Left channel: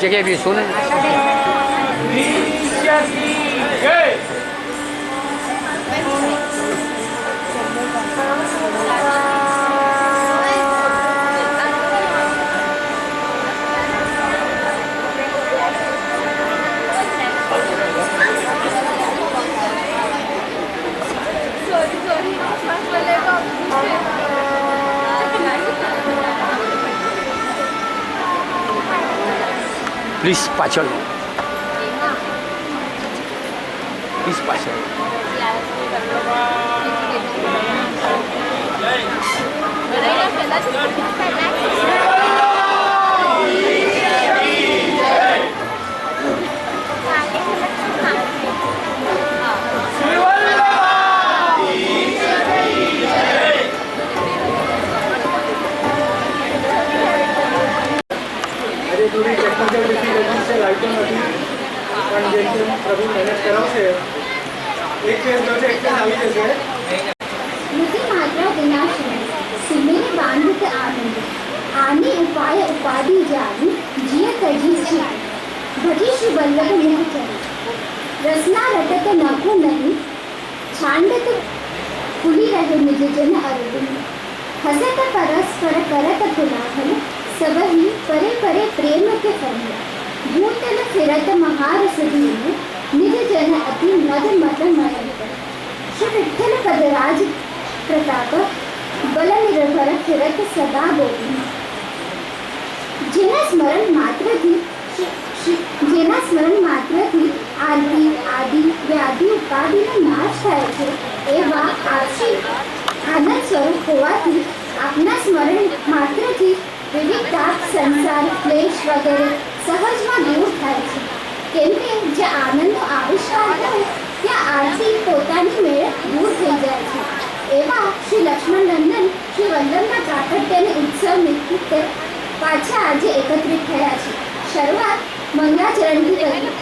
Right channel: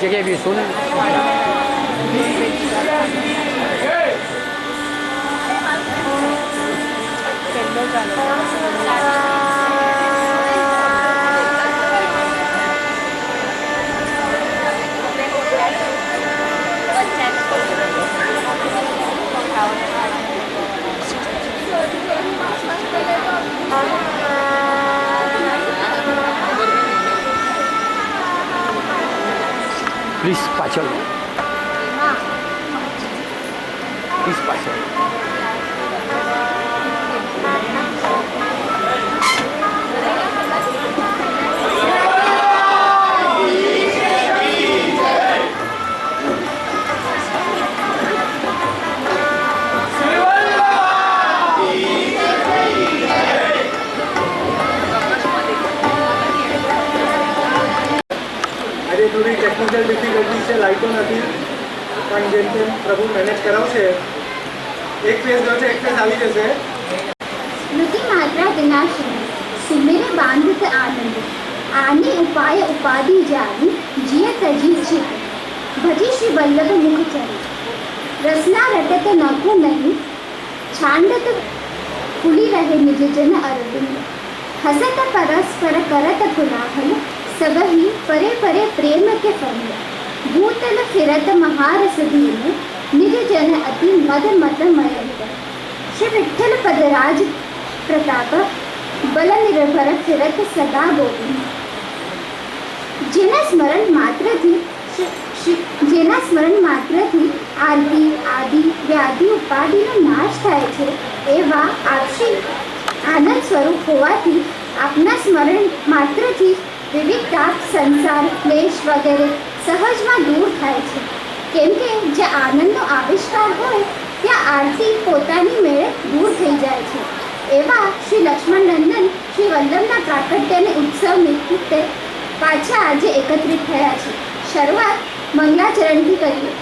जगह भी सुन please Pachal please पाचल थोड़ी टेक्निकल डिफिकल्टी से लाइटो नहीं पण जेम तेम प्रभु मैनेज करावशे एक फेज जो एक फेज આવી જશે स्मृति मात्रा विनाशिनी सुमेरे बांधित आनंद आने उपाय उपाधि जानी जिय तजी छी भजी श्री वल्लभ मुख चरी रसना रटत नखो नहीं छांडत खुली रहे निज जन अरविंद हसत परस्पर करत पुनाहन सबही परे परे प्रेम के फलिया भूतल फिरत महारस दीन निज जन अति मद मत मय श्री विठ्ठल पदराज प्रताप बल निर्भर फिरत सदा बोली जेना स्मरण मात्र थी आदि आदि व्याधि उपाधि नो नाश थाय छे एवा आपसी आनंद स्वरूप होवाथी आपना स्मरण मात्र थी विविध ताप संसार क्लेश वगैरह सहज में दूर थाय छे केम के जे आनंदनो आविष्कार होय त्या आरती पोतानी मेळे दूर थई जाय छे एवा श्री लक्ष्मण नंदन श्री वल्लभना प्राकट्यने उत्सव निमित्ते पाछा आज एकत्रित थया छे शरूआत मंगलाचरणथी करीए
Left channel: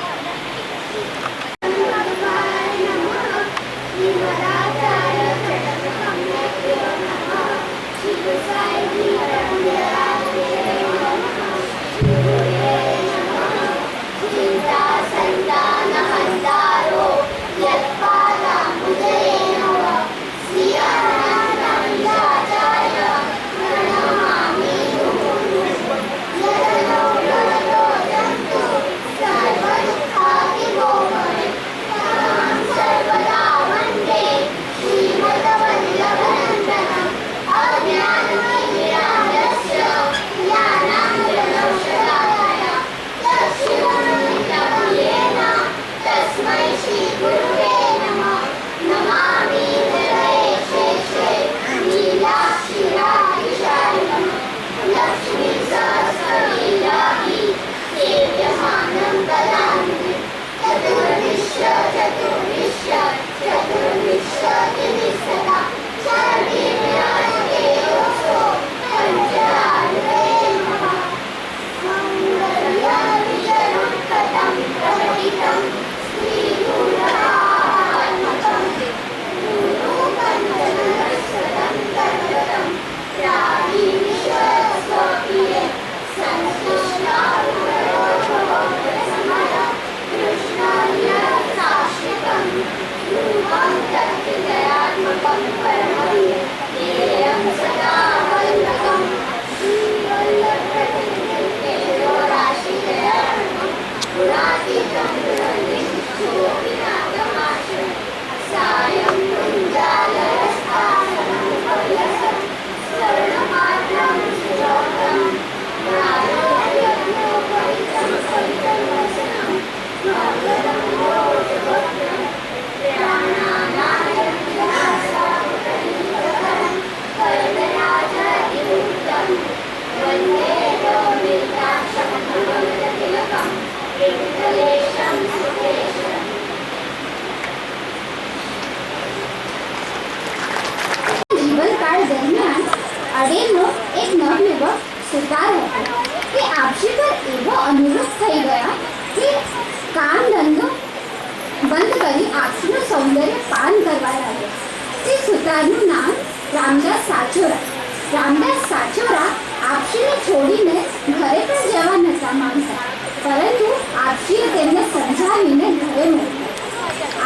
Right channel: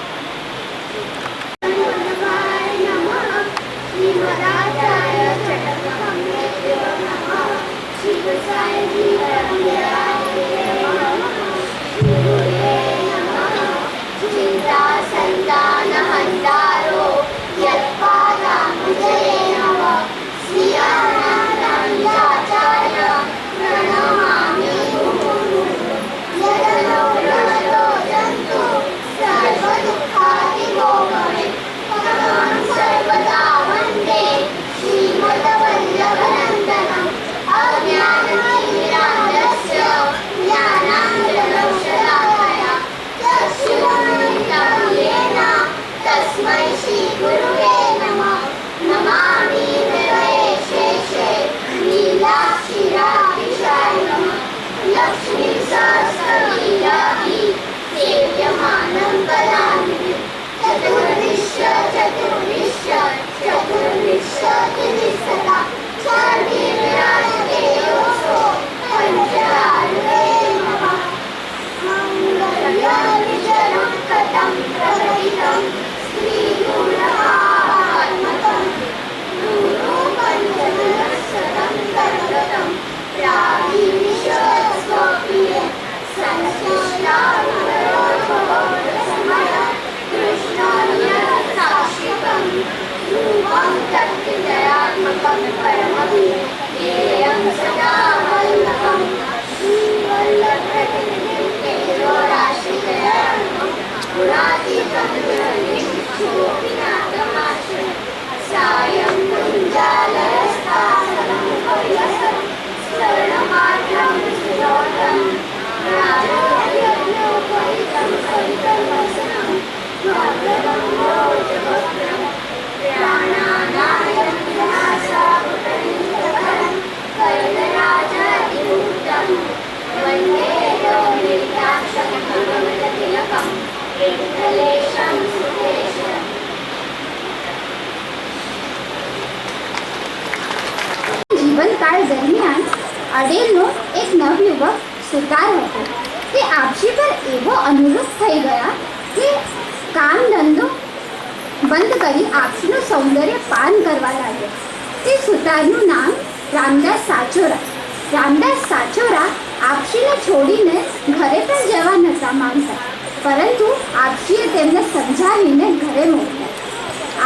सर्वदा वन्दे श्रीमद्वल्लभनन्दनम् अज्ञानतिमिरान्धकारम् જીવનકાળ દરમિયાન અડેલનો એક નવયુવક સુતાર હતો. તે આપશી પર એવો અનુરૂપ થઈ ગયા કે કામ ધંધો બંધ કરી આપશીનું સૌંદર્ય પાન કરવા લાગ્યો. તે સુતારનું નામ રામદાસ સાચોરા. રામદાસ સાચોરા આપશીને છોડીને ઘરે પણ જવા નહોતા માંગતા, પરંતુ આપશીએ તેમને સમજાવીને ઘરે મોકલ્યા.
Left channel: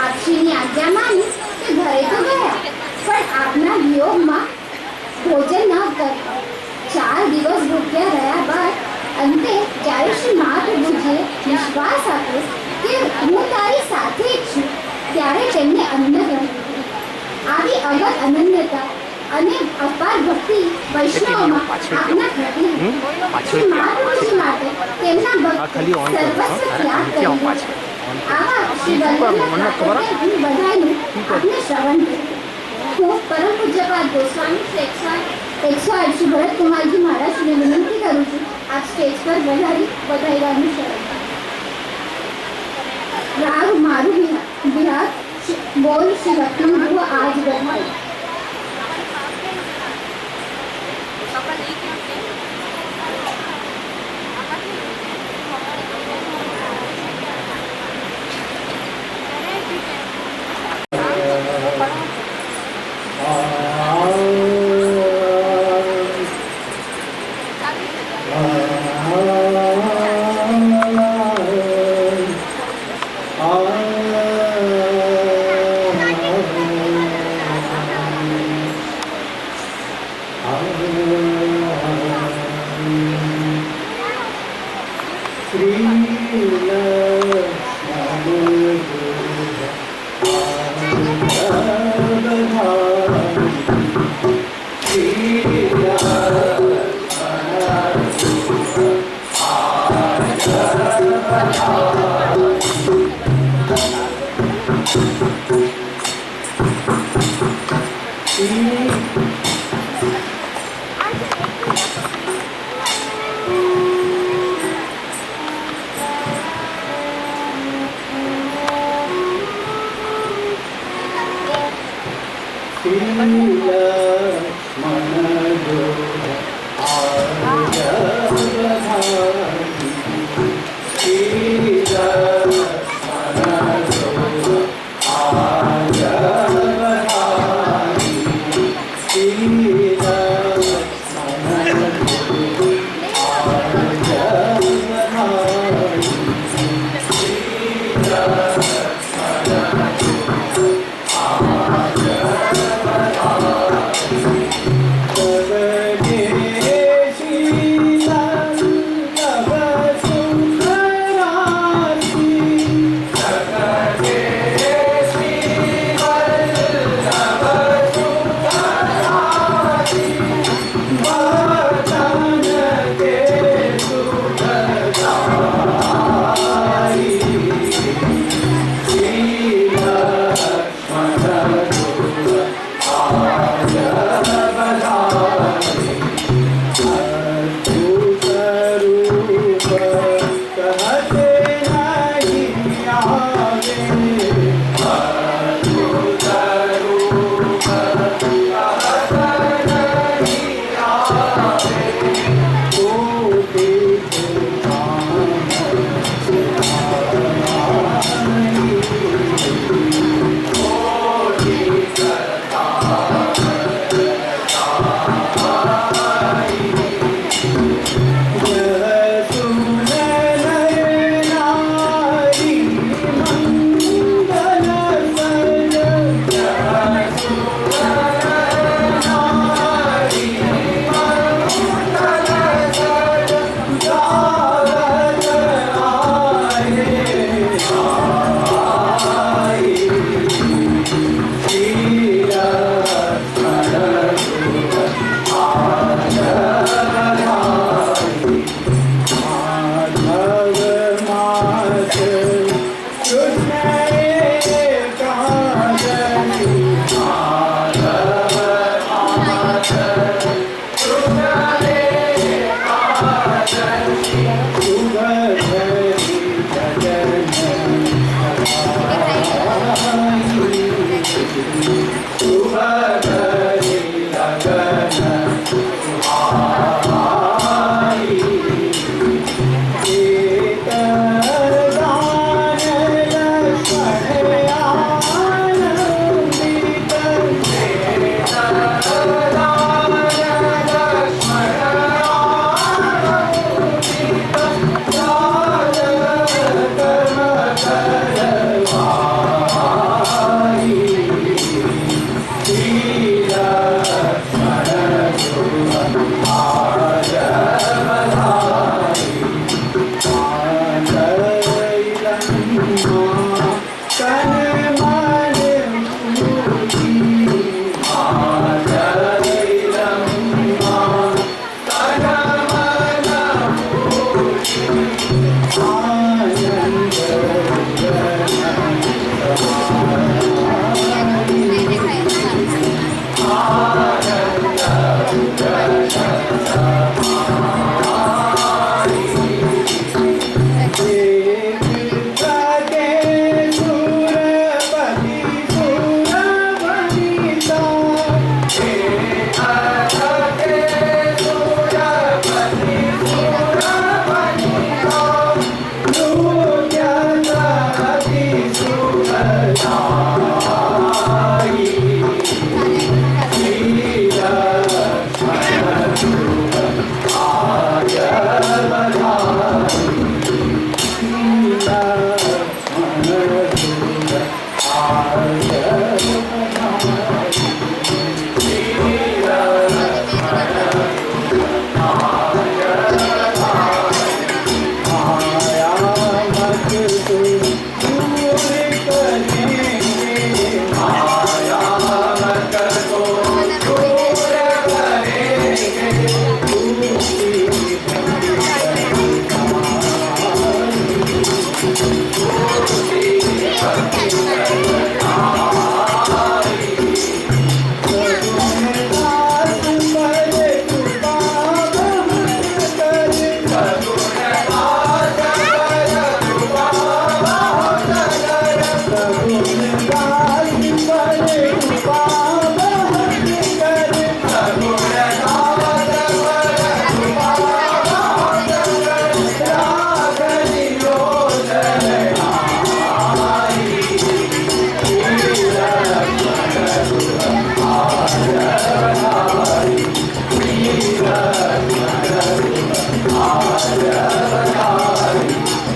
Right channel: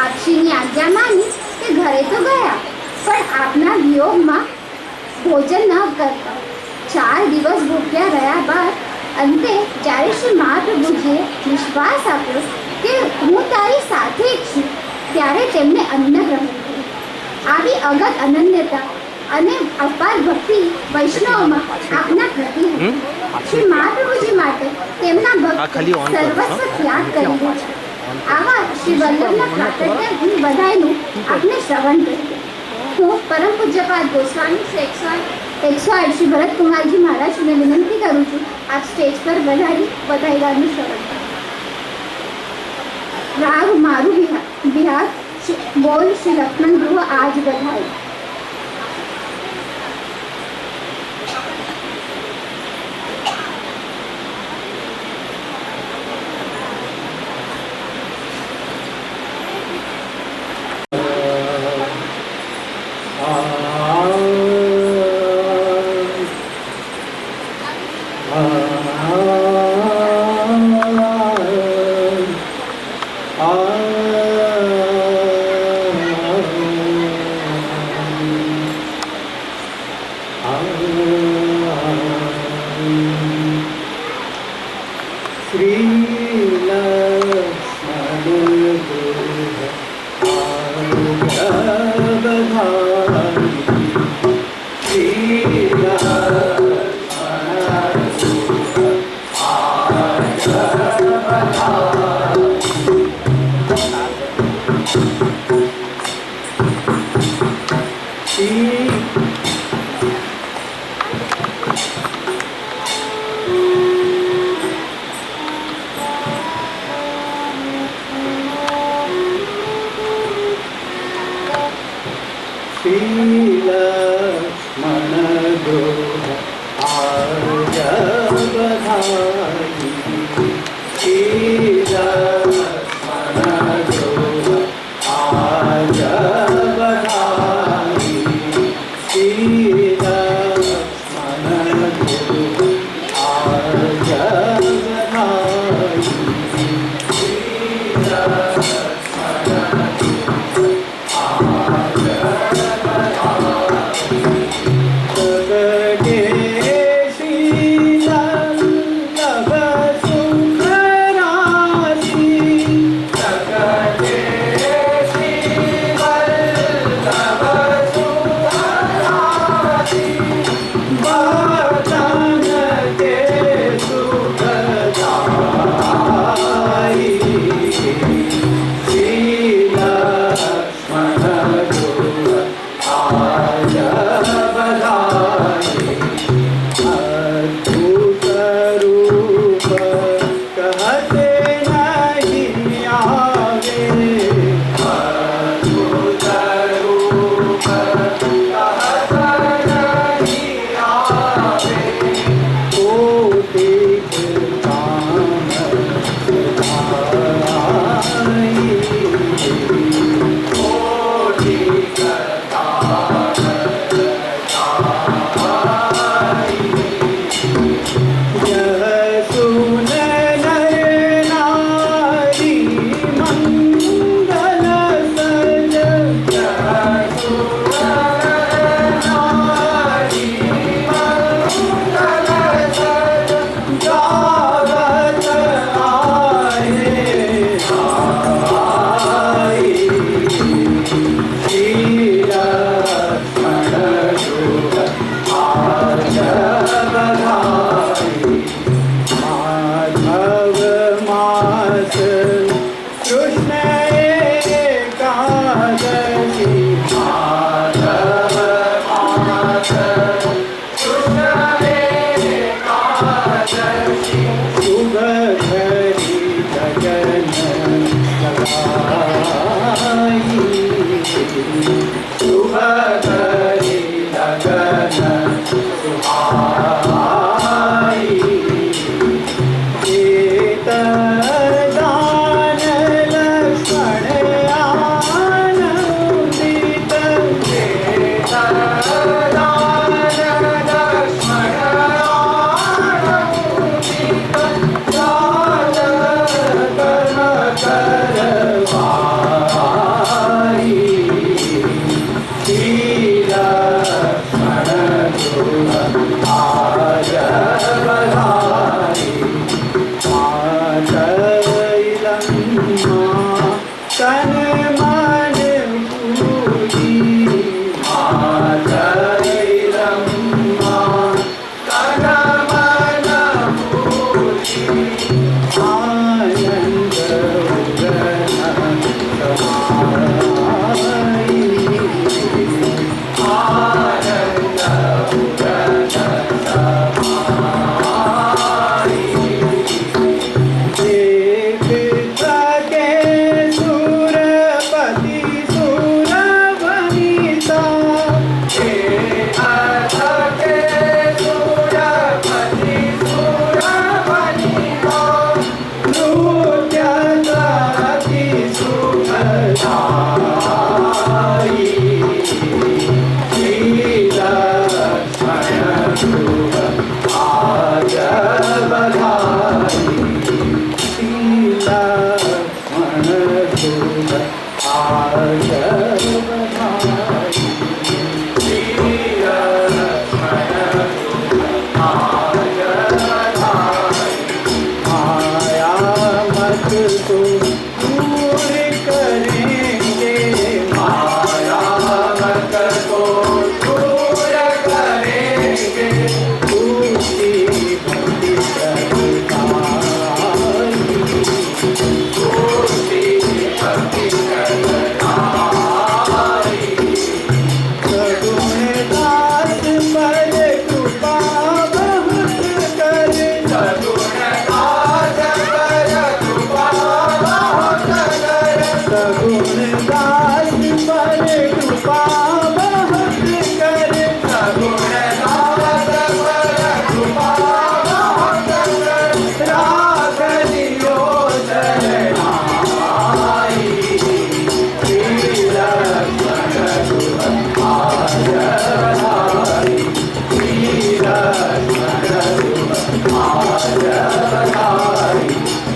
આપશીની આજ્ઞા માની તે ઘરે તો ગયા, પણ આપના વિયોગમાં ભોજન ન કરતા. 4 દિવસ ભૂખ્યા રહ્યા બાદ અંતે જ્યારે શ્રી મહાપ્રભુજીએ વિશ્વાસ આપ્યો કે હું તારી સાથે જ છું, ત્યારે તેમને અન્ન ગ્રહણ કર્યું. આવી અગત અનન્યતા અને અપાર ભક્તિ વૈષ્ણવમાં આપના થતી હતી. શ્રી મહાપ્રભુજી માટે તેમના ભક્ત સર્વસ્વ ત્યાગ કરી દે છે. આવા શ્રી વલ્લભના પ્રાકટ્યની બધાયનું આપને શ્રવણ કર્યું. હું પરમ પૂજ્યપાદ ગોસ્વામી શ્રી 108 શ્રી ભરતકુમારજી મહારાજને વિનંતી કરું છું, આપ સ્ટેજ પર વધારી વધારવાનું શરણ. રાગ મારું બિહાર બોલ શ્રી લક્ષ્મણ ગુરુ આજ બધાઈ.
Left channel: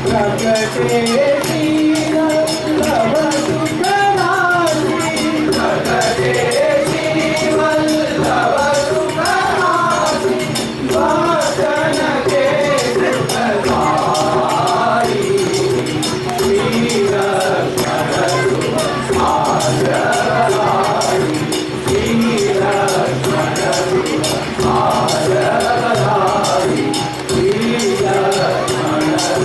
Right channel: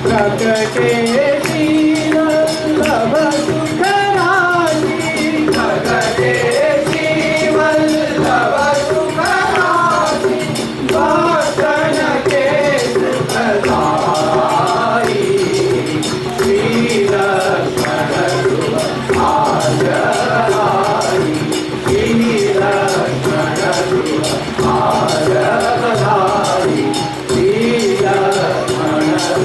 प्रगटे श्रीवल्लभ सुखराशि प्रगटे श्रीवल्लभ सुखराशि भक्तन के सुखदाई श्रीलक्ष्मण शुभ आजराई श्रीलक्ष्मण शुभ आजराई श्रीलक्ष्मण शुभ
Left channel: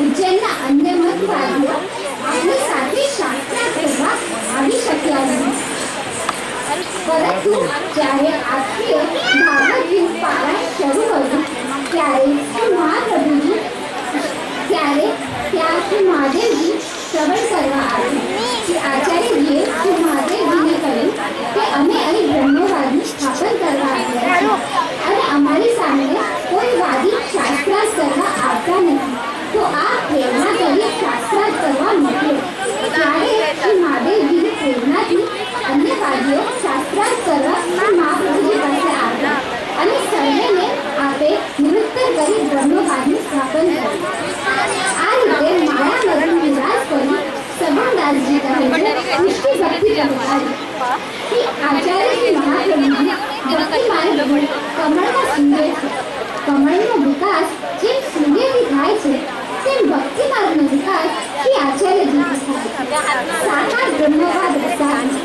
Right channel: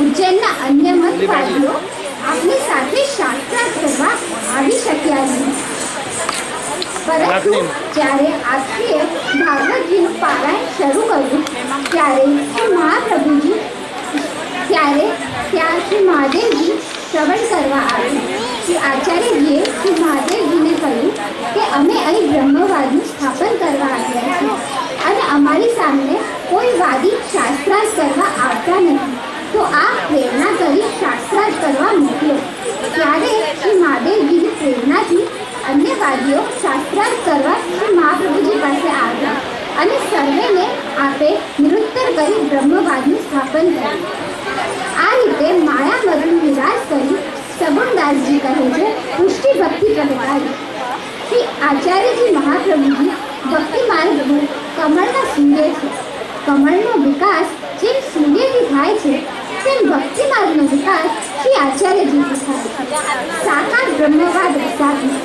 ઉજ્જૈનના અન્ય મતવાદીઓ આપણી સાથે શાસ્ત્રાર્થ કરવા આવી શક્યા નહીં. પરંતુ જ્યારે આખીએ ભાગવતજીનું પારાયણ શરૂ કર્યું ત્યારે શ્રી મહાપ્રભુજી ત્યાં શ્રી મહાદેવજી શ્રવણ કરવા આવ્યા. શ્રી આચાર્યજીએ શ્રી મહાદેવજીને કહ્યું કે અમે અહીં બ્રહ્મવાદનું સ્થાપન કરવા આવ્યા છીએ અને અમારી સામે કોઈ વાદી શાસ્ત્રાર્થ કરવા આવતા નથી, તો આ પ્રેરણા કરી શાસ્ત્રાર્થ કરવા મોકલો. ત્યારે શ્રી મહાદેવજીની પ્રેરણાથી અન્ય વાદીઓ શાસ્ત્રાર્થ કરવા શ્રી મહાપ્રભુજી પાસે આવ્યા અને સર્વેને આપે નિરુત્તર કરી બ્રહ્મવાદનું સ્થાપન કર્યું. આ રીતે માયામધુ વિરાજ કરી સગુણદાસજી કહે છે પુષ્ટિ ભક્તિ પ્રગટાવી. શ્રી આચાર્યજી મહાપ્રભુજી ભક્તિ માર્ગનું કમળના સૂર્ય છે. કમળનો વિકાસ જેમ સૂર્યથી થાય છે તેમ ભક્તિ માર્ગનો વિકાસ શ્રી આચાર્યજીથી થાય છે. સાકાર બ્રહ્મવાદ પ્રસાદી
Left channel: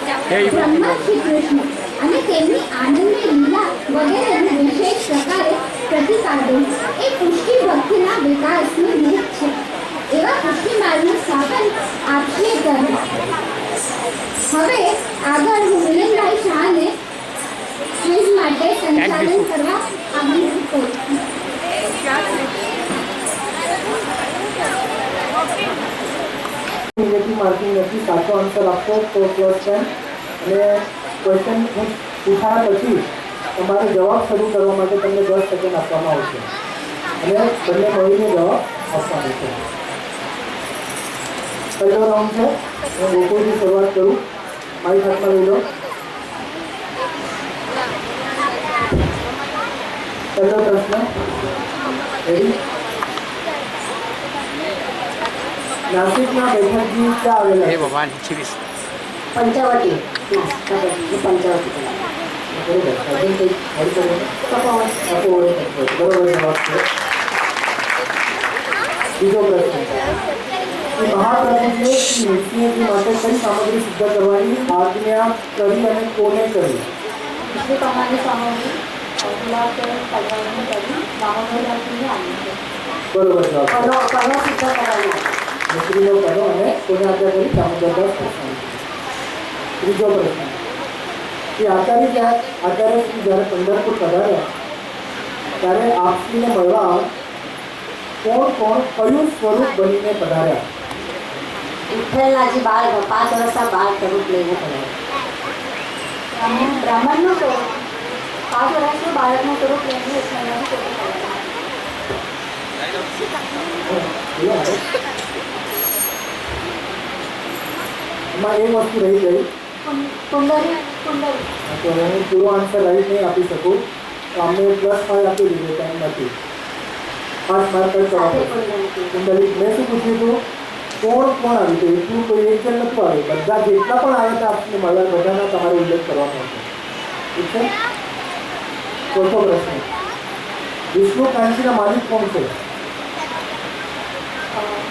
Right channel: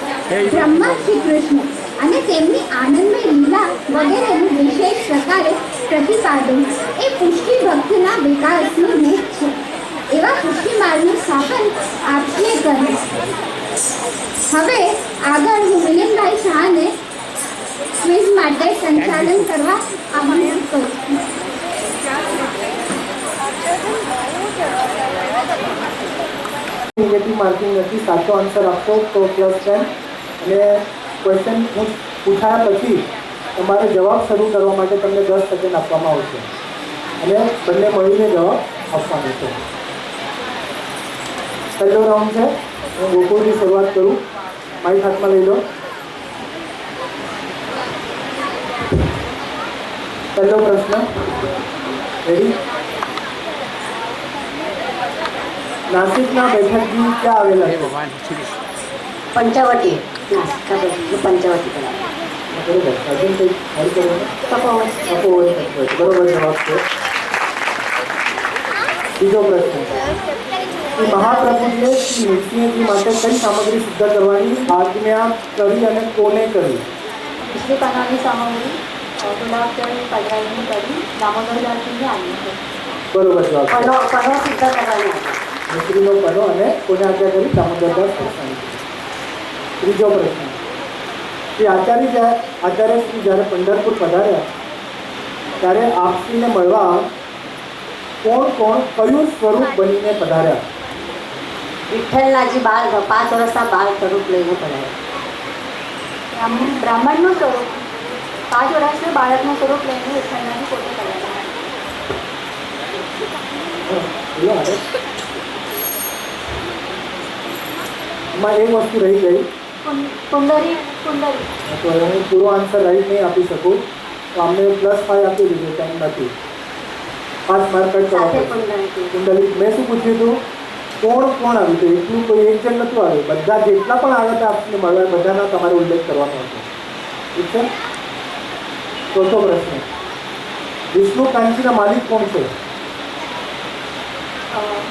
બ્રહ્મા શ્રી કૃષ્ણ અને તેમની આનંદમય લીલા વગેરેનું વિશેષ પ્રકારે પ્રતિપાદન એ પુષ્ટિ ભક્તિના વિકાસનું રૂપ છે. એવા પુષ્ટિ માર્ગનું સ્થાપન આપીએ કર્યું. હવે આગળ હું મિલનભાઈ શાહને ક્વિઝ માટે સંચાલન કરવા આમંત્રિત કરું છું. નેગેટિવ માર્કિંગ નથી. સાચો આન્સર આપશો તો +10 અને ક્વેશ્ચન પૂછાયા પછી તમારે જવાબ શરૂ કરવા માટે તમને 10 સેકન્ડ આપવામાં આવશે અને બંને મળીને જવાબ આપવાનો છે. પહેલો રાઉન્ડ છે. હું ગોકુળથી શરૂઆત કરું. મારી હાથમાં લઈ લો. પહેલો પ્રશ્ન રેડી. નાસિકના બેઠકજી ક્યાં આવેલા हे છે? भगवान 26 पंचवटी पंचवटी બરોબર. અર્જુન કંઈ હારી કરો. तपोवन બરોબર જવાબ છે. બીજો પ્રશ્ન કે મહાપ્રભુજીએ શ્રી નૃસિંહજી માટે કઈ સામગ્રી સિદ્ધ કરવાની આજ્ઞા કરી અને કોને કરી? इसलिए कहानी सामग्री गुलाब जल कल्याणी करी दामोदर दासजीने आणली છે. બરોબર જવાબ છે. કણો સિદ્ધ કરવાની મિસ્ત્રીનો કરો અને કોને આજ્ઞા કરી? દામોદરદાસ પ્રસન્ન. ત્રીજો પ્રશ્ન કે આચાર્યશ્રી જ્યારે પંઢરપુર પધાર્યા ત્યારે આપશ્રીને મળવા કોણ કયું સ્વરૂપ બનીને પધાર્યા? વિઠ્ઠલનાજી બાળ 5 વર્ષના બાળ સ્વરૂપ લઈને પડે. બ્રાહ્મણનું સ્વરૂપ 5 વર્ષનું બાળકનું સ્વરૂપ લઈને વિઠ્ઠલનાજી પોતે પડ્યા. એમાં એક વસ્તુ રહી ગઈ કુંડરી તો હું પૂરો આન્સર રાઈટ નહીં આપી શકું તો અમને +5 આપી દીધું. ટાઈમ નથી. 5 માર્ક કટ કરવા સાથે પડશે. કુંડળી કુંડલી મેં શું પૂછ્યું હતું? કોણ આવ્યું હતું? એટલું કોઈ એક જણ નતું આવ્યું. બધા જેટલા પણ આવ્યા હતા આપને મળવા બધાના તમારે ઉલ્લેખ કરવાનો હતો. ઠીક છે. ચોથો પ્રશ્ન વિષ્ણુ કાંચીના માલિક કોણ છે?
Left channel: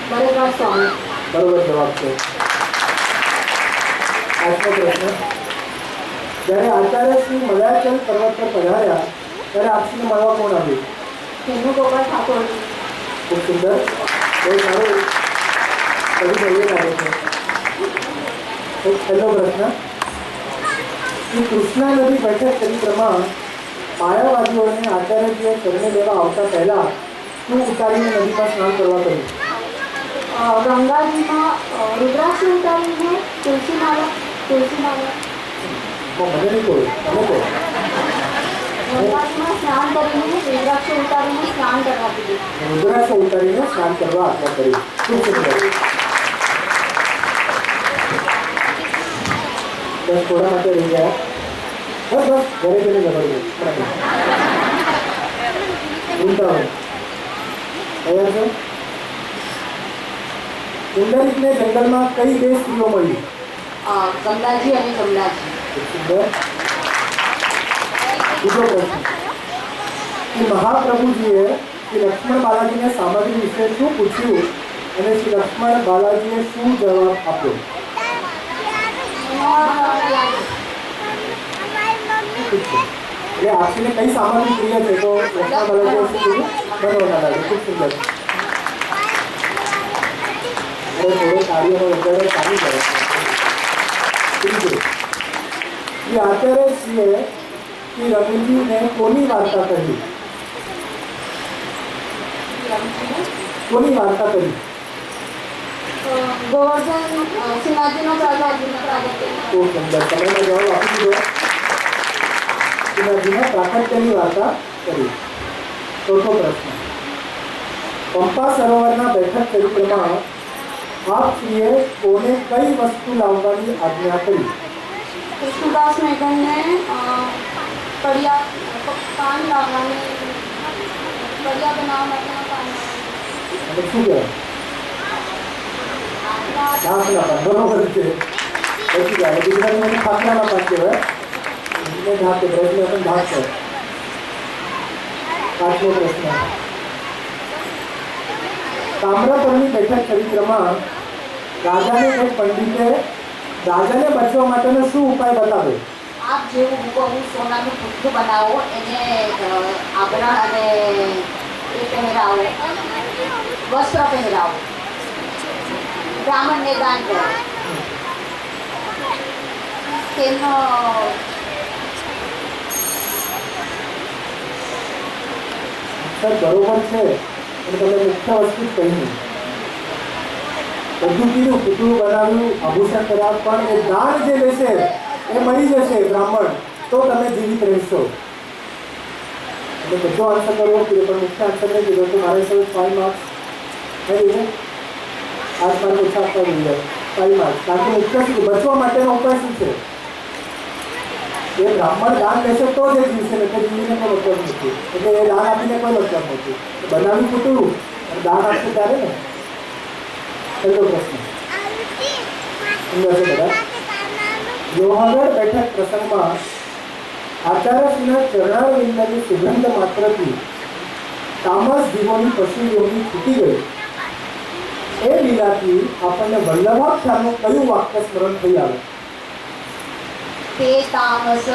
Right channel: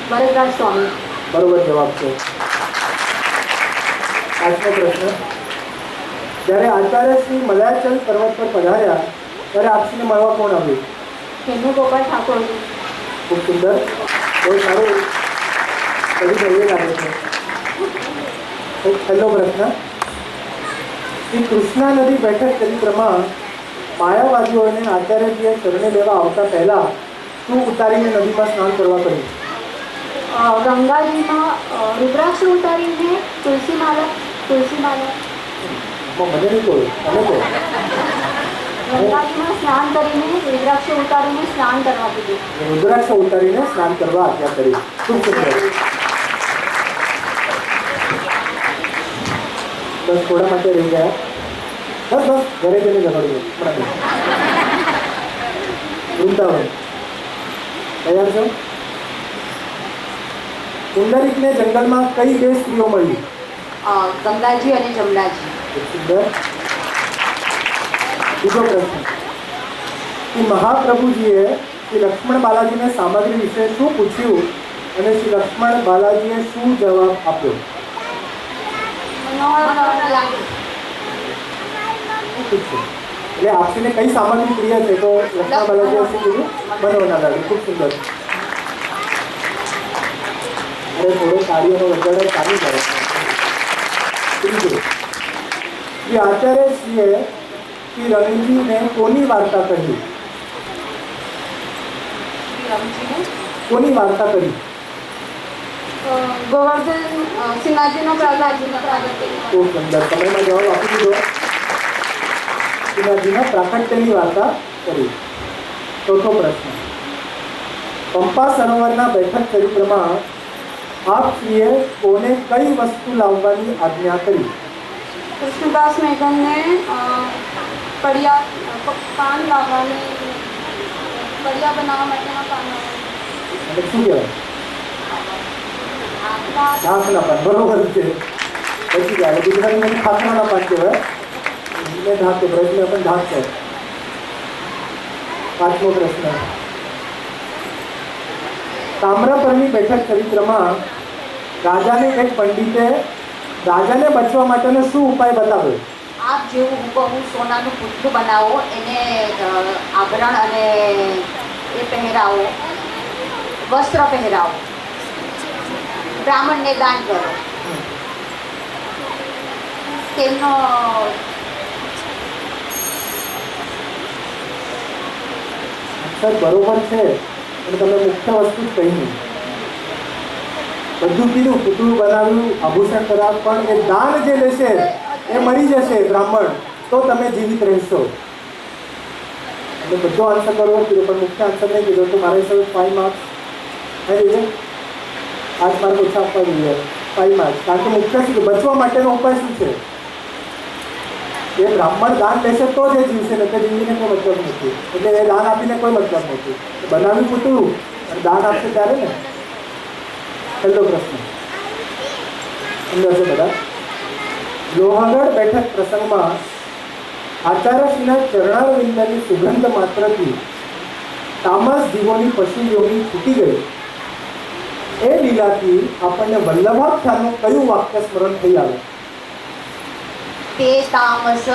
બળેરાજ સ્વામી બરોબર જવાબ છે. પાંચમો પ્રશ્ન જ્યારે આચાર્યશ્રી મલયાચલ પર્વત પર પધાર્યા ત્યારે આપશ્રીને મળવા કોણ આવ્યું? વેણુગોપાલ ઠાકોર ખૂબ સુંદર. બહુ સારું. કવિ કહીએ લાગે છે. છેલ્લો પ્રશ્ન શ્રી કૃષ્ણા નદી બેઠક ચરિત્રમાં માયાવાદીઓને આચાર્યજીએ શરણે લેવા આવતા પહેલા શું ઉતારીને નદીમાં સ્નાન કરવા કહ્યું? ગંગાજીમાં રુદ્રાક્ષ ઉતારીને તુલસી માલા મને નહીં કહ્યું. તમે કહો. ગંગાજીમાં સ્નાન કરીને રુદ્રાક્ષ ઉતારીને સ્નાન કરવા કીધું. રુદ્રાક્ષ ઉતારીને સ્નાન કરવા આજ્ઞા કરી. ખૂબ સુંદર. બસ થોડા માટે રહી ગયા. બસ ઘરે જઈને જબરદસ્ત. વૃંદાવન તૈયાર છો? પુંડરીકને જંગલમાં કઈ 2 સ્ત્રીઓ મળી? ગંગાજી અને જમનાજી. ખૂબ સુંદર. બીજો પ્રશ્ન કે મહાપ્રભુજીએ શ્રી લક્ષ્મણ બાલાજીને સામગ્રી વિશે શું પૂછ્યું અને શ્રી લક્ષ્મણ બાલાજીએ શું જવાબ આપ્યો? એટલે આપસીને કઈ સામગ્રી પ્રિય છે તો લક્ષ્મણ બાલાજીએ શું કીધું? બનવાના લાગે. ખૂબ સુંદર. હવે થોડો કાર્યનો વગેરે ચાલુ કરે છે. ત્રીજું શ્રી આચાર્યશ્રીએ શ્રી રણજીને કોની વાર્તા કહી? કોની વાર્તા કરી? ગોવર્ધન શ્રીનાથજીના પ્રાગટ્યની. ખૂબ સુંદર. સમયમાં જવાબ આપી દીધો. શ્રીનાથજીના પ્રાકટ્યની વાર્તા કરી. ચોથો પ્રશ્ન પંપા સરોવરના બેઠક ચરિત્રમાં આપશ્રીએ કોને કઈ વસ્તુ લાવવાની આજ્ઞા કરી? કૃષ્ણદાસ મેઘનને કડિયા પાન લાવવાને કડિયા બનાવવા માટેના પાન. અને શું કહેવાય? ઢાંકના પાન. બરોબર છે. પછી જાય ગુજરાતીમાં ખાખરાના પાન કહેવાય. એને ઢાંક કે બ્રજમાં પણ ઢાંક કહે. પાંચમો પ્રશ્ન તામ્રપર્ણી બેઠક ચરિત્રમાં રાજાને એક પંડિતે રાજાને બચવા માટેનો શું ઉપાય બતાવ્યો? આપ જેવું હુબહુ સોનાનું પુતળું બનાવો, એને આભરણ અને એ પહેરાવો, વસ્ત્ર પહેરાવો, બ્રાહ્મણને દાન કરો. તેમનો સર બરોબર છે અને તમે મુખ્ય વસ્તુ જ કહી નહીં. બધું કીધું, પૂતળું બનાવ્યું, આભૂષણ કરાવ, પણ એ દાન જે લેશે એ મરી જશે બ્રાહ્મણ, તો તમે જીવિત રહેશો. એટલે બધો આન્સર કરવો કીધું, પણ મુખ્ય આન્સર નહીં કીધો તો મારે સર 5 માર્ક્સ થઈ રીતે 8 માર્ક ઓછા આપવા જોઈએ, 5 માર્ક્સ. કારણ કે મુખ્ય શું બચવા માટેનો ઉપાય શું છે? એ બ્રાહ્મણ દાન લેશે તો જ એ જીવશે, એટલે જીવીને કોઈ મતલબ નથી. એટલે એ દાન આપીને કોઈ મતલબ નથી. બનાવ્યું પૂતળું અને દાન આપશે ત્યારે ને. પહેલો પ્રશ્ન સમજાશે બધા. લોહાગઢ બેઠક પ્રસંગમાં આચાર્યશ્રીના ચરણારવિંદની સુગંધ માત્રથી તામસ જીવોની પશુ યોગી છૂટી ગઈ. એ લીલાથી આપણને વલ્લભાખ્યાનું કયું વાક્ય સ્મરણ થઈ આવે? તે તામસ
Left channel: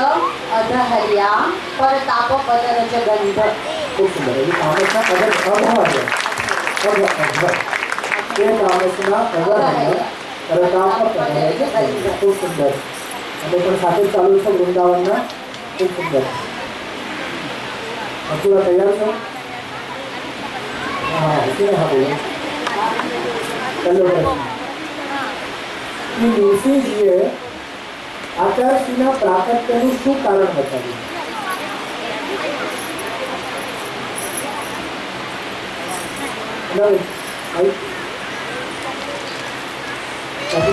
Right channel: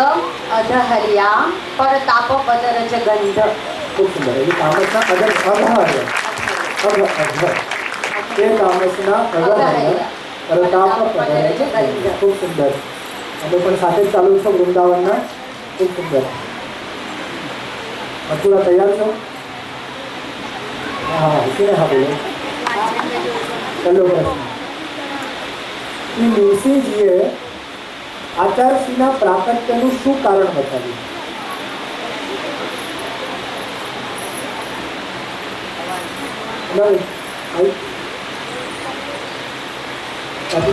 અધહર્યા પરતાપ પદરજ ગંધ. ખૂબ સુંદર. એટલે તામસના પદર અધહર્ય. તે તામસના અધહર્ય પરતાપ પદરજ ગંધ. ખૂબ સુંદર. અને પણ સાથે જ ચાલુ છો વૃંદાવનના. ખૂબ સુંદર. મથુરા તૈયાર છો? હા હસીને હા બોલો. પહેલો પ્રશ્ન. શ્રી તુલસીજીએ આચાર્યશ્રીના પ્રાકટ્યનું શું કારણ બતાવ્યું?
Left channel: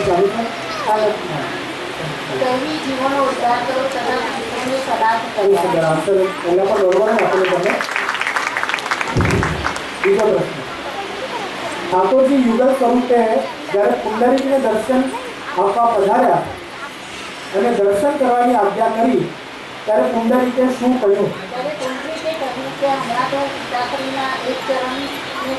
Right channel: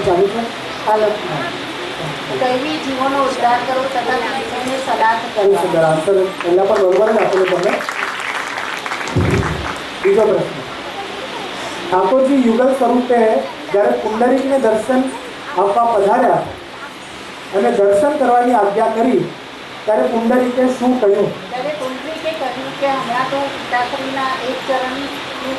ચાલુ છે? હાલો. દૈવી જીવોનો ઉદ્ધાર કરો તથા વિષયને સદાર્થ ખૂબ કરો. સુંદર આન્સર પહેલા પણ બરોબર ને આપેલો તમને. બીજો પ્રશ્ન. ઠાકોરજી યુગલ સ્વરૂપે જ્યારે પુંડરીકને દર્શન આપવા પધાર્યા અને દર્શન કરવાની આજ્ઞા કરી ત્યારે પુંડરીકે શું કહ્યું? ત્યારે પુંડરીકે કહ્યું કે હમણાં તો પિતાશ્રીના એક ચરણને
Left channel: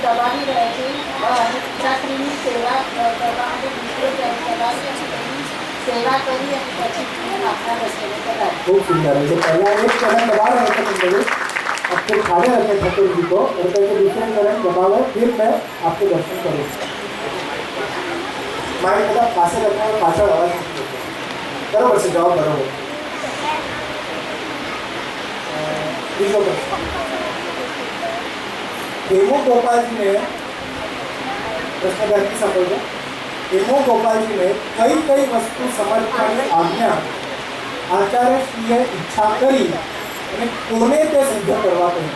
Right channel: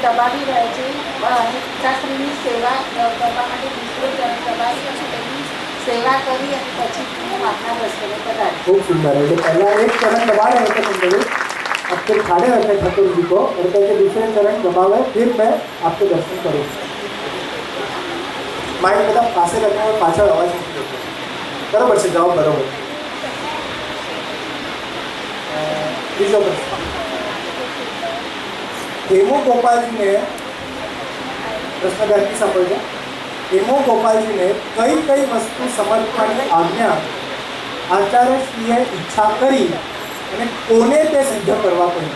દબાવી રહ્યા છે અને પિતાશ્રીની સેવા કરવા માટે દૂસરો ચરણ દબાવી અને તેની સેવા કરી અને પછી આપણા રસ્તે કરાય. खूब सुंदर है. तो पहला एक चरण दबा रहे थे कुंडली, अब फिर खड़े रहते ठाकुर जी को और कहते दूसरे चरण दबावे फिर मैं आपके दर्शन करूँ. माइंड બધા પાસે રખવા પાછળ અવાજ નથી થતો. બરોબર છે, જવાબ બરોબર. બીજો પ્રશ્ન. हेमू गोपाल जी ने प्रश्न ध्यान साંભળજો. हेमू गोपाल जी ने कई कई वस्तु समर्पવાની આજ્ઞા આચાર્યશ્રીએ ઈચ્છા કરી અને કોને તે સિદ્ધ કરવા કહ્યું?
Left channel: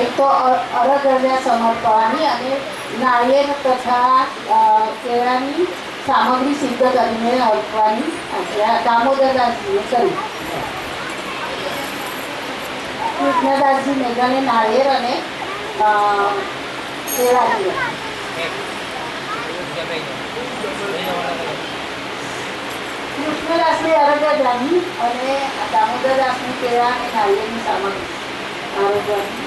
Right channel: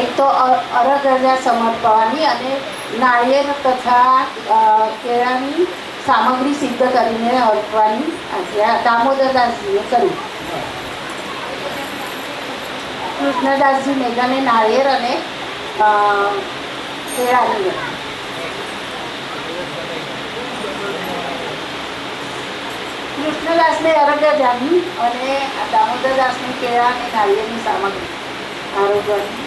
એક તો અરગરજા સમર્પવાની અને નાળિયેર તથા કેળાની સામગ્રી સિદ્ધ કરીને અર્પવાની આજ્ઞા દામોદરદાસજીએ કરી. કૃષ્ણદાસજી મેઘાને નાળિયેર અને કેળાની. કૃષ્ણદાસને અરગજાની અને દામોદરદાસને કેળા અને નાળિયેરની સામગ્રી આરોગ્યની.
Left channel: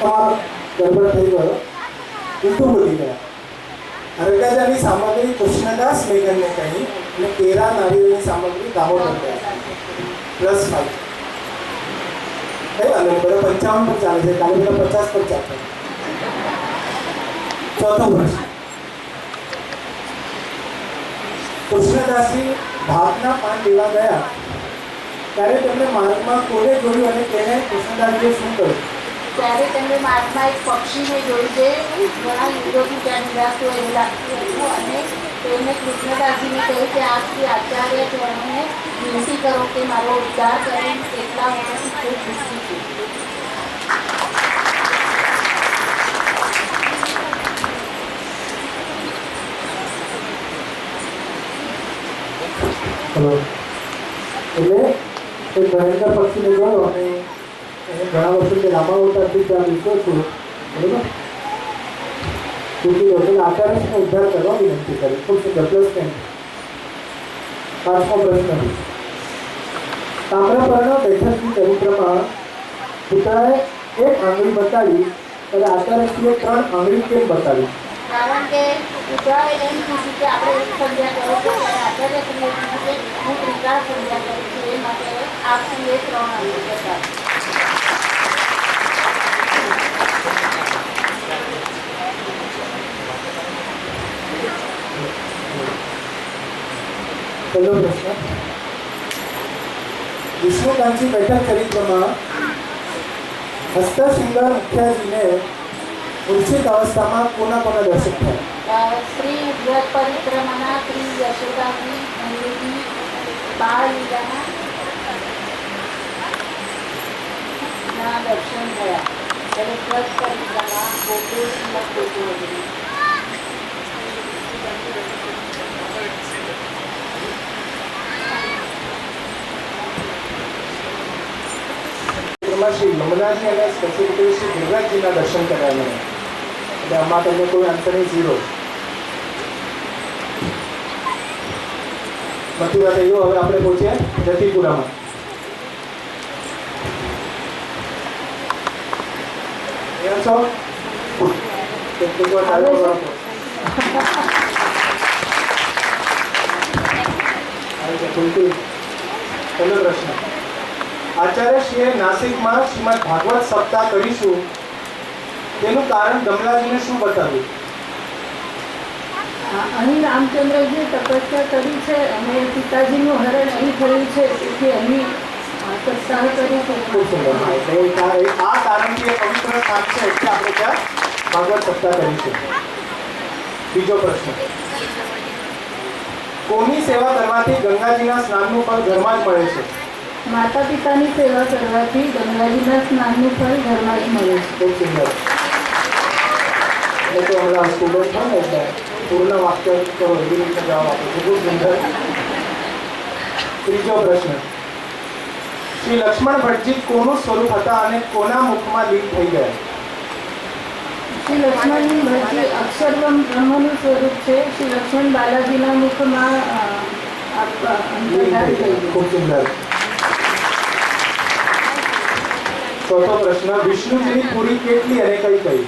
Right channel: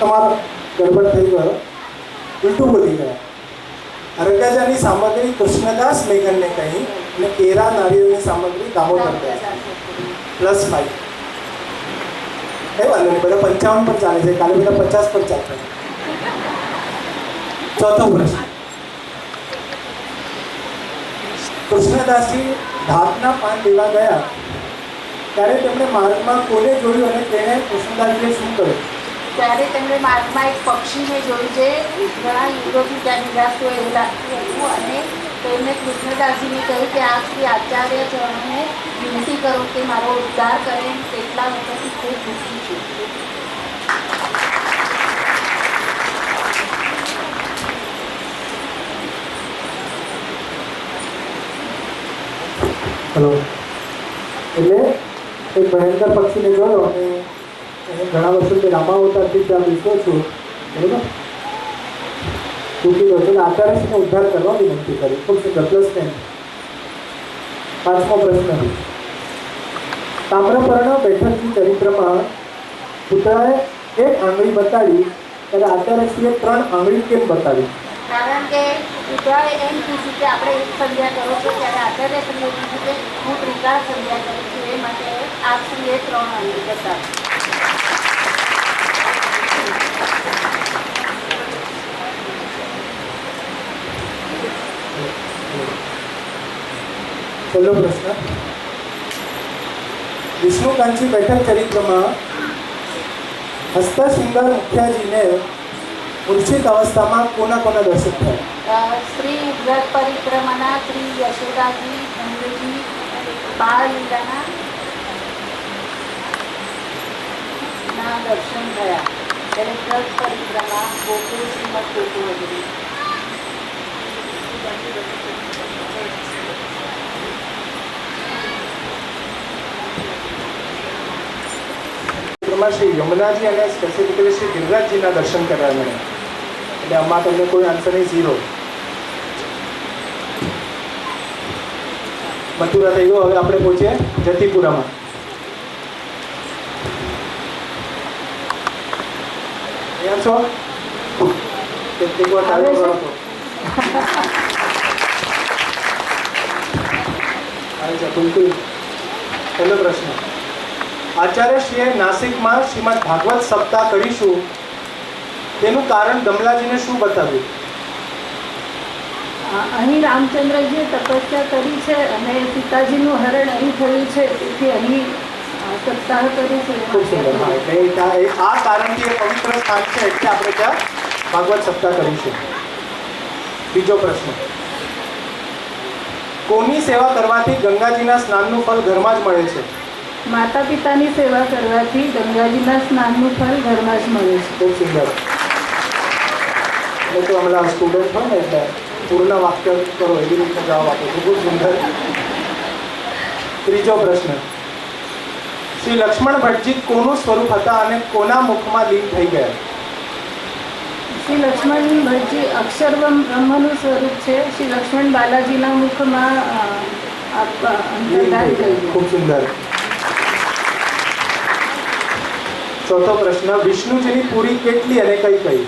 તમારો ગડબડ થઈ ગયો, ઉલટું બોલી ગયા. અરગજાની સામગ્રી કૃષ્ણદાસ મેઘનને કહી અને કેરા નારિયેળની સામગ્રી દામોદરદાસ. +5. કઈ વાંધો નહીં, બધા 55 પર ચાલે છે, કાલે બધા 50 પર ચાલે. ચોથો પ્રશ્ન. કૃષ્ણદાસજી ધાતના પાન લેવા ગયા ત્યારે તેમણે માર્ગમાં કોને જોયું અને તેને કૃષ્ણદાસજીએ શું કહ્યું? ત્યારે તેમણે માર્ગમાં એક પક્ષીને જોયું જે ઘણા યુગોથી ત્યાં નિરાશ હોય એવું લાગતું હતું અને તેમણે કૃષ્ણદાસજીને કહ્યું કે આ શ્રી આચાર્ય ચરણને વિનંતી કરો કે મારો ઉદ્ધાર કરે. કેટલા વર્ષથી ખૂબ દુઃખી છું. હલો. એટલે એક ભયંકર પક્ષીને જોયો અને એને ઘણા વર્ષોથી રામાવતારથી ત્યાં બેસો છું, બરોબર, તૂટી ગયો એટલે આચાર્યશ્રીનો ઉદ્ધાર કરવા વિનંતી કરી. ખૂબ સુંદર. +10. પાંચમો પ્રશ્ન. તામ્રપર્ણ બેઠકની ચરિત્રમાં પુતળાએ એક આંગળી બતાવી ત્યારે આચાર્યશ્રીએ 3 આંગળી કેમ બતાવી? કારણ કે પુતળાએ એમ કીધું કે આપણે એક સંધ્યા કરો છો ત્યારે આચાર્યશ્રીએ કીધું કે હું ત્રિકાળ સંધ્યા કરું છું, એ માટે આપશ્રીએ 3 આંગળી બતાવી. પહેલો પ્રશ્ન. વિષ્ણુકાંતજી બેઠક ચરિત્રમાં હસ્તશૃંગાર મુખ્યાજીને મૂર્છિત અવસ્થામાં કોના કોના દર્શન થયા? શ્રી વ્રત પરિક્રમાના શ્રી યશોદાજી નંદજી બાળ લીલાના દર્શન થયા. એટલે વ્રત પરિક્રમા ગોકુળ શ્રીમદ ગોકુળ વગેરે. શ્રી યમુનાજી અને સ્પેસિફિકલી શ્રી ગિરિરાજજીના દર્શન કર્યા મેં. એટલે આમાં તમને કોઈ આન્સર નહીં, 0. મથુરા થઈ ગયો. હવે આપણે પહોંચીએ જતીપુરામાં. અહીંયા છો? કેટલીક વાર ચાલુ કરો છો. આવે છે બિલકુલ. પહેલો પ્રશ્ન. આચાર્યશ્રીએ નાસિકમાં શ્રીમદ ભાગવત સપ્તાહ કરીશું તેનું કારણ ગમલાજીને શું બતાવ્યું? અહીં રામચંદ્રજીએ તપસ્યા કરી છે અને સીતાજીનું હરણ અહીં થયું છે, તેથી અહીં સપ્તાહ કરી છે. ખૂબ સુંદર. હા, એટલે આ કારણથી એ પવિત્ર સ્થાન છે એટલે આપણે ત્યાં ભાગવત સપ્તાહ કરીશું. બીજો પ્રશ્ન. કોની સેવા કરવાથી ગંગાજીના સ્નાનનું ફળ ઘરમાં જ મળે છે? માતા પિતાની સેવા કરવાથી ગંગાજીના સ્નાનનું ફળ ઘરમાં જ મળે છે. ખૂબ સુંદર. એટલે તો હમણાં સ્ટુડન્ટ હોય ને એટલે પૂર્ણ વાક્ય કરો એવી રીતે જવાબ આપો છો. ખૂબ સુંદર. ત્રીજો પ્રશ્ન. શ્રી લક્ષ્મણ ભટ્ટજી કોનું સ્વરૂપ હતા અને કોના મુખમાં લીન થઈ ગયા? શ્રી લક્ષ્મણ ભટ્ટજી અક્ષર બ્રહ્મનું સ્વરૂપ છે. શ્રી લક્ષ્મણ બાલાજીના મુખમાં અંતર્ધાન થઈ ગયું. ખૂબ સુંદર. ચોથો પ્રશ્ન. વિષ્ણુજીની પૂરી કેટલી અને કઈ કઈ?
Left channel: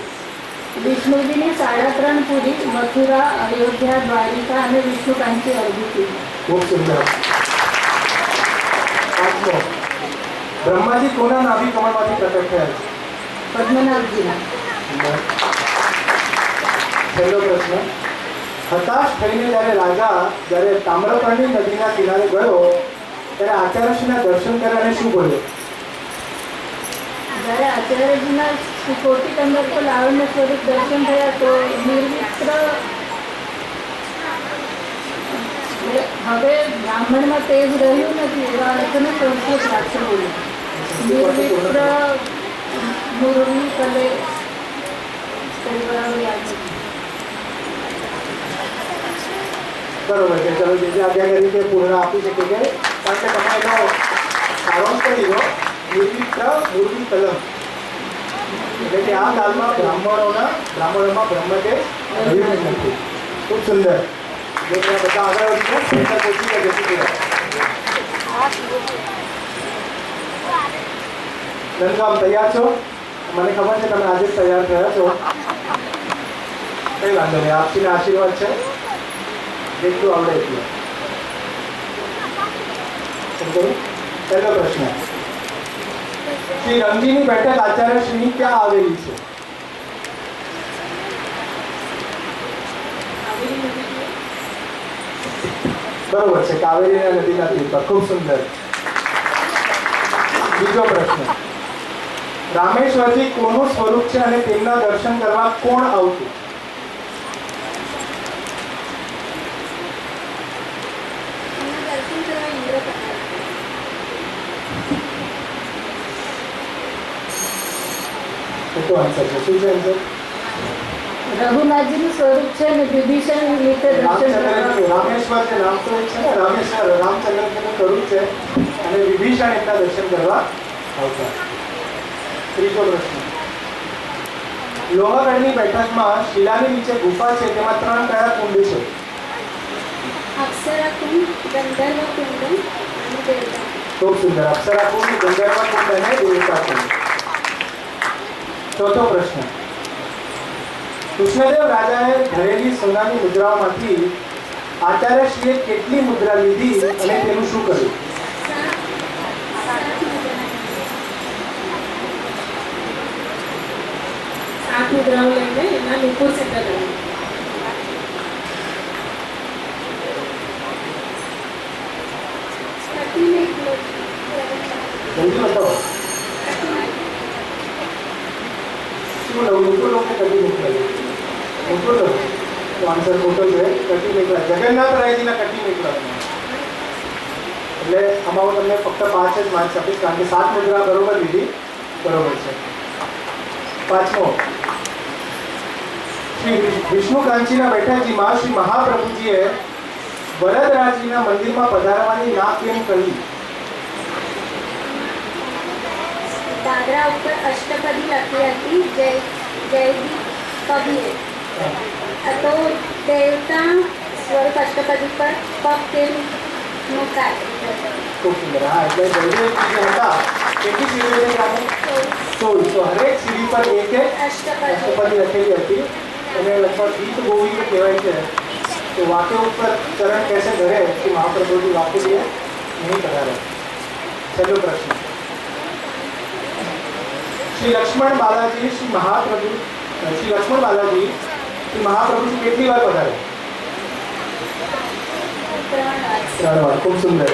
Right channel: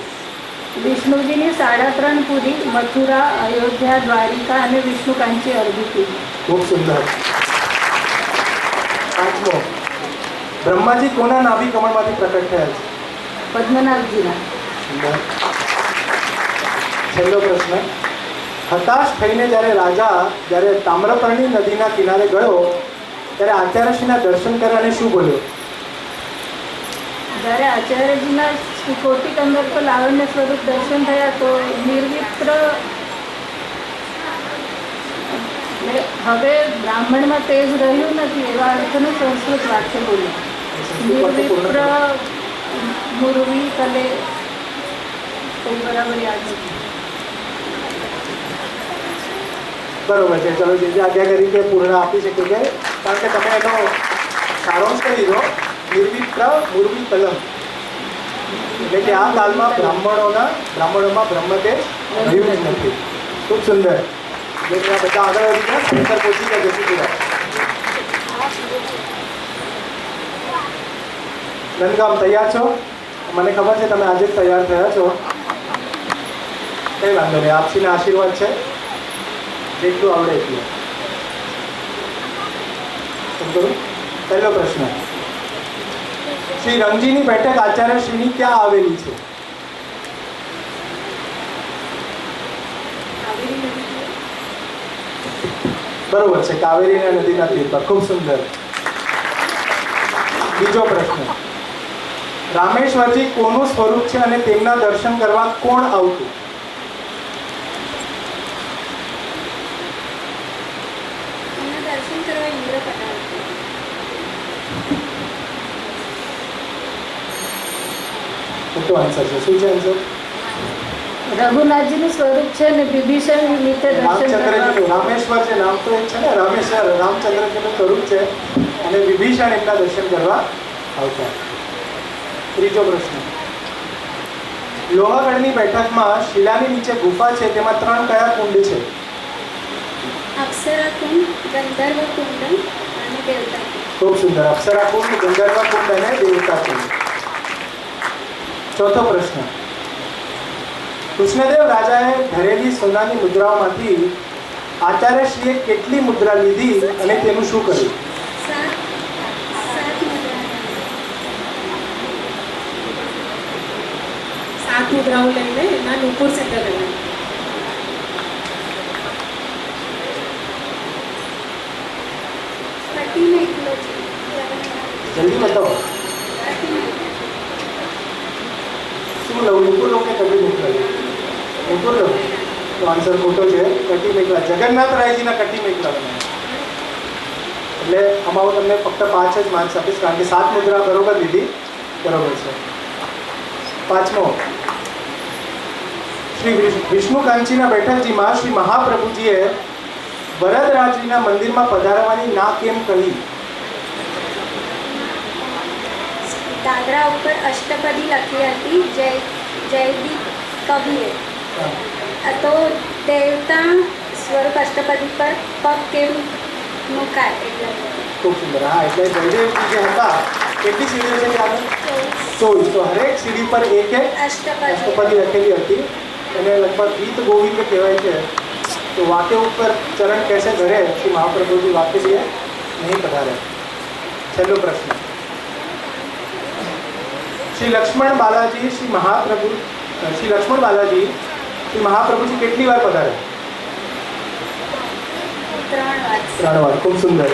વિષ્ણુજીની 3.5 પૂરી મથુરા, અયોધ્યા, દ્વારિકા અને વિષ્ણુકાંચી અર્ધી. ખૂબ સુંદર. પાંચમો. બ્રહ્માજી કોના નાભી કમળમાંથી પ્રકટ થયા છે? પદ્મનાભજીના. સુંદર. છેલ્લો પ્રશ્ન. હતાશ થઈને જ્યારે તામ્રપર્ણી નદીના કિનારે ગયો ત્યારે આચાર્યશ્રીના દર્શન કર્યા શું બોલ્યો? જ્યારે આચાર્યજીના કોટી કંદર પર લાવણ્ય સ્વરૂપ દર્શન થયા તો નિર્વિત્ર, હવે બ્રાહ્મણમાં તેજ રહ્યું નથી એવા અર્થને સંસ્કૃત વાક્ય બોલ્યું. નિર્વિત્ર મુરવી કલે બરાબર યાદ નથી. બરોબર છે. ચલો જે આજ્ઞા કરી તે પૂર્ણ આપી શકે કે કારણ કે તમે એનો સારાંશ કરી દીધો. નિર્વિત્ર મુરવી કલમ એટલે કે આ કાળમાં બ્રાહ્મણોમાં બ્રહ્મદેવ રહ્યું જ નથી. ખૂબ સુંદર. એટલે બધા આગળ વધીને પહોંચી ગયા જતીપુરા. નંદગામ તૈયાર છો? મને ખબર છે તમે આજે જ તૈયાર થયા છો. કઈ વાંધો નહીં. આપસીના આશીર્વાદ છે. જેટલું આવડે એટલું. પહેલો પ્રશ્ન. શ્રી રંગજીની બેઠક આચાર્યશ્રીની ક્યાં આવેલી છે? બરોબર છે. કાવેરી નદીના તીર પર. ખૂબ સુંદર. બીજો પ્રશ્ન. રામેશ્વરજી કોનું સ્વરૂપ છે અને તેમના દર્શન કરવા કોણ આવતું? ખોટો આન્સર છે. શું છે આન્સર? રઘુનાથજીનું સ્વરૂપ છે અને વિભીષણ રીતે દર્શન કરવા. રામેશ્વર છે નામ તો છે ને. રામેશ્વર રામચંદ્રજીનું સ્વરૂપ છે અને વિભીષણ એમના દર્શન કરવા આવતા. ત્રીજો પ્રશ્ન. લોહાગઢની બેઠકમાં શિલાની નીચે ગુફા છે તેમાં 3 કયા કુંડ છે? અક્ષરકુંડ, ગંધર્વકુંડ અને દેવતા. ખૂબ સુંદર. અક્ષરાકુંડ, ગંધર્વકુંડ અને દેવતાકુંડ. ચોથો પ્રશ્ન. કૃષ્ણદેવ રાજાએ ધરેલી સોનાની મુદ્રાઓમાંથી આચાર્યશ્રીએ કેટલી મુદ્રા લીધી અને તેનું શું કર્યું? 7 મુદ્રાઓ લઈને એના નુપુર સિદ્ધ કરવાની. જલ્દી બતાવો. શું લઉં? નુકુલ લઉં કે કટી મેકલા? નુકુલ લઉં. તો આન્સર ખોટો છે. કટી મેકલા. જગન્નાથરાયજીના કટી મેકલા. એટલે આમાં હું તમને ફક્ત 5 જ માર્ક્સ આપીશ કારણ કે 7 મુદ્રા બરોબર લીધી. બરોબર છે. પાંચમો, શ્રી વિષ્ણુકાંચીના બેઠકજીમાં શ્રી મહાપ્રભુજીએ વરદરાજજીના મંદિરમાં પધારવાની ના કેમ કહી? દાદરા ઉપર અષ્ટપદી લખી હતી જયદીપ કવિએ. તો દેવતા સ્વરૂપ અષ્ટપદી પર પગ કેમ મુકાય? ખૂબ સુંદર. હા, એટલે જયદેવજી જે હતા કેટલી સીડીઓ છે ત્યાં? 16. તો હરેક સીડી પર એક અષ્ટપદી લખેલી હતી. અને લગભગ ગીત ગોવિંદ કહેવાય છે. તો વાક્ય ઉપર ચરણ कैसे धरे શ્રી મહાપ્રભુજી વાક્ય દિए નહીં પધારે. છેલ્લો પ્રશ્ન, શ્રી લક્ષ્મણ બાલાજી શ્રી મહાપ્રભુજી કેટલી વાર પધારે? 3 વાર. ખૂબ સુંદર.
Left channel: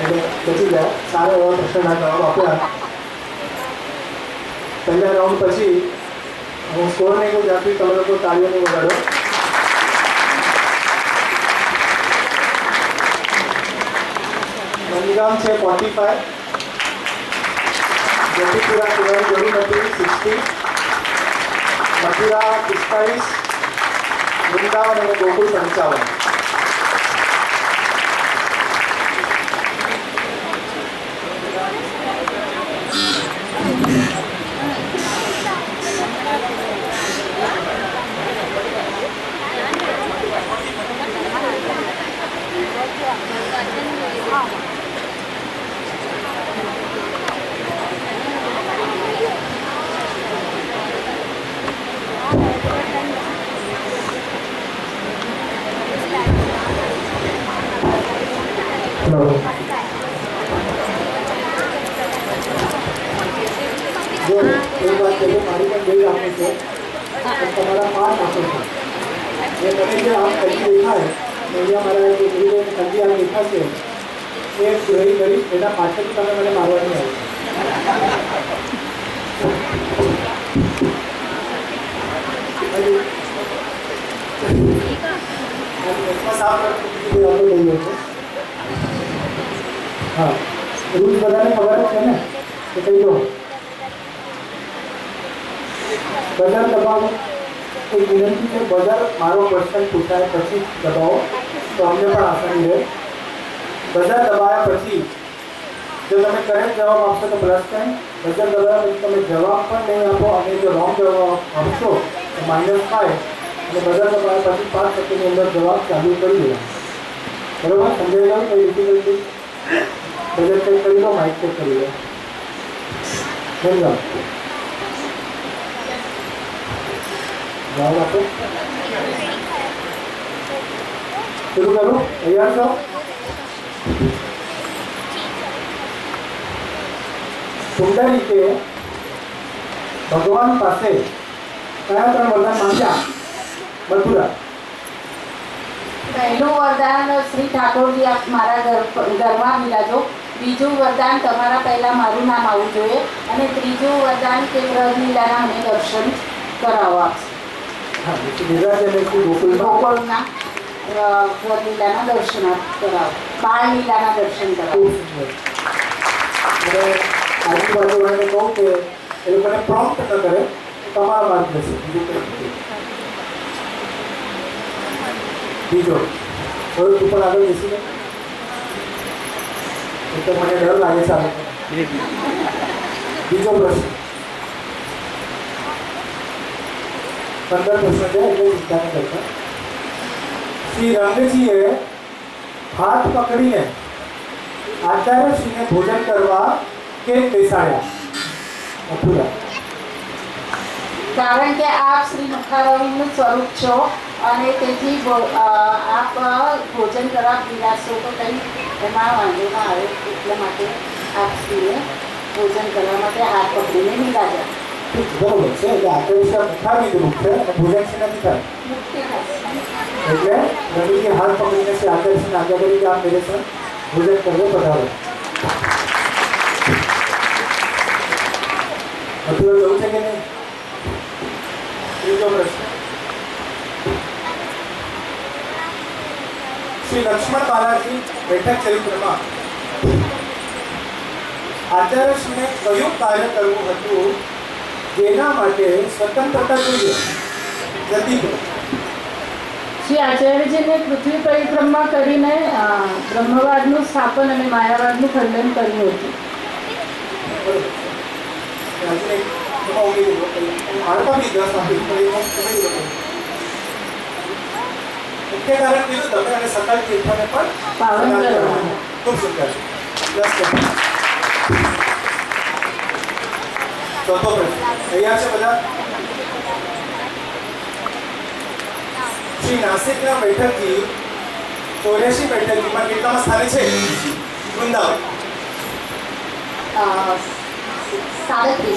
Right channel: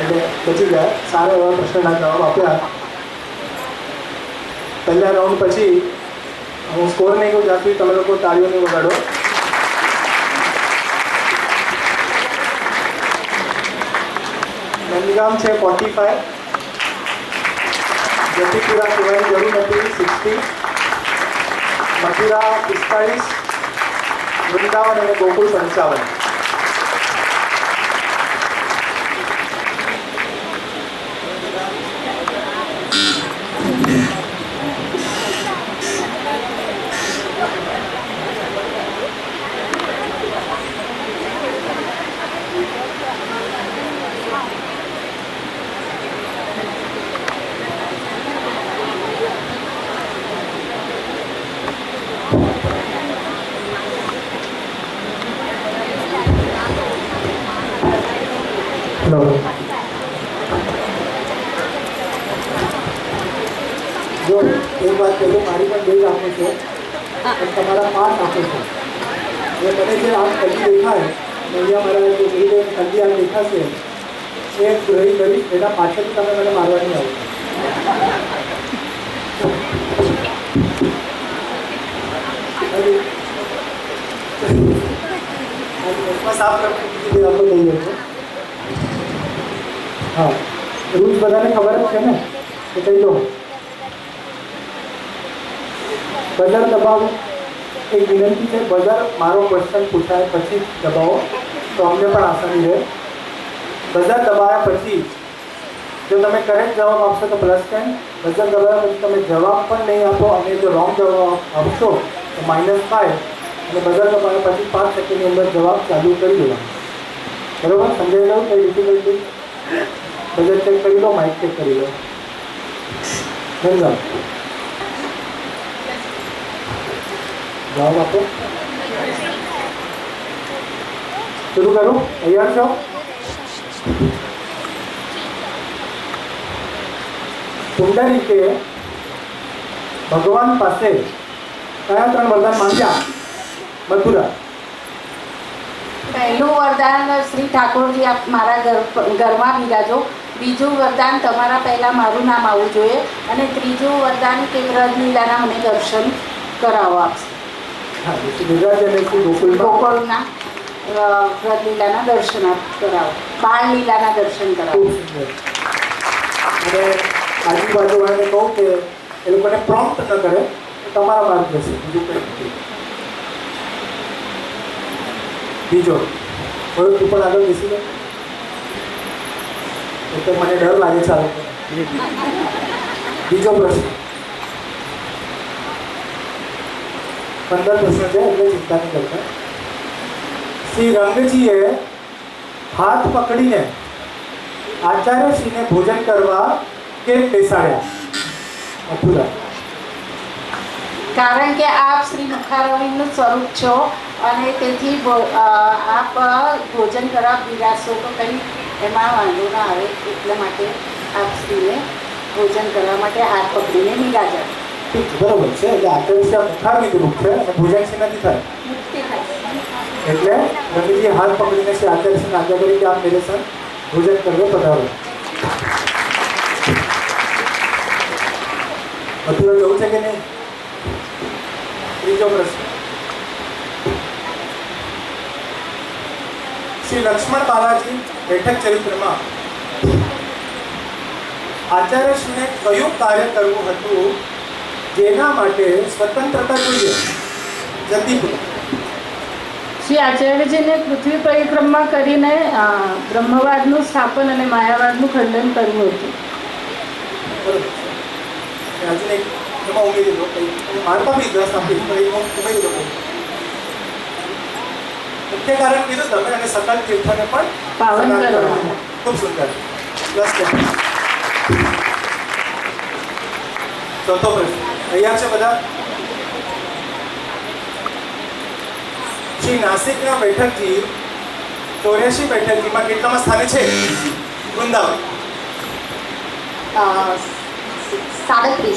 એટલે બચી ગયા. સારો એવા પ્રશ્નના જવાબ આપ્યા. પહેલા રાઉન્ડ પછી હું સ્કોર નહીં કહું જ્યાં સુધી તમે લોકો તાળીઓને વગાડો. નંદગામ છે 45, જતીપુરા કહેવાની જરૂર નથી 60, મથુરા 45, વૃંદાવન અને ગોકુળ 55. જો એક વાત કહું, મારી પણ બે આપણી છે પણ તમારા 5 આપે છે. એ તમે જે આમ કલ્લી દેખાય અહીંયા મારા જે કલ્લી આમ દેખાશે એ ગ્રહી કરી એના પાછળથી તમે મને મારવાની આવે. સાફ આપણે લઈએ છીએ. હા, રૂલ્સ બધાને ખબર જ છે ને? તો કહી દો. બજાર દબાવો. એક વિનંતી છે, બજાર મારો ક્વેશ્ચન પૂછાય પછી દબાવો તો અમને પણ આસાની રહે. બજાર દબાયા પછી જો તમે કરેક્ટ જવાબ આપશો તો +10. બજાર દબાયા પછી તમે જવાબ પણ નહીં આપો અને જો રોંગ જવાબ આપશો તો -5. અને બજાર દબાયા પછી 5 સેકન્ડની અંદર જવાબ ચાલુ કરી દેવાનો. બરોબર? સમજાઈ ગયું? કઈ ડિફિકલ્ટી? બજાર ચેક કરી લો, માઇક ચેક કરી લો. ધન્યવાદ. જવાબ આપો. શરૂ કરું? તૈયાર છો? પુંડરીકે ભગવાન પાસે કયા 3 વરદાન માંગ્યા? મથુરા. પહેલું વરદાન શ્રી ઠાકોરજી આપ મારા ઘરમાં બિરાજો. બીજું વરદાન તમારા પહેલાં મારું નામ આવવું જોઈએ. અને ત્રીજું વરદાન કે વ્રજલીલાના મને દર્શન કરાવો આપશે. હા, ગુજરાત અને ગોકુળના વ્રજલીલાના દર્શન કરાવો, બાળલીલાના દર્શન કરાવો. અને આજુબાજુવાળાને કહું કે એ લોકોને પ્રોમ્પ્ટ ન કરે, તમારા માર્ગ જશે. બીજું કંઈ નથી. બીજો થોડું તું પણ આગળ બેસી લે. એટલે મને ડર લાગે છે. બીજો પ્રશ્ન 15 પ્રશ્ન છે એટલે ચિંતા નહીં કરતા. શ્રી રંગજીએ હાથ પકડીને આચાર્યશ્રીને ભોજન કરવા કેમ બેસાડ્યા? મથુરા. કારણ કે આપ શ્રી મુખારવિંદનું સ્વરૂપ છો અને તેથી આપ ભોજન કરવા બિરાશો તો કંઈ એમાં વાંધો ના આવે. એટલા માટે આપ શ્રીને ભોજન કરવા માટે હાથ પકડીને બિરાજા. બરોબર છે. એટલે આચાર્ય મુખારવિંદ રૂપ છે અને ભોજનશ્રી નથી થાય. મુક્તિ થાય. એટલે રવિજી હાથ પકડીને શ્રી આચાર્યશ્રીને આજ્ઞા કરી કે આપ મેરે સંગ ભોજન કરવા પધારો. મથુરા જવું છે કે નહીં? ત્રીજો પ્રશ્ન, શ્રી લક્ષ્મણ બાલાજી બેઠક ચરિત્રમાં આચાર્યશ્રીને કયું કાર્ય કરવું હતું જેના માટે સ્વતંત્રતા જોઈએ? જતી શ્રી આચાર્યજીને પૃથ્વી પરિક્રમા કરીને બ્રહ્મવાદનું સ્થાપન અને માયાવાદનું ખંડન કર્યું હતું. બરોબર. એમાં ઉમેરી દો. મારતા બી 10 આપી તો એમાં ઉમેરી દો. મુખ્ય કારણ કીધું તમે અને સકલ તીર્થોને પણ પાવન કરવાનું. ખૂબ સુંદર. પ્લસ ચોથો પ્રશ્ન તૈયાર છે બધા? શ્રી નાસિકના બેઠકથી 84 બેઠકીમાં કેટલામાં સ્થાને છે વૃંદાવન? 37.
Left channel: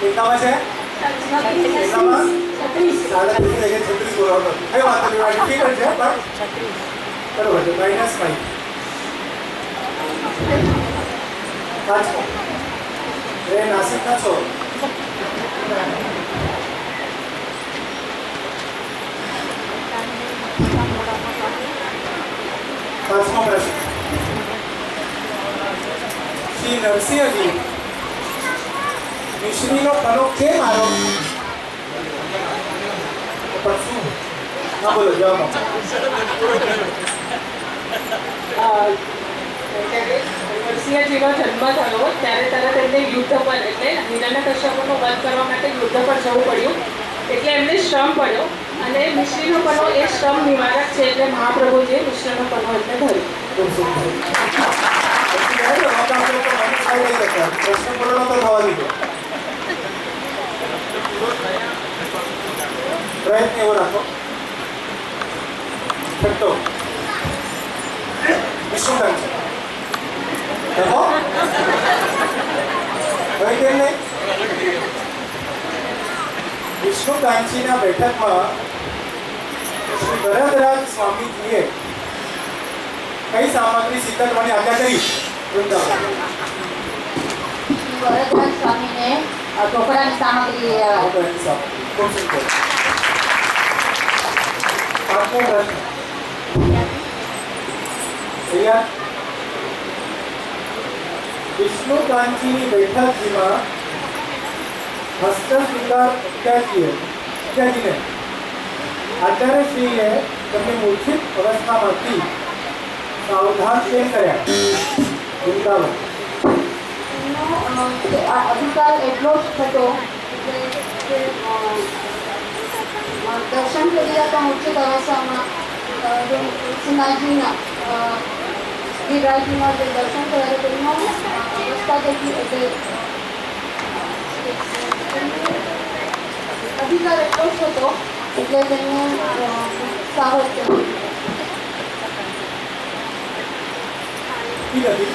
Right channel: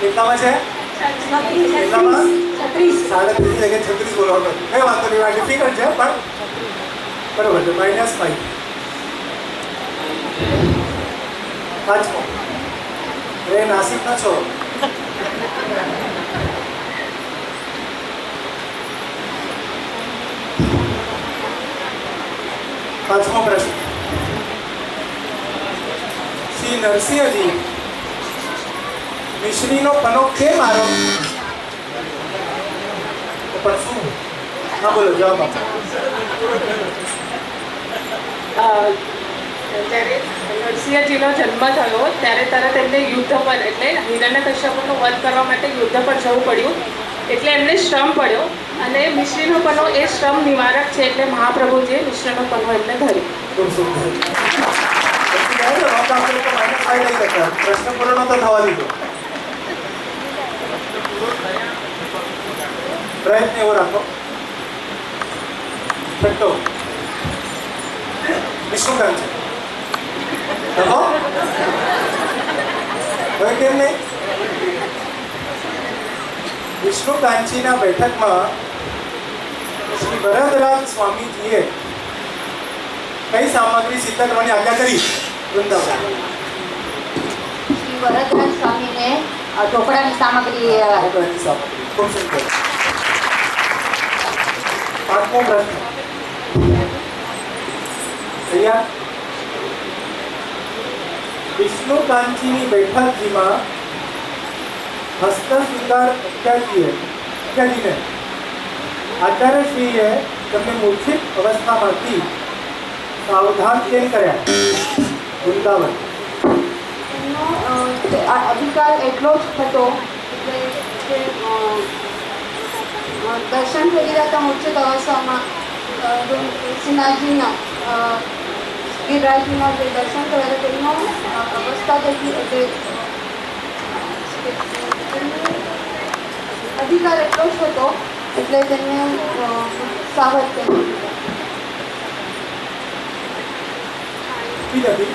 કેટલામાં છે? કેટલામાં? 37 જગ્યાએ 36 બોલવાનો. કઈ વાંધો નહીં, ડિફિકલ્ટ છે પણ બરોબર છે. -5. પાંચમો રે નાસિકના છો. પાંચમો પ્રશ્ન, શ્રી નરસિંહજી મિશ્રીનો પનો કેમ આવ્યો? પણ શું? હા બોલો, જવાબ આપો. ત્યારે નરસિંહજીનો જન્મ થયો ત્યારે તરત એમને યુદ્ધ પર એટલે હિરણ્યકશ્યપનો વધ કરવા માટે યુદ્ધ પર જવું પડ્યું. એટલે એમને શ્રમ પડ્યો અને મિશ્રીનો પનો એ શ્રમ નિવારક છે એટલે મહાપ્રભુજીએ મિશ્રીનો પનો એમને ધર્યો. ખૂબ સુંદર. પ્રશ્ન પૂર્ણ તો થવા દીધો. પ્રયત્ન એવો રાખો. છઠ્ઠો વિષ્ણુકાંત છે. देखो भाई केम नहीं विष्णुकांचीना बैठकમાં શ્રી વરદરાજ સ્વામીજીએ કઈ સામગ્રી સિદ્ધ કરવાની આજ્ઞા કરી વૃંદાવન? શ્રી વરદરાજ સ્વામીને ઢોકળાની સામગ્રી ખૂબ સુંદર. પાંચમો પ્રશ્ન તૈયાર? વિષ્ણુકાંચીની બેઠકજીમાં હસ્તશૃંગાર અત્યાજીને આચાર્યશ્રીએ તેમને મૂર્છિત અવસ્થામાંથી સાવધાન કેમ કર્યા વૃંદાવન? એમનો અધિકાર એટલો જ હતો કે દર્શન કરી રહ્યા હતા મૂર્છિત અવસ્થામાં શ્રીનાથજીના ગિરિરાજજીના જે દર્શન કર્યા તેમનો અવસ્થા જેટલી એટલે અધિકાર એટલો જ હતો એટલે તેમને સાવધ કર્યું. ઠીક હતી.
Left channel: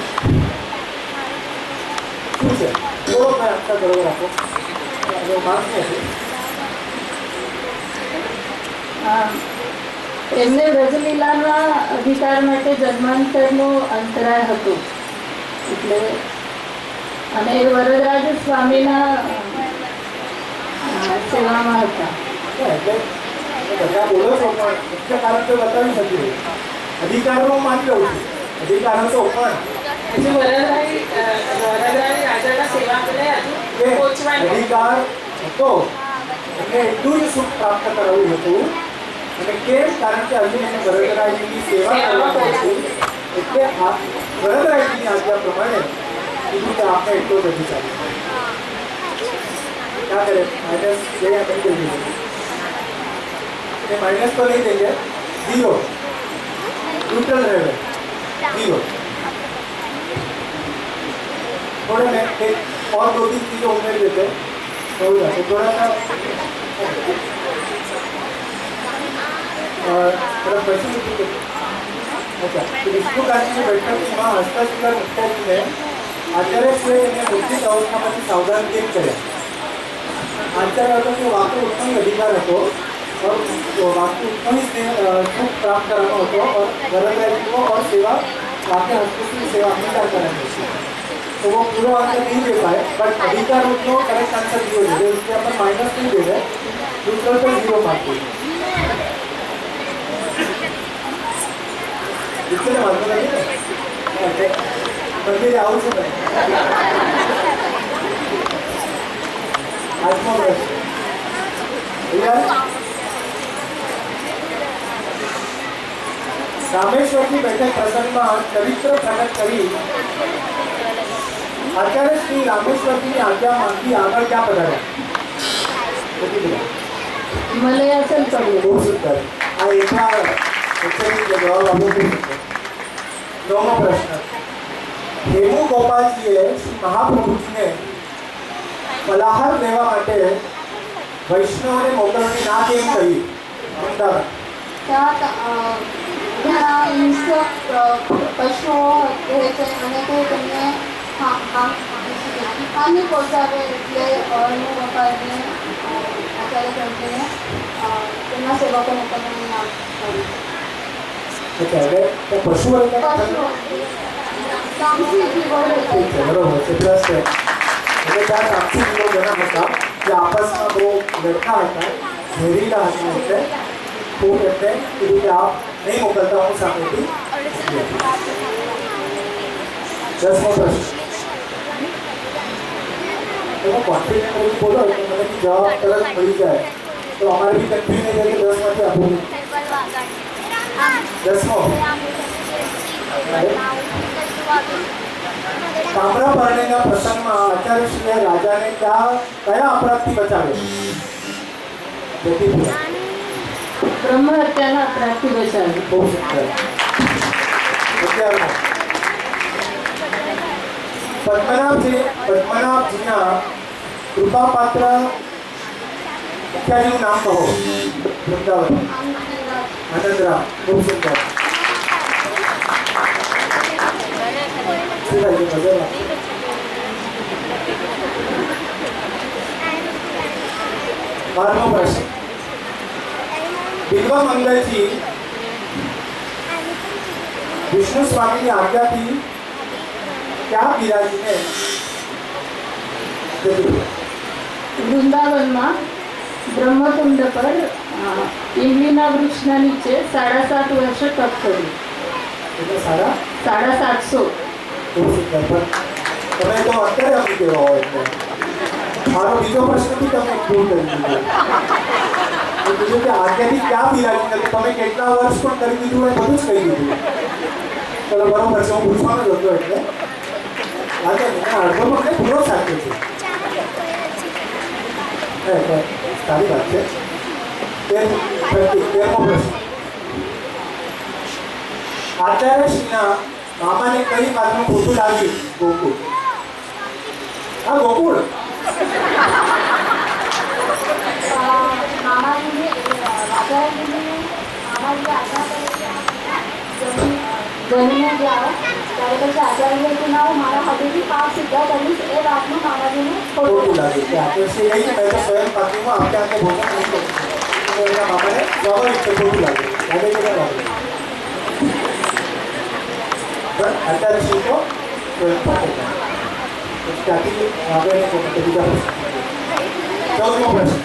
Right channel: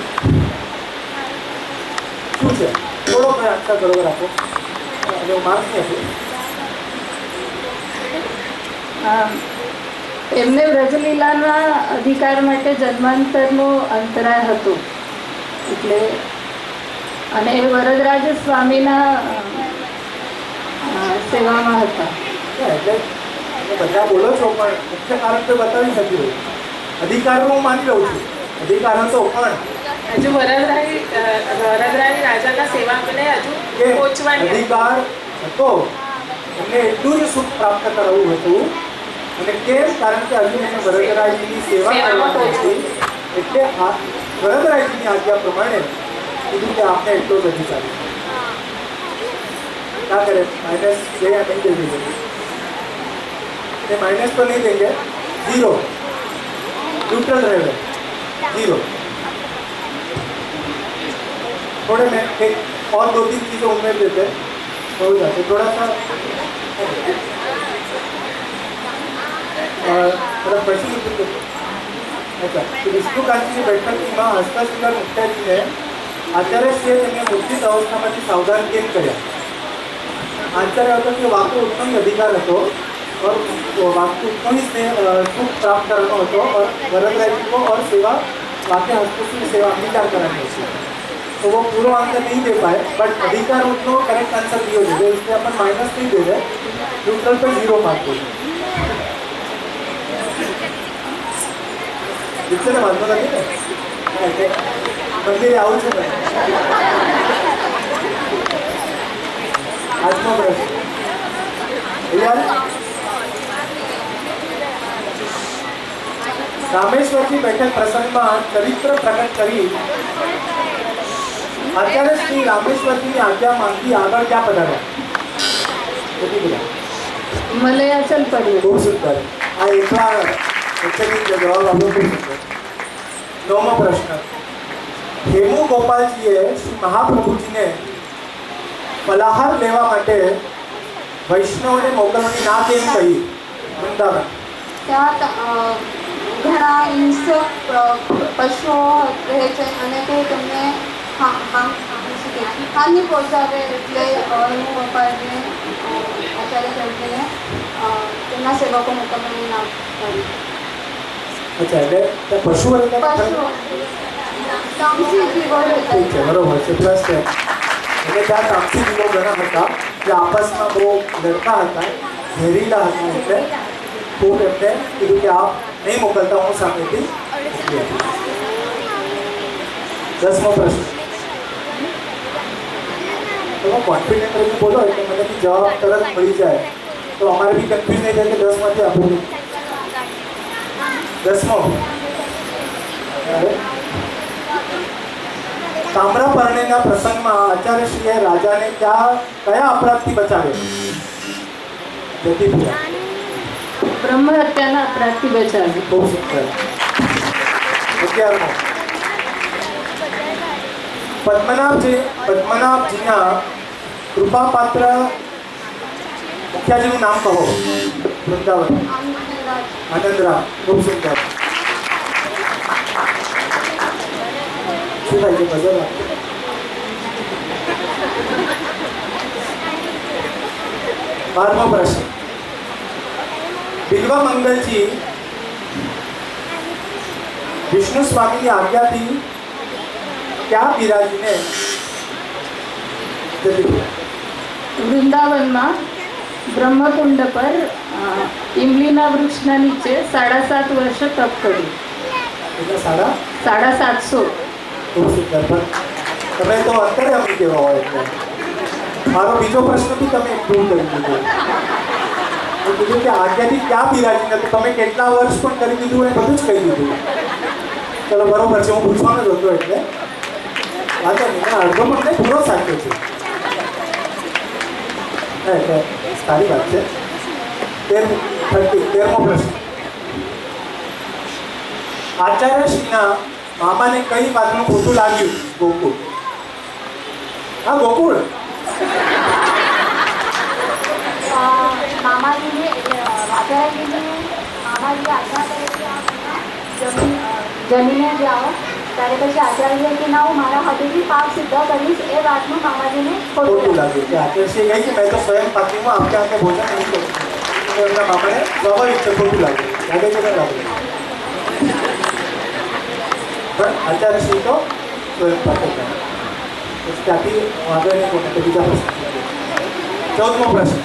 શું છે? થોડો આન્સર બરોબર આપો. માર્ક્સ નથી. એમને વ્રજલીલાના અધિકાર માટે જન્માંતરનો અંતરાય હતો એટલે અને એ વરદરાજ સ્વામીના સેવામાં હતા. એટલે બધા બોલો છો પણ મુખ્ય કારણ તો બતાવી શકીએ. અધિકારો હું માની લઉં છું, અધિકાર હતો પણ હજુ વરદરાજ રાજાના સેવકને હજુ કે પહોંચવાની અધિકાર હતો એમને એટલું જ સુખ પ્રાપ્ત કરાવવું હતું. અને કેમ? કારણ કે હજુ એને વરદરાજની સેવા કરવાની હતી એટલે આ વરદરાજની આજ્ઞા પ્રમાણે કીધું કે આપણે એટલો જ અધિકાર છે. क्या करें? माइनस ये या नहीं देंगे, माइनस तो नहीं देंगे, 0 न्यूट्रल रहेगा 0. थोड़े में एक और 2-3 चीज़ें उमेर देते हैं हो जाते. थोड़ा सा थोड़ा पैसे अच्छा. तो विष्णुकांची बैठकમાં હસ્તાશીલા મુખ્યાજીને આચાર્યશ્રીએ તેને મૂર્છિત અવસ્થામાંથી સાવધાન કેમ કર્યા? આચાર્ય હતો કે વાતો ઉત્તમ અધિકાર હતો और वाक्य उत्तम ही सुख प्राप्त कराना होता और गरज को और सेवा वाक्य हस्तक्षेप सेवा अंगीकार करानी होती है। तो वो पूरा अंक नहीं दे पाए, बट अधिकार उनको करेक्ट आंसर दिए होते, इसलिए अपन माइनस नहीं दे रहे, न्यूट्रल पे 0 मार्क दे रहे। दिखते ना मानता नहीं मंदिर आउट से आत्मा प्रश्न રામેશ્વરજી બેઠક પ્રસંગમાં ચરિત્ર પ્રગટ કરી અત્યારે શ્રી રામેશ્વરજીની આજ્ઞા માંગી આગળ ક્યાં પધાર્યા? મલયાચલ પડ્યું. બહુ સુંદર. આ એટલા જવાબ આવ્યો. ખૂબ સુંદર. 9મો પ્રશ્ન. હેમુ ગોપાલજીએ શ્રી મહાપ્રભુજીને ફલાહાર લેવા માટે વૈષ્ણવને મોકલવાની ના કેમ કહી? વૃંદાવન. ત્યાં ઘણા હિંસક પશુઓ રહે છે અને તે તેમને હાનિ પહોંચાડે, એટલે હેમુ ગોપાલજીને આચાર્ય પ્રભુજીને તેમના સેવકો મોકલવાની ના કરી. અચ્છા, એટલે ત્યાં પશુ હતા? તામસી જીવો રહેતા. ઠીક છે, બરોબર છે. પ્લસ છે એટલે ત્યાં તામસી જીવો ઘણા હતા જે આપસમાં બહુ લડતા હતા, ઝેરીલા હતા, એટલે ખૂબ એમને કીધું કે આપ નહીં મોકલતા, હું સામેથી. 10મો પ્રશ્ન. તમે કોન્ફિડન્ટ કરીને બોલો એટલે મને બી જવાબ તરત મળી જાય, તો અમારે બી કન્ફ્યુઝ નહીં થાય કે 10માંથી આપવું. 10મો. તામ્રપર્ણીના પ્રસંગમાં આચાર્યશ્રીએ રાજાને કયા અપરાધથી બચાવ્યો? જતીપુરા. બ્રહ્મ હત્યાના અપરાધથી બચાવ્યું. બહુ સુંદર. 11મો. પદ્મનાભજીના કૃપાપાત્ર મુખ્યાજીનું નામ કહો. વૃંદાવન. આનંદરામ. બહુ સુંદર. શું થાય છે? મજા. 12મો પ્રશ્ન. બિલ્વમંગલજી વિષ્ણુ સ્વામીની આજ્ઞાથી ક્યાં બિરાજીને વૃંદાવનમાં બ્રહ્મકુંડ પર ઇમલીના વૃક્ષના નીચે 7.5 વર્ષ તપ કર્યું. એટલે 750. 750. બહુ સુંદર. પણ તમે તો અંતર્યામી કહેવા હોય એટલે મારો બીજો પ્રશ્ન બી તમે ભૂલ કરી દીધો. કીધું કે આજ્ઞાથી ક્યાં બિરાજીને, તમે કેટલા વર્ષ પણ કરી દીધું એ બધું જ કહી દીધું. ચલો બરોબર છે, હું પૂછવાનો જ હતો એટલે વાંચો નહીં, અડધો પણ નહીં, પૂરો સાચો છે. સારી વાત છે. 13મો પ્રશ્ન. આચાર્યશ્રીના મામાને કઈ વાતનું ખોટું લાગ્યું? ગોકુળ. હા, ગોકુળ. મામાજીને આચાર્યજીને મામાજી આજ્ઞા કરે છે જમીને જાઓ, ત્યારે પછી આચાર્ય કે ના હું મારા હૃદયથી પાપ સિદ્ધ કરીશ, એ વાતનું મામાજીને ખોટું લાગે કે આચાર્યશ્રી કહી કે મેં તો સ્વયં પાત્રીમાં આપતા આપતા ભોજન નહીં કરું. એમના મામાને સ્વાભાવિક છે ખોટું લાગે. લાગે કે ના લાગે? પણ આચાર્યશ્રી તો સ્વયં પાત્ર પછી ત્યાંથી આગળ નહીં બીજા પ્રશ્ન. 14મો પ્રશ્ન.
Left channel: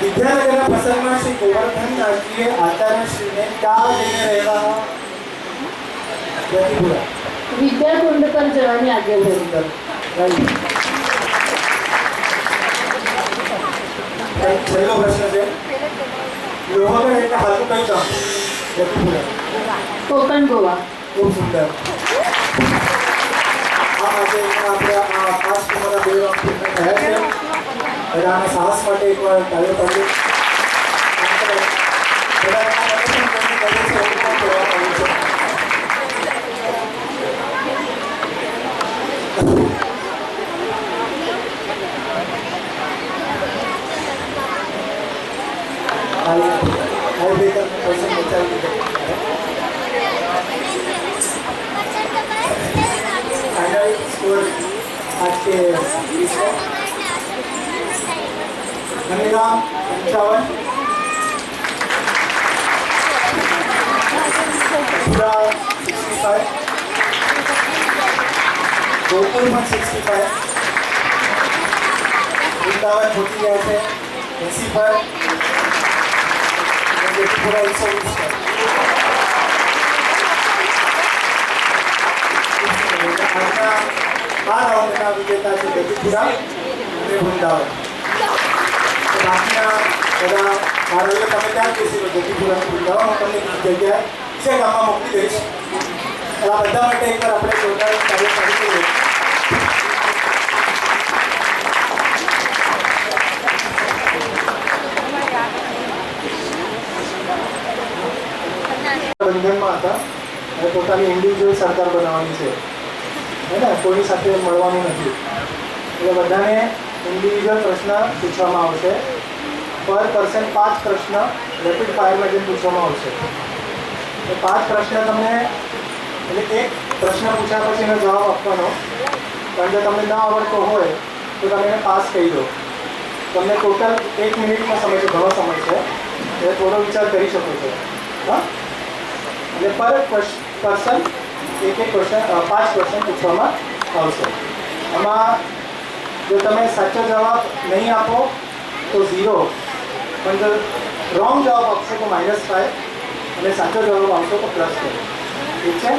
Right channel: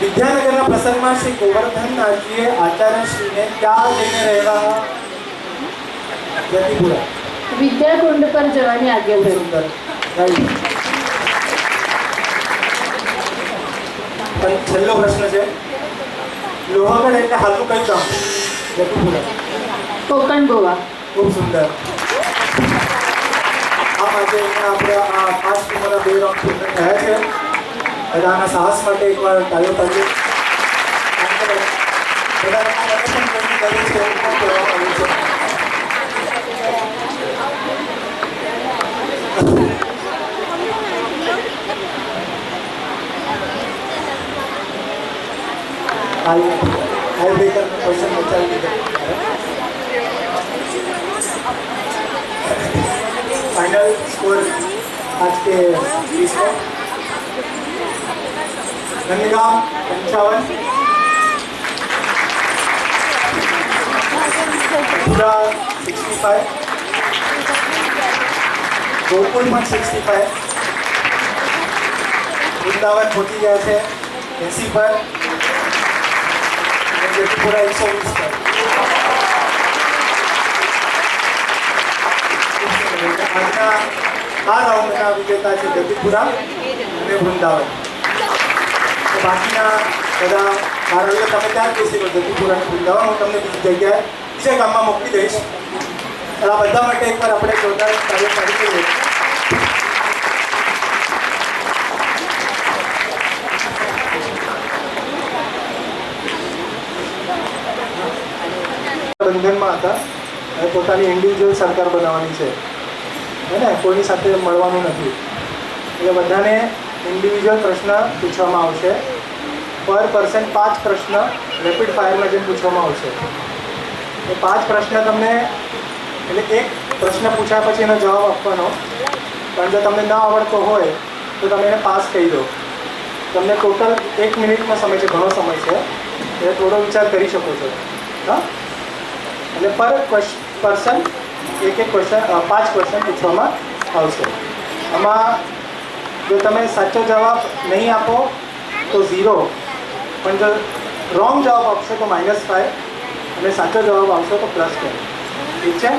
વિદ્યાનગરના પ્રસંગમાં શ્રી ગોવર્ધનનાથજીએ આચાર્યશ્રીને ક્યાં જઈને રહેવા? જતીપુરા. વિદ્યાકુંડ પર જવાની આજ્ઞા કરી. સુંદર. રાઈટ. છેલ્લો પ્રશ્ન છે. લોહાગઢ એટલે હાથું કયું ગામ? જતીપુરા. કોકણ ગોવા. ખૂબ સુંદર. આ માટે આપણે આ 5 નંબરના 2 અંક પૂર્ણ થયા છે. બધાના સાહસ માટે એકવાર તાળીઓ પાડીએ. फाइनल स्कोर आज के नंदगाम 55, पूरा 65, गोकुल પણ 65, વૃંદાવન પહોંચી ગયા છે 80 પર અને જેતપુરા 120 પર. આજના આ રાઉન્ડના વિજેતા છે જેતપુરા અને વૃંદાવન. તો બાકીના બધા બાળકો તમે ત્યાં જ બેસી લો. જેતપુરા અને વૃંદાવન હું તમને બીજી જગ્યાએ બીજા ગામમાં મોકલી દઈશ. આ બધા માટે એકવાર આપણે જોરદાર કાર્ય કરી દઈએ. બંધનમાં હતા અને પોતાની ઇન્ડિવિજ્યુઅલ સરકાર બનાવવાની છે હે ને, કોઈની સાથે મળવાનું નથી. એટલે બધાને ઇન્ડિવિજ્યુઅલ પ્રશ્ન પૂછવામાં આવશે. પર પર્સન 5 પ્રશ્ન રેપિડ ફાયરમાં જેમ પૂછવામાં આવશે. એ 5 પ્રશ્ન તમને એટલે એક પ્રશ્ન પૂછ્યા પછી એનો જવાબ આપવાનો. પણ જો તમને ન આવડતો હોય તો તમે એને પાસ કહી દો. તમને ટોટલ 1 મિનિટનો સમય છે, ઘણો સમય છે, એટલે થોડો વિચાર કરી શકો છો. હા, એટલે પર પર્સન એક ક્વેશ્ચન 5 ક્વેશ્ચન પૂછવામાં આવશે. આમાં જો તમે સાચો જવાબ નહીં આપો તો 0, પણ જો રોંગ જવાબ આપશો તો -5 અને સાચો જવાબ આવશો તો +10. ઠીક છે?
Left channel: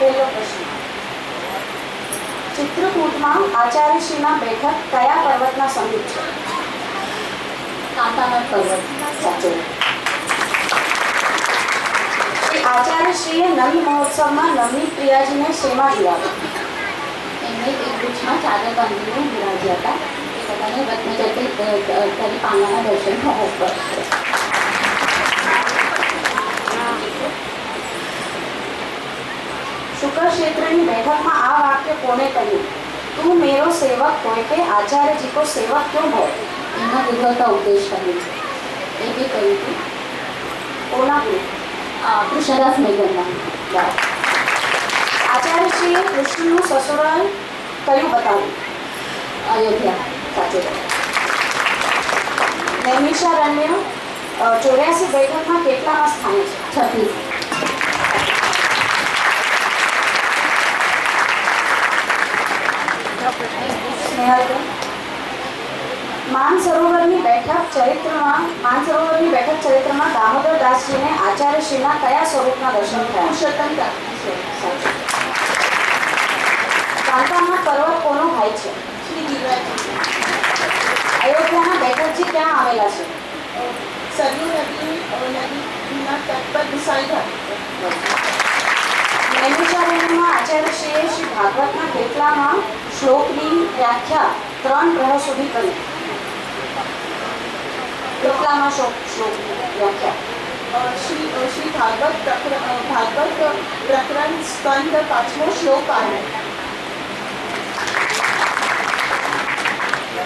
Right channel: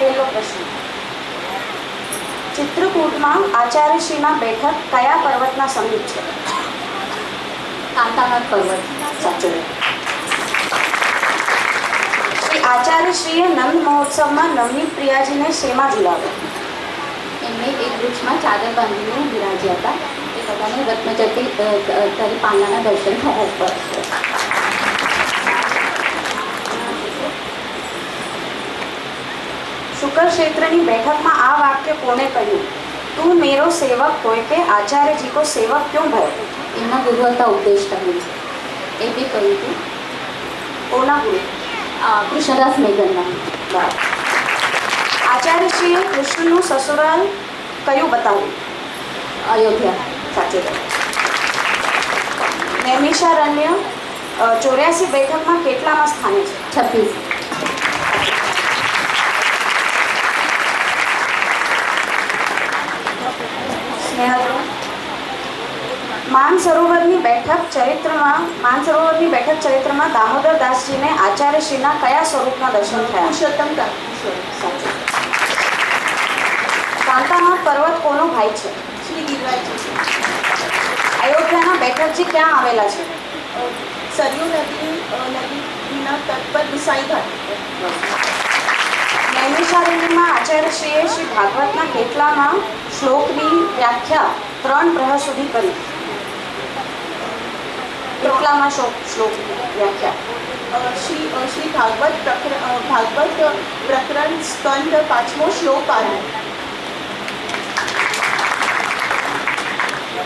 પહેલો પ્રશ્ન. ચિત્રકૂટમાં આચાર્યશ્રીના બેઠક કયા પર્વતના સમીપ છે? કાંતાનાથ પર્વત. સાચું. શ્રી આચાર્યશ્રીએ નંદ મહોત્સવમાં નવનીત પ્રિયાજીને શેમાં ઝુલાવ્યા? એમને એક વૃક્ષમાં ચાદર બાંધીને બિરાજ્યા હતા. એ બધાને રત્નચરી પાંગલાના દર્શન થયા ઉપર છે. શુક્ર ક્ષેત્રની બેઠકમાં આ વાક્ય કોને કહ્યું? તું મેરો સેવક હોય કે आचार्य जी को सेवक क्यों भय? એમના ગુરુ હતા ઉપદેશ કર્યું. એ બી કહ્યું હતું. કોના ગુરુ? કૃષ્ણદાસ મેઘરના. આચાર્યશ્રીએ કૃષ્ણનું સસુરાલ કયું બતાવ્યું? અયોધ્યા. સાચું. નૈમિષારણ્ય 84 બેઠકમાં કેટલામાં સ્થાને છે? 26. માનસરોવરની બેઠક ચરિત્રમાં દામોદર દાસજીને આચાર્યશ્રીના કયા સ્વરૂપના દર્શન થયા? પુરુષોત્તમ. કાંતાનાથ પર્વત કોનો ભાઈ છે? શ્રી ગિરિરાજ. અયોધ્યાના બેઠકજી ક્યાં આવેલા છે? સરયુ નદીના તટ પર વિસાઈ ઘાટ. નૈમિષારણ્યમાં આચાર્યશ્રીએ શ્રી ભાગવતના કેટલામાં શ્લોકની વ્યાખ્યા 3 પ્રહર સુધી કરી? કેટલામાં શ્લોક વ્યાખ્યા? શ્રી ભાગવત પ્રકરણ સ્કંદ 5મો શ્લોક 12.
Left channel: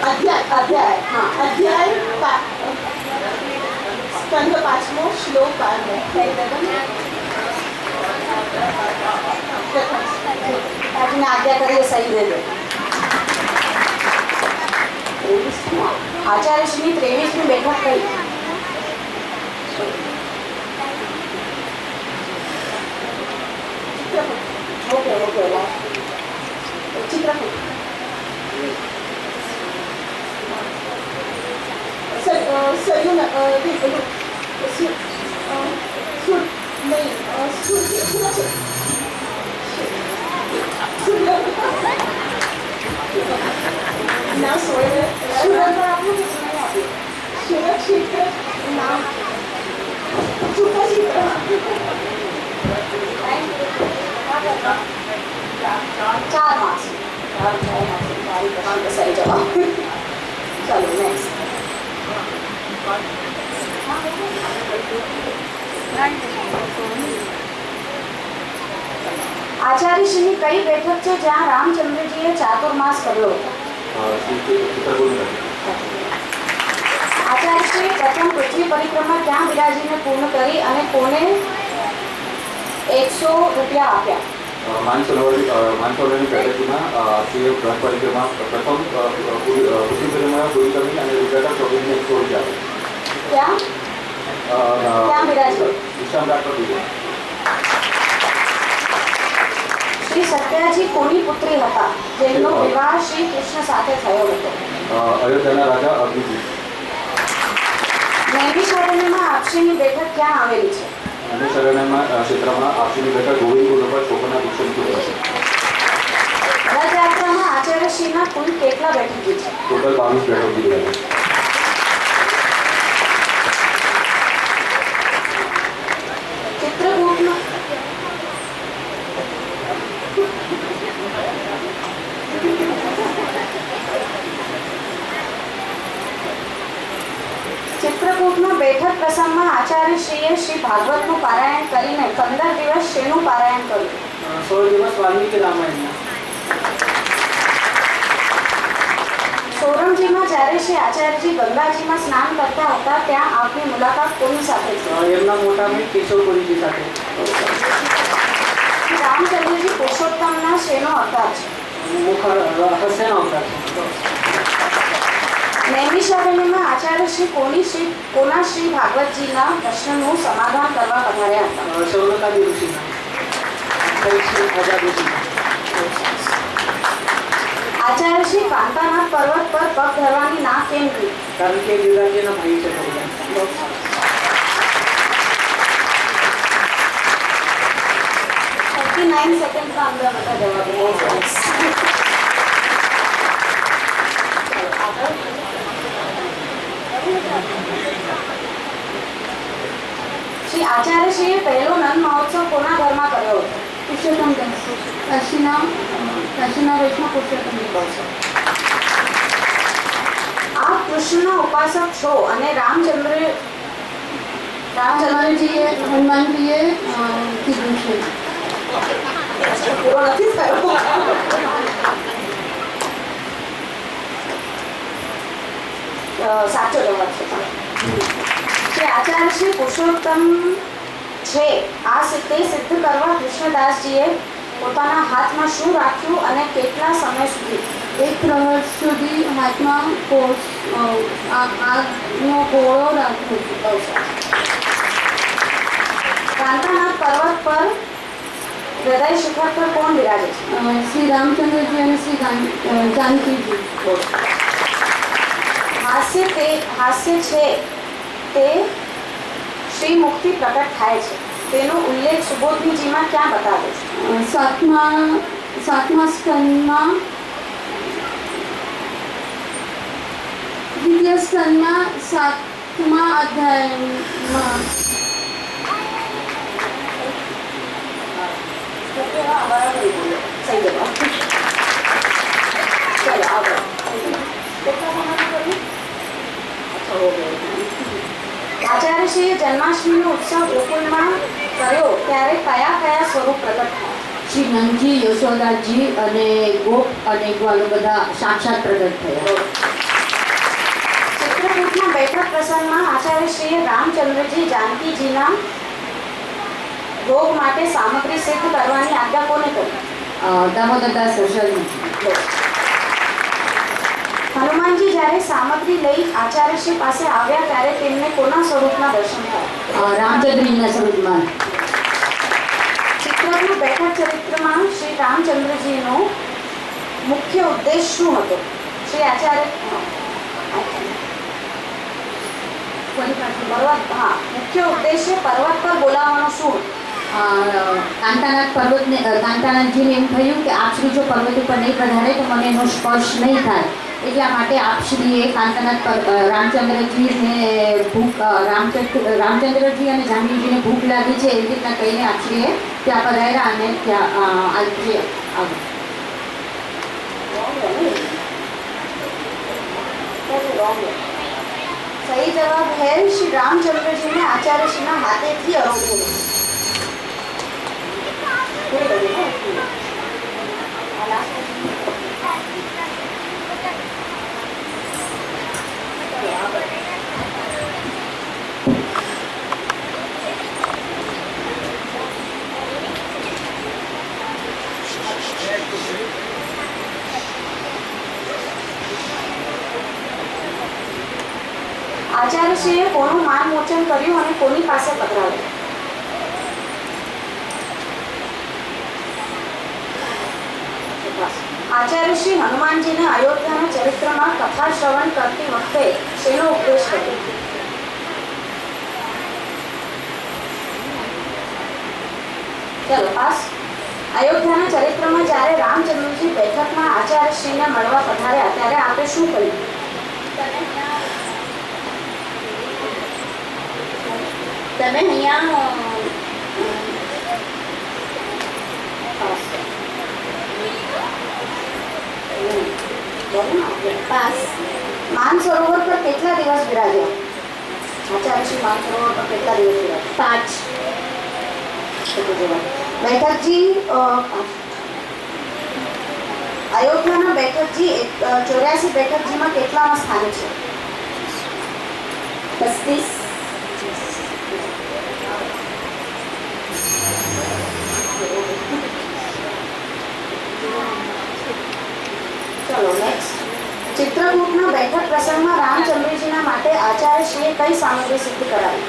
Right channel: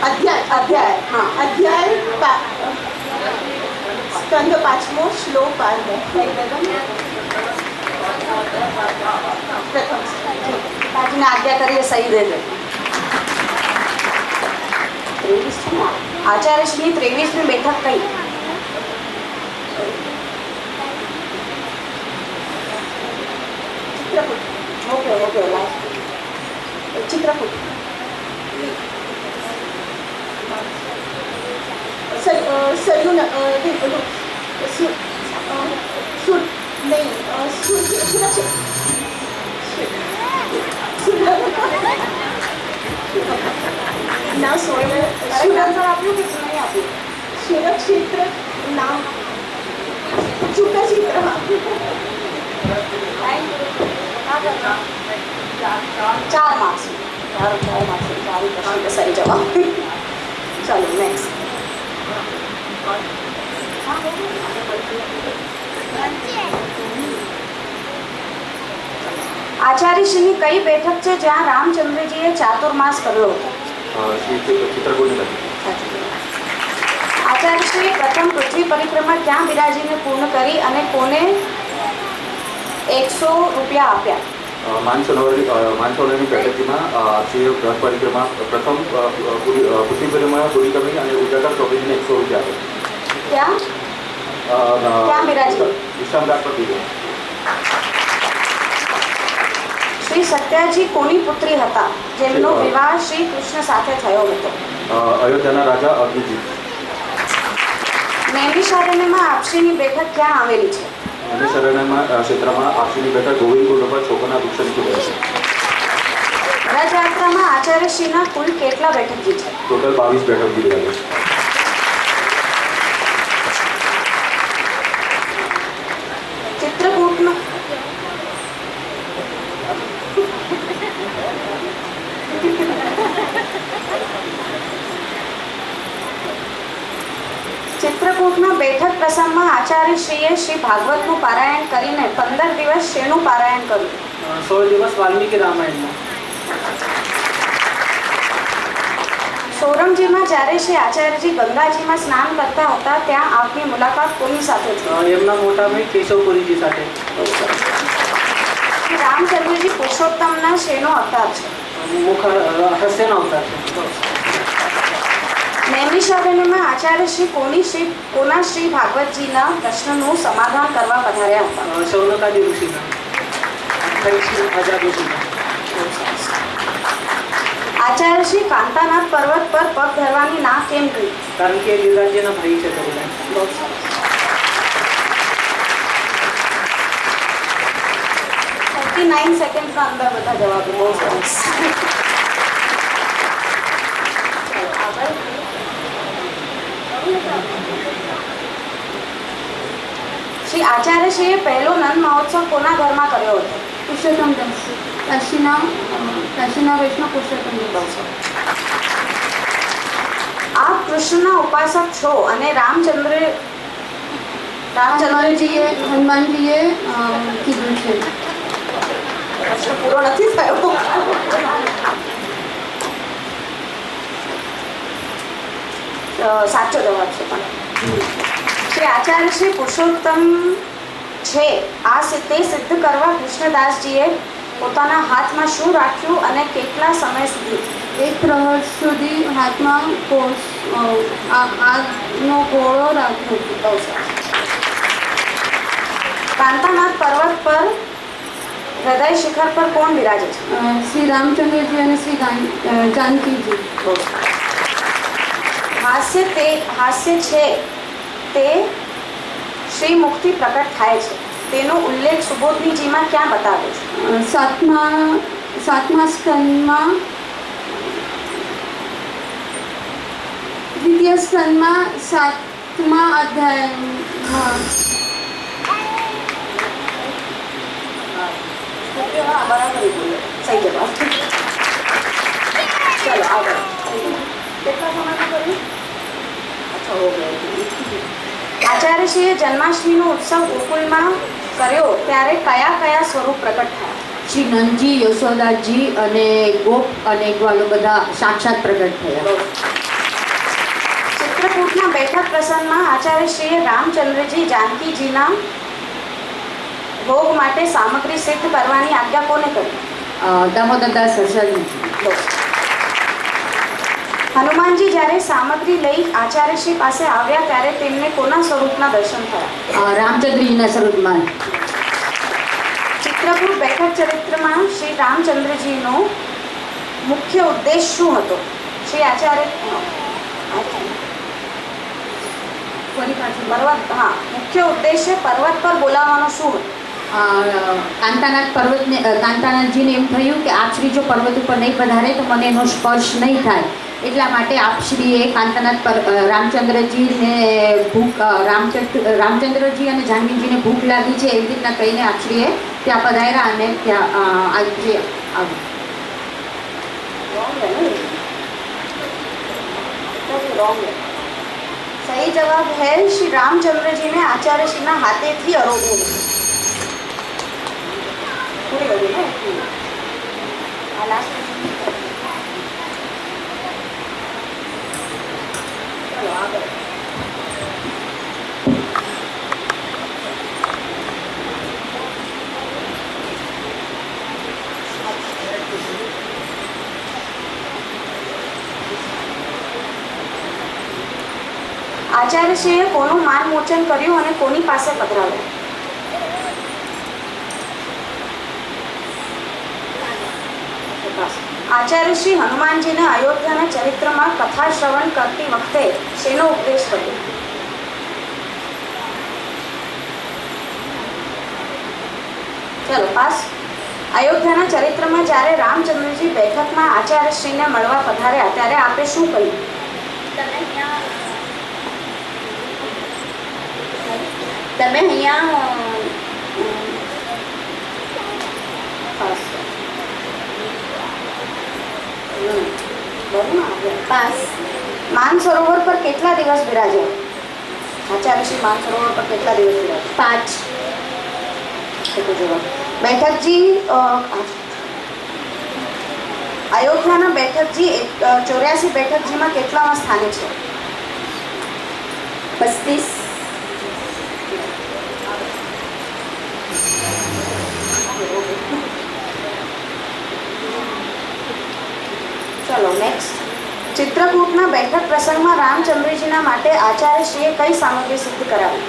અધ્યાય સ્કંદ 5મો શ્લોક 12. આજને આજ્ઞા કરીએ સહી દે દે. આચાર્યશ્રીની 23મી બેઠક કઈ? ચિત્રકૂટ. સરયુ નામ સુરત આપ્યું કે નહીં આપ્યું? સુરક્ષિત નામ ચૂકચિત્ર. ચાર માર્ક્સ. સહી જવાબ. ચલો નેક્સ્ટ. આચાર્યશ્રીની કઈ બેઠક છે જ્યાં રામચંદ્રજીએ ચાતુર્માસ કર્યો હતો? આચાર્યશ્રીએ પ્રથમ પૃથ્વી પરિક્રમા ક્યાં બિરાજીને પૂર્ણ કરી અને કોને 100 રૂપિયા આપ્યા? માનસરોવરની બેઠકીમાં શ્રી ગ્રહ પરિક્રમા પ્રથમ પૃથ્વી પરિક્રમા પૂરી કરવી અને ઉદ્ઘાટન ચોકડીને 100 રૂપિયા ક્યાં ક્યાં બિરાજી? વિશ્રામઘાટ પર દીધો. શ્રી સત્યાજી કોની પુત્રી હતા જેમનો વિવાહ શ્રી કૃષ્ણ સાથે થયો હતો? અયોધ્યાના રાજા અગ્નિજીત. નૈમિષારણ્યમાં આપશ્રીની બેઠક ક્યાં આવેલી છે? નૈમિષારણ્યમાં ક્ષેત્રમાં આપશ્રીની બેઠક ગોવિંદ કુંડ પર છોકરના વૃક્ષની છે. રથયાત્રામાં આચાર્યશ્રીના કુલ કેટલા બેઠકી છે? ટોટલ 22 બેઠક દીધી. ચિત્રકૂટમાં ચિત્રકૂટમાં બેઠક પ્રસંગમાં આચાર્યશ્રીએ શ્રી ભાગવતનું પારાયણ કરીને 15 દિવસ શેનું પારાયણ કર્યું? 16 દિવસ વાલ્મીકી રામાયણમાં. સોરમજીમાં જ્યારે શ્રી આચાર્યજી ગંગાજીમાં સ્નાન કરતા હતા ત્યાં આપની મુલાકાત કોની સાથે થઈ? એમના મોટા ભાઈ કેશવપુરીજી સાથે. શ્રી રામચંદ્રજી પુરુષોત્તમના શેનો અવતાર છે? હાસ્યનો અવતાર છે. નૈમિષારણ્યમાં આચાર્યશ્રી કોના શ્રી ભાગવતજીના પ્રશ્નનું સમાધાન કરવા પધાર્યા હતા? શૌનકાદી ઋષિના. શ્રી અજા ઋષિના. આચાર્યશ્રી કાંતાનાથ પર્વત પર પગ ધરવાની ના કેમ કરી? કારણ કે ગિરિરાજના ભાઈ છે તો બધા. 39 સેકન્ડના અંદર બધા જવાબ. બહુ સરસ. શ્રી આચાર્યશ્રીએ પહેલો નંદ મહોત્સવ કોના ઘરમાં કર્યો હતો? પુરુષોત્તમ દાસ. કાશીના વૈષ્ણવ પુરુષોત્તમ દાસ. આપ કૃષ્ણના ઉપાસક છો અને રામચંદ્રજીએ હનુમાનજીએ કીધું છે. પૂરો નથી થયો. સાચો જવાબ છે પણ શ્રી આચાર્યશ્રી પુરુષોત્તમ છે તે સિદ્ધ કરવા કૃષ્ણદાસજીએ પોતાના હાથમાં શું રાખ્યું અને કેટલા સમય સુધી? 1 પ્રહર સુધી હાથમાં આગનો ગોળો રાખ્યો. કાંતાનાથ પર્વત પર હૃદય શિખર પર કોણ બિરાજે છે? શ્રી રામચંદ્રજી અને શ્રી જાનકીજી. હાસ્ય છે તે શ્રી મુક્તિ પ્રકટ થાય છે તેનો ઉલ્લેખ સુબોધનીજીમાં ક્યાં બતાવે છે? 7મા સ્કંદમાં દ્વિતીય સ્કંદમાં 7મા અધ્યાયમાં. સહી જવાબ. ચલો આગળ. કેટલા પ્રમાણે કર્યું? અચ્છા હો ગયા. આચાર્યશ્રીએ જન્માષ્ટમીનો ઉત્સવ ગોકુળમાં કર્યો ત્યારે કયા કયા સ્વરૂપ પ્રકટ થયા? શ્રી નંદજી, યશોદાજી અને ગોપ અને ગ્વાલો બધા સાક્ષાત પ્રગટ થયા. ચિત્રકૂટના બેઠક પ્રસંગમાં આચાર્યશ્રીએ રામચંદ્રજી જાનકીજીના ભોગ માટે સામગ્રી સિદ્ધ કરવાની આજ્ઞા કોને કરી? દામોદરદાસ સરસ્વતી. હનુમાનજી જ્યારે સામગ્રી લઈ આચાર્યશ્રી પાસે આવ્યા ત્યારે તેમને કોના સ્વરૂપના દર્શન થયા? રામચંદ્રજીના સ્વરૂપમાં. ચિત્રકૂટ બેઠક ચરિત્રમાં શ્રી રામચંદ્રજીનો મુખ્ય ઉદ્દેશ શું હતો? શ્રી આચાર્ય મુખ્ય ઉદ્દેશ્ય પર્વત પર બોલાવવાનો શું હતો? કાંતાનાથજીને એમ થયું કે આપશ્રી જો પર્વત ઉપર નહીં પધારે તો મને એનો સ્પર્શ નહીં થાય, એટલા માટે આપશ્રીએ રામચંદ્રજીને રામચંદ્રજી અને જાનકીજીને ભૂખ લાગી છે એવી રીતના કહીને આપશ્રીએ ત્યાં પધાર્યા અને ત્યાં આપશ્રી सही जवाब है श्री रामचंद्र जी ने आचार्य श्री ना हाथे थी अरोग्य पूरी लगी ना આચાર્યશ્રીએ કોનું માન મોચન કર્યું અને કોની પાસે પધરાવ્યું? આચાર્યશ્રી હનુમાનજીને અયોધ્યાના ચરિત્રમાં કથા શ્રવણ કરતી વખતે શેનો ઉપદેશ કર્યો? ચલો પાસ. અયોધ્યાના ચરિત્રમાં જ્યારે રામચંદ્રજી બેઠકમાં આચાર્યશ્રીને મળવા પધાર્યા ત્યારે આપે શું કહ્યું? તમે અહીંયા પાસ. માનસરોવર પર કેટલા દિવસ બિરાજ્યા? આચાર્યશ્રી માનસરોવર પર કેટલા દિવસ બિરાજ્યા? 5. બેઠકજી અયોધ્યાના બેઠકજી 84 બેઠકજીમાં કેટલામાં સ્થાને છે? 35. ચલો નેક્સ્ટ. ચિત્રકૂટના બેઠક પ્રસંગમાં રામચંદ્રજીના માટે આચાર્યશ્રીએ કઈ સામગ્રી સિદ્ધ કરાવી?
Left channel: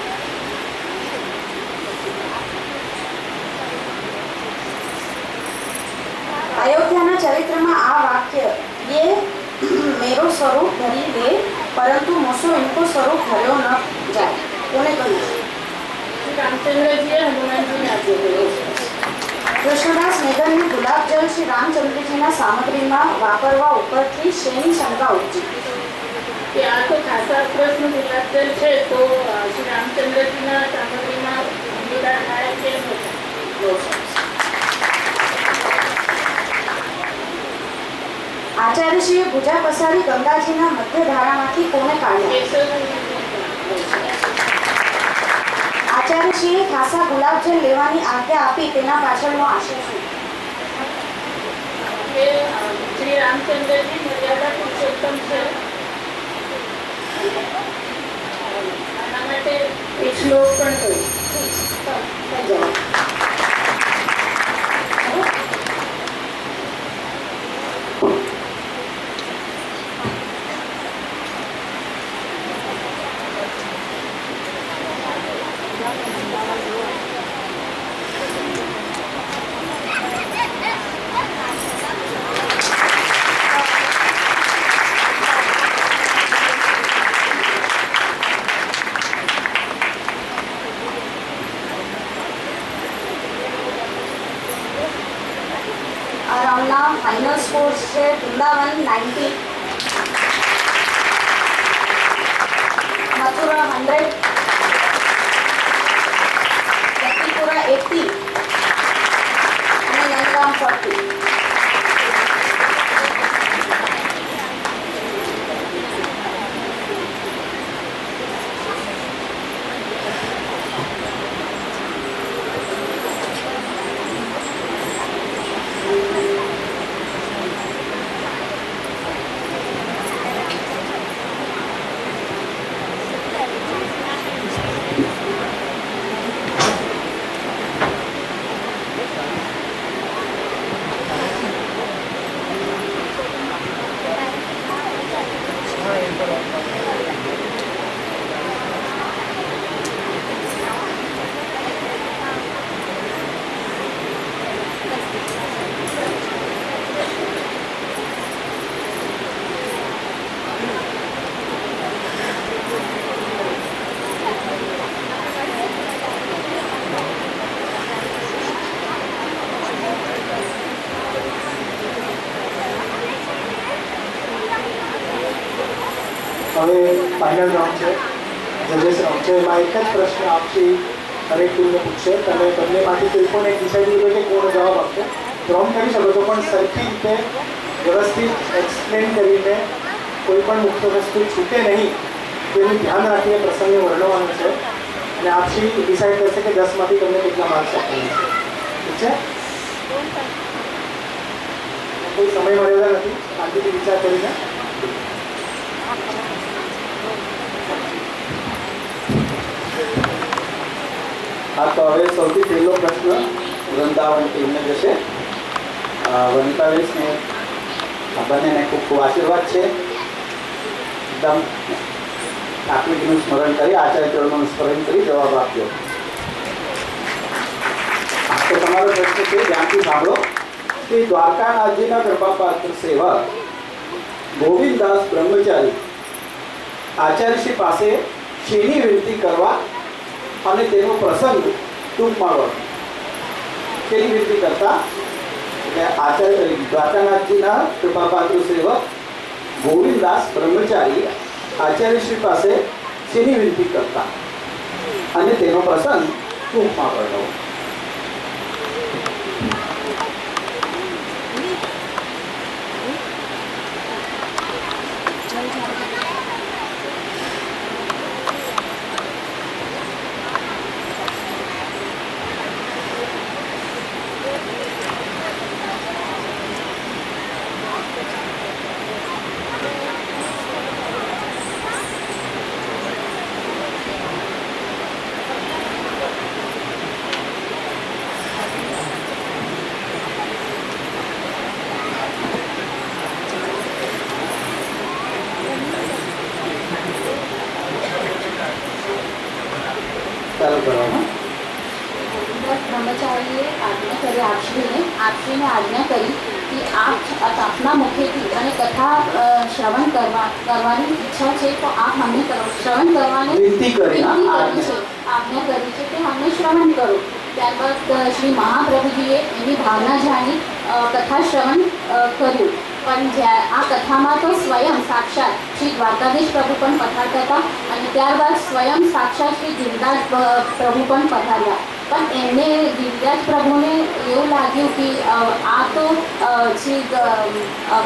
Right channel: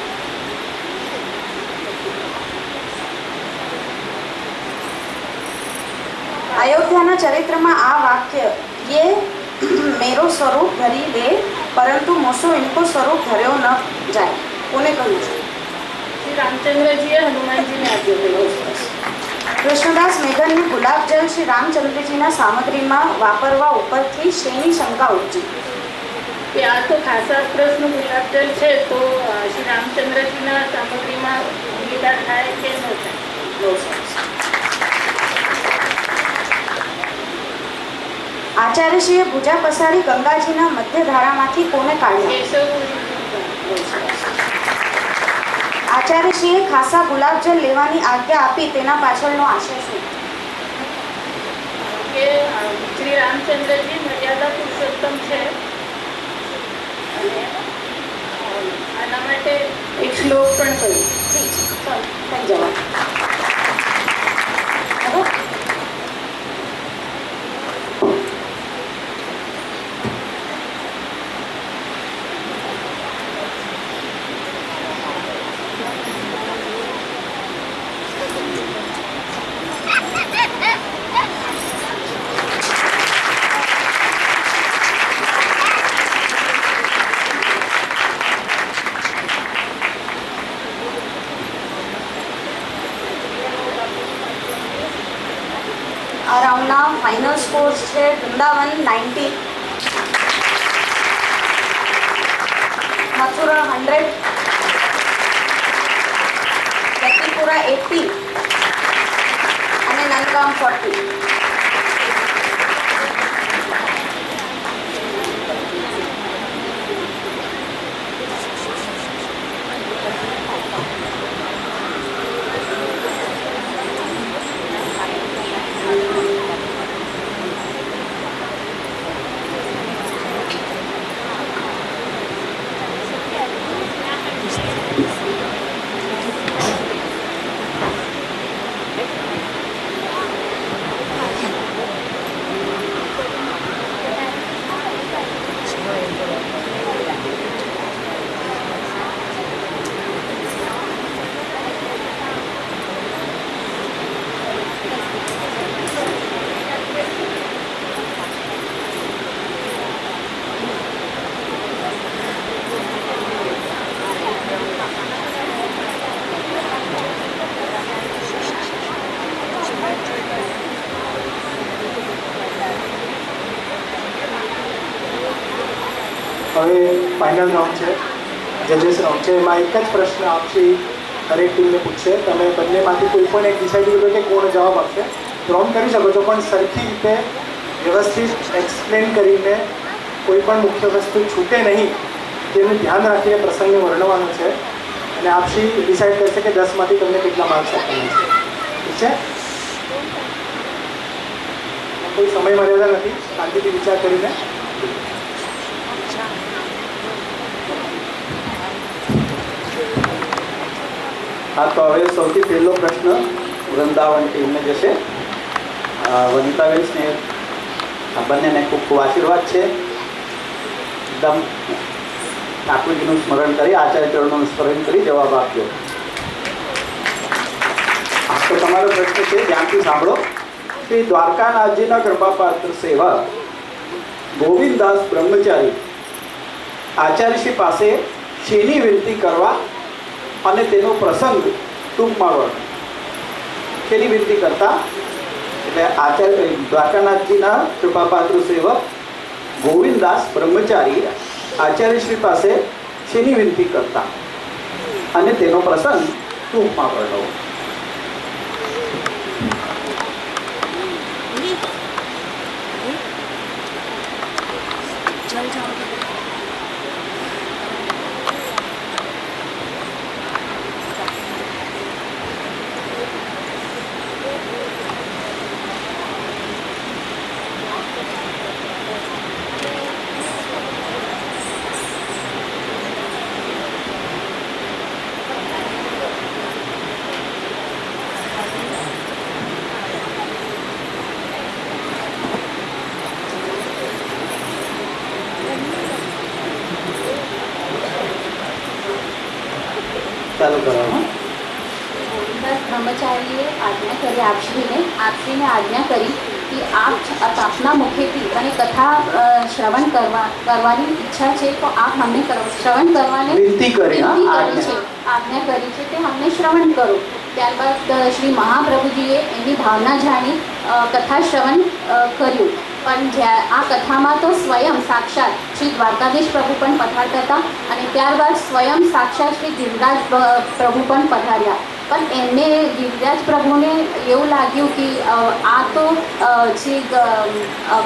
અયોધ્યાના ચરિત્રમાં આ વાક્ય ये मेरो स्वरूप धरी ले परंतु मोसो इनको स्वरूप धर्यो न जाए कोने कह્યું છે? રામચંદ્રજીએ હનુમાનજીને આપ્યું. કૃષ્ણદાસ મેઘનની ગુલાબજળ શ્રી રામચંદ્રજીના સામગ્રીમાં વાપરવા ઉપરથી શેની શંકા ઉપજી? કે આ તો ખાસા પ્રશ્ન ગુલાબજલ છે તો શ્રી રામચંદ્રજીના સામગ્રીમાં ભૂમિકા થાય કે ન થાય. આચાર્યશ્રીએ પૂજા પસારી ગંગાજીના મધ્ય ધારામાંથી કોને કાઢ્યા? આચાર્યશ્રીએ ખાસા ગુલાબજળ લેવાની આજ્ઞા આપી તેના પાછળનો આશય શું? કે શ્રી રામચંદ્રજી મર્યાદા પુરુષોત્તમ છે અને આના માટે એક શ્લોક પણ કહ્યું. રાઉન્ડના ફાઇનલ સ્કોર્સ છે વૃંદાવન 90, મથુરા 100, કતિપુરા 80 અને નંદગામ 40. હવે ફાઇનલ રાઉન્ડ છે, જજેસ રાઉન્ડ છે. એમાં એક જ પ્રશ્ન આપશી દરેક ટીમને પૂછશે. તમે બંનેમાંથી કોઈ પણ એક ડિસાઇડ કરો કે કોણ જવાબ આપશે. પ્રોમ્પ્ટ કરી શકો છો, પણ સરખી રીતે વ્યવસ્થિત એક્સપ્લેન કરીને કોઈ પણ મુખ્ય વસ્તુ છૂટે નહીં તેનું ધ્યાન રાખીને પ્રસંગને વર્ણવવાનો છે. અને આપશી ડિસાઇડ કરશે કે 10માંથી તમને કેટલા માર્ક્સ આપવાના છે. ઠીક છે? કોઈ સમય મર્યાદા નથી, શાંતિથી વિચાર કરીને. હા, તો હવે સૌથી પહેલો પ્રશ્ન વૃંદાવન ટીમને જશે. વનિતાબેન સ્નેહ બંનેને ખૂબ ખૂબ આશીર્વાદ છે. એકદમ ઠાકોરજીનું સ્મરણ કરી, આચાર્ય ચરણોનું સ્મરણ કરી જવાબ આપ્યો. તો તમારો પ્રશ્ન છે, ધ્યાનથી સાંભળો. શ્રી દ્વારકાનાથજીના કૃપાપાત્ર સેવક ગોવિંદદાસ બ્રહ્મચારી આચાર્યશ્રી પાસે શેની વિનંતી કરવા અને તેનો પ્રસંગ ટૂંકમાં વર્ણો. શેની વિનંતી કરતા? એટલે આચાર્ય દ્વારકાનાથજીના કૃપાપાત્ર સેવક ગોવિંદદાસ બ્રહ્મચારી આચાર્યશ્રી પાસે શેની વિનંતી કરતા અને તેનો પ્રસંગ ટૂંકમાં વર્ણવો. ચાલુ કરવામાં ગોવિંદાસ બ્રહ્મચારીએ આજ્ઞા કરી આપશ્રીને આજ્ઞા કરી કે આપ આપના મુખેથી મને કથા શ્રવણ કરવાની ઈચ્છા છે, તો આપ અમને શ્રવણ કરવાની વિનંતી કરી આજ્ઞા કરી છે તે અમને શ્રવણ કરો. ત્યારબાદ શ્રી મહાપ્રભુજીએ એની ભાવના જાણી કથા શ્રવણ કર્યું. પણ આ કથામાં તો સ્વયં સાક્ષાત શ્રી દ્વારકાધીશ પ્રભુ પણ પધારતા હતા અને ત્યારબાદ સ્વયં સાક્ષાત શ્રી ગિરિરાજ પ્રભુ પણ પધાર્યા. પણ એમને ગિરિરાજ પ્રભુને એવું લાગ્યું કે આ તો શ્રી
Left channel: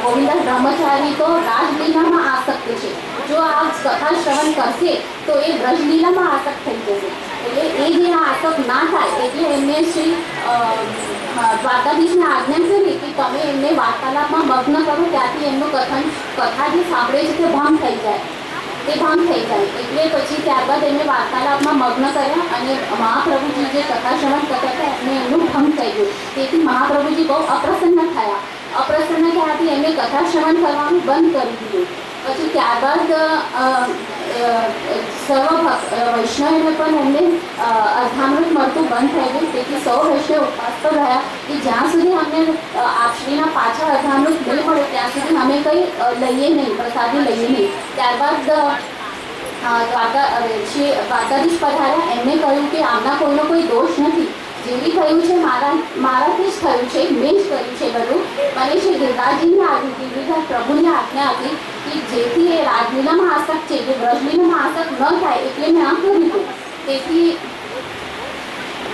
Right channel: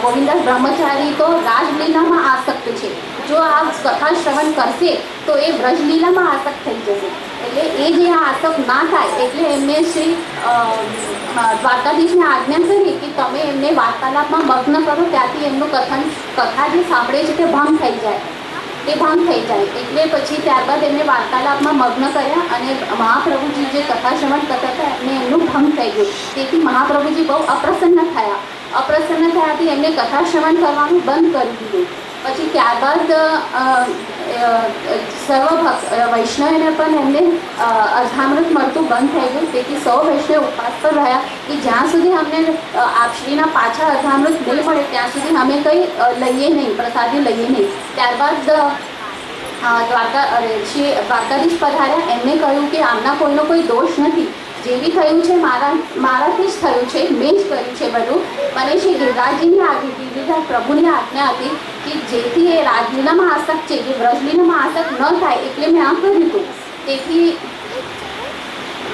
ગોવિંદાસ બ્રહ્મચારી તો રાજલીલામાં આસક્ત છે. જો આ કથા શ્રવણ કરશે તો એ વ્રજલીલામાં આસક્ત થઈ જશે. એટલે એ જે આસક્ત ના થાય એટલે એમને શ્રી દ્વારકાધીશને આજ્ઞા કરી કે તમે એમને વાર્તાલાપમાં મગ્ન કરો, ત્યાંથી એમનું કથા જે સાંભળે છે તે ભંગ થઈ જાય. એટલે પછી ત્યારબાદ એમને વાર્તાલાપમાં મગ્ન કર્યા અને મહાપ્રભુજી જે કથા શ્રવણ કરતા હતા એમને એમનું ભંગ થઈ ગયું. તેથી મહાપ્રભુજી બહુ અપ્રસન્ન થયાથી એમને કથા શ્રવણ કરવાનું બંધ કરી દીધું. પછી ત્યારબાદ સર્વ વૈષ્ણવને પણ એમને અર્ધામૃત મળતું બંધ થઈ ગયું. તેથી સૌ વૈષ્ણવ ઉપવાસ પર રહ્યા કે જ્યાં સુધી અમને આપશ્રીના પાછા અર્ધામૃત નહીં મળે ત્યાં સુધી અમે કંઈ લઈએ નહીં, પ્રસાદી લઈએ નહીં. ત્યારબાદ દ્વારકાધીશ પધાર્યા. એમને કહ્યું કે આમના કોઈનો કોઈ દોષ નથી, જે બી થયું છે મારાથી જ થયું છે, મેં જ કર્યું છે બધું. અને શ્રી ગિરિરાજ પ્રભુની આજ્ઞા હતી કે જેથી એ રાજલીલામાં આસક્ત છે, જે વ્રજલીલામાં આસક્ત ન થાય એટલે મેં આમ કર્યું હતું. તેથી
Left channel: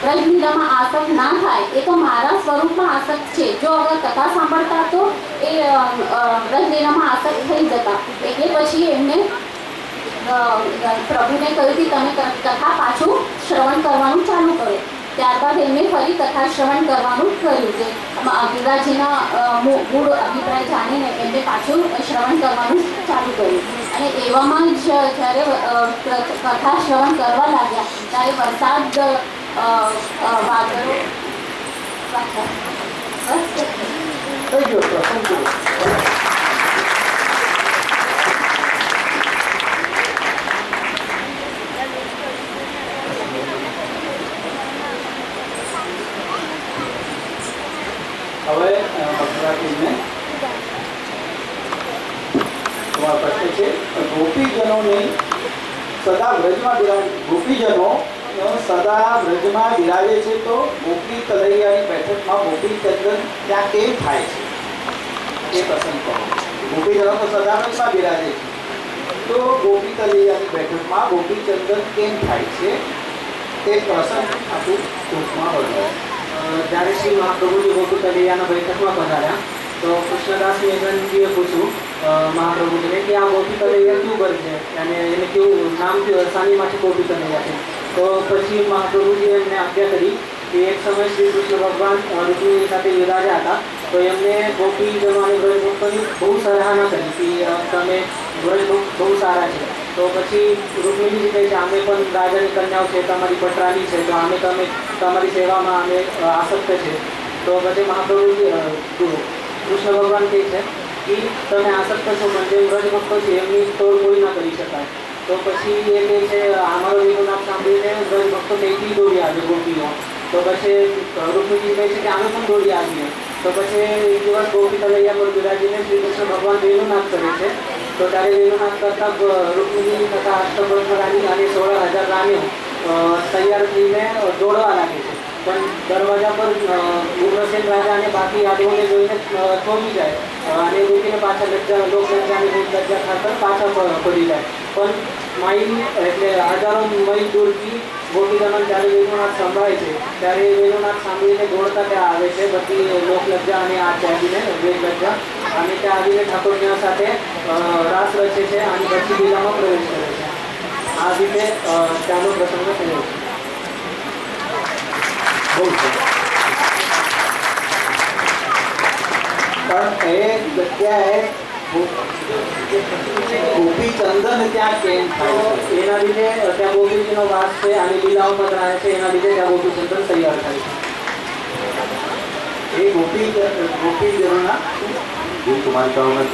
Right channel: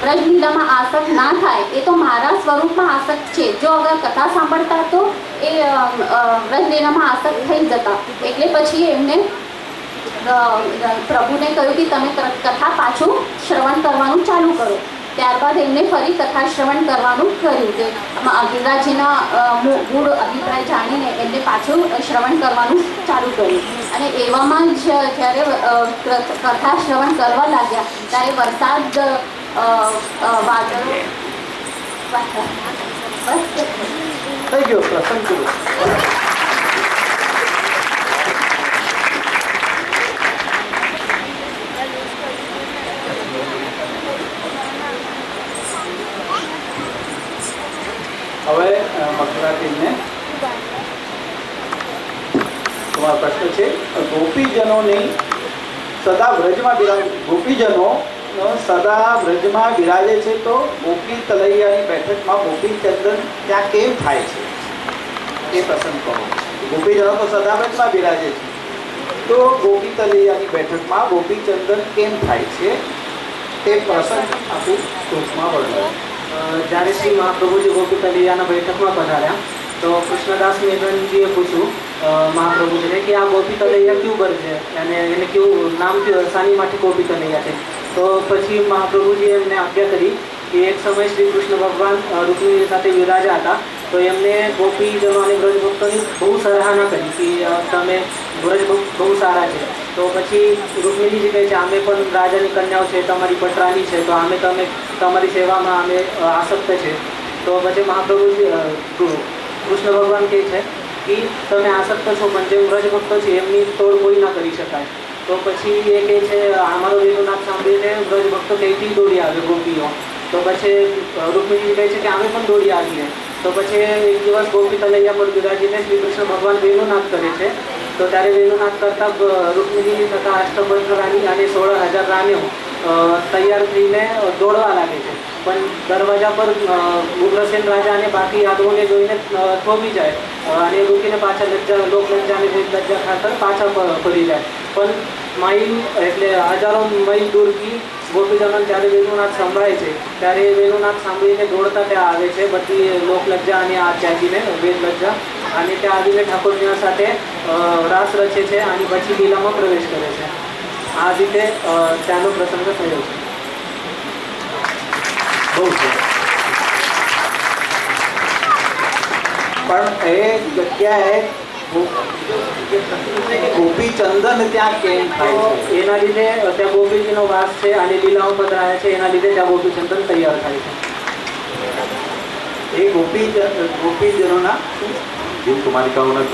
વ્રજલીલામાં આસક્ત ના થાય એ તો મારા સ્વરૂપમાં આસક્ત છે. જો અગર કથા સાંભળતા તો એ વ્રજલીલામાં આસક્ત થઈ જતા. એટલે પછી એમને પ્રભુને કહ્યું કે તમે કથા પાછું શ્રવણ કરવાનું ચાલુ કરો. ત્યારબાદ એમને ફરી કથા શ્રવણ કરવાનું કર્યું. કે ગિરિરાજજીના મૂળ અભિપ્રાય જાણીને એમને પાછું શ્રવણ કરવાનું ચાલુ કર્યું. અને એવામાં જ જ્યારે કથા શ્રવણ કરવા લાગ્યા ત્યારે વરસાદ વાદળો થઈ ગયો પ્રસંગ પૂરો. હવે મથુરા ટીમને તમારો પ્રશ્ન છે, ગોપીજનોને સદા વ્રજમાં બિરાજે છે તો ગોપી તલૈયાની બેઠકમાં ગોપીચંદન ત્યાં કેમ થાય છે એ પ્રસંગ કહો. ગોપીજનો તો સદા વ્રજમાં બિરાજે છે તો ગોપી તલૈયાની બેઠકમાં ગોપીચંદન કેમ થાય છે તે પ્રસંગ આખું ટૂંકમાં વર્ણવો. જ્યારે શ્રી મહાપ્રભુજી ગોપી તલૈયાના બેઠકમાં પધાર્યા તો કૃષ્ણદાસ મેઘનજીએ પૂછ્યું મહાપ્રભુજીને કે આ ગોપી તલૈયા ક્યું બર છે અને એને કેવું નામ શાની માટે ગોપી તલૈયા છે. તો પછી મહાપ્રભુજીએ એમને આજ્ઞા કરી કે એક સમય શ્રી કૃષ્ણ ભગવાન રૂકમિણી સાથે વિરાજ્યા હતા તો એમને ગોપીજનો અને વ્રજભક્તોની બહુ સરાહના કરી કે તમે વ્રજભક્ત બહુ સારા છે. તો પછી રૂકમિણીજી કહે છે અમે પણ રાજાની કન્યાઓ છે, તમારી પટરાની છે, તો અમે તમારી સેવામાં અમે આસક્ત છે. તો પછી મહાપ્રભુજી કૃષ્ણ ભગવાન કહે છે કે તમે આસક્ત છો પણ જે વ્રજભક્તો છે એમની તોડ કોઈ ના કરી શકાય. તો પછી એ કહે છે અમારો વેણુનાદ સાંભળીને વ્રજભક્તો કઈથી દોડી આવ્યો ગોપીઓ. તો પછી રૂકમિણીજી કહે છે કે અમે પણ દોડી આવીએ. તો પછી એક દિવસ ગોપી તલૈયા પર બિરાજીને શ્રી કૃષ્ણ ભગવાન વેણુનાદ કરે છે. તો ત્યારે વેણુનાદ કરતા રૂકમિણી તથા અષ્ટબંધ રાણી અને 16,000 રાણીઓ તૈયાર થઈને દોડવા લાગે છે. પણ દરવાજા પર ઉગ્રસેન રાજા અને બાકી યાદવોને જોઈને થોભી જાય અને રોકીને પાછા લોકલજ્જા અને વેદલજ્જા ખાતર પાછા ફરી જાય. પણ માઇલ એટલે હજારો માઇલ દૂરથી ગોપીજનો જ્યારે વેણુનાદ સંભળાય છે ત્યારે વેણુનાદ સાંભળીને દોડતા ત્યાં આવે છે બધી લોકલજ્જા અને આ ત્યાગીને વેદલજ્જા અને ત્યાં આવીને ઠાકોરજીના સાથે રાસ રચે છે અને પછી લીલામાં પ્રવેશ કરે છે. આ રીતે ત્યાંનો પ્રસંગ થયો છે. બહુ છે પણ એ જગ્યાએ ગોપીચંદન ત્યાં કેમ થાય છે? એના લીધે ત્યાં ગોપીજીનો વાસ છે અને લીલાઓ પધરાયા છે એના લીધે ત્યાં ગોપીચંદન તૈયાર થાય છે. એ ગોપીજનોના ભીમ કુમારિકાઓના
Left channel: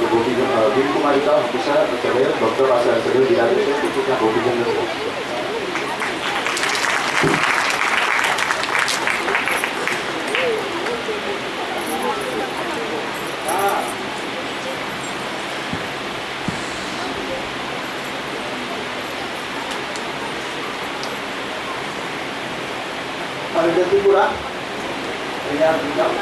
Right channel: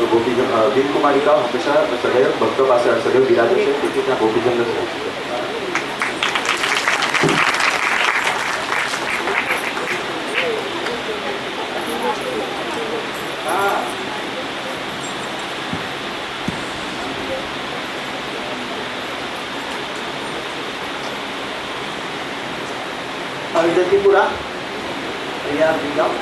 ભીમ કુમારિકાઓ હંમેશા સદૈવ ભક્તો પાસે સદૈવ બિરાજે છે, તેથી ત્યાં ગોપીચંદ છે. જતીપુરા તૈયાર થઈ જાઓ.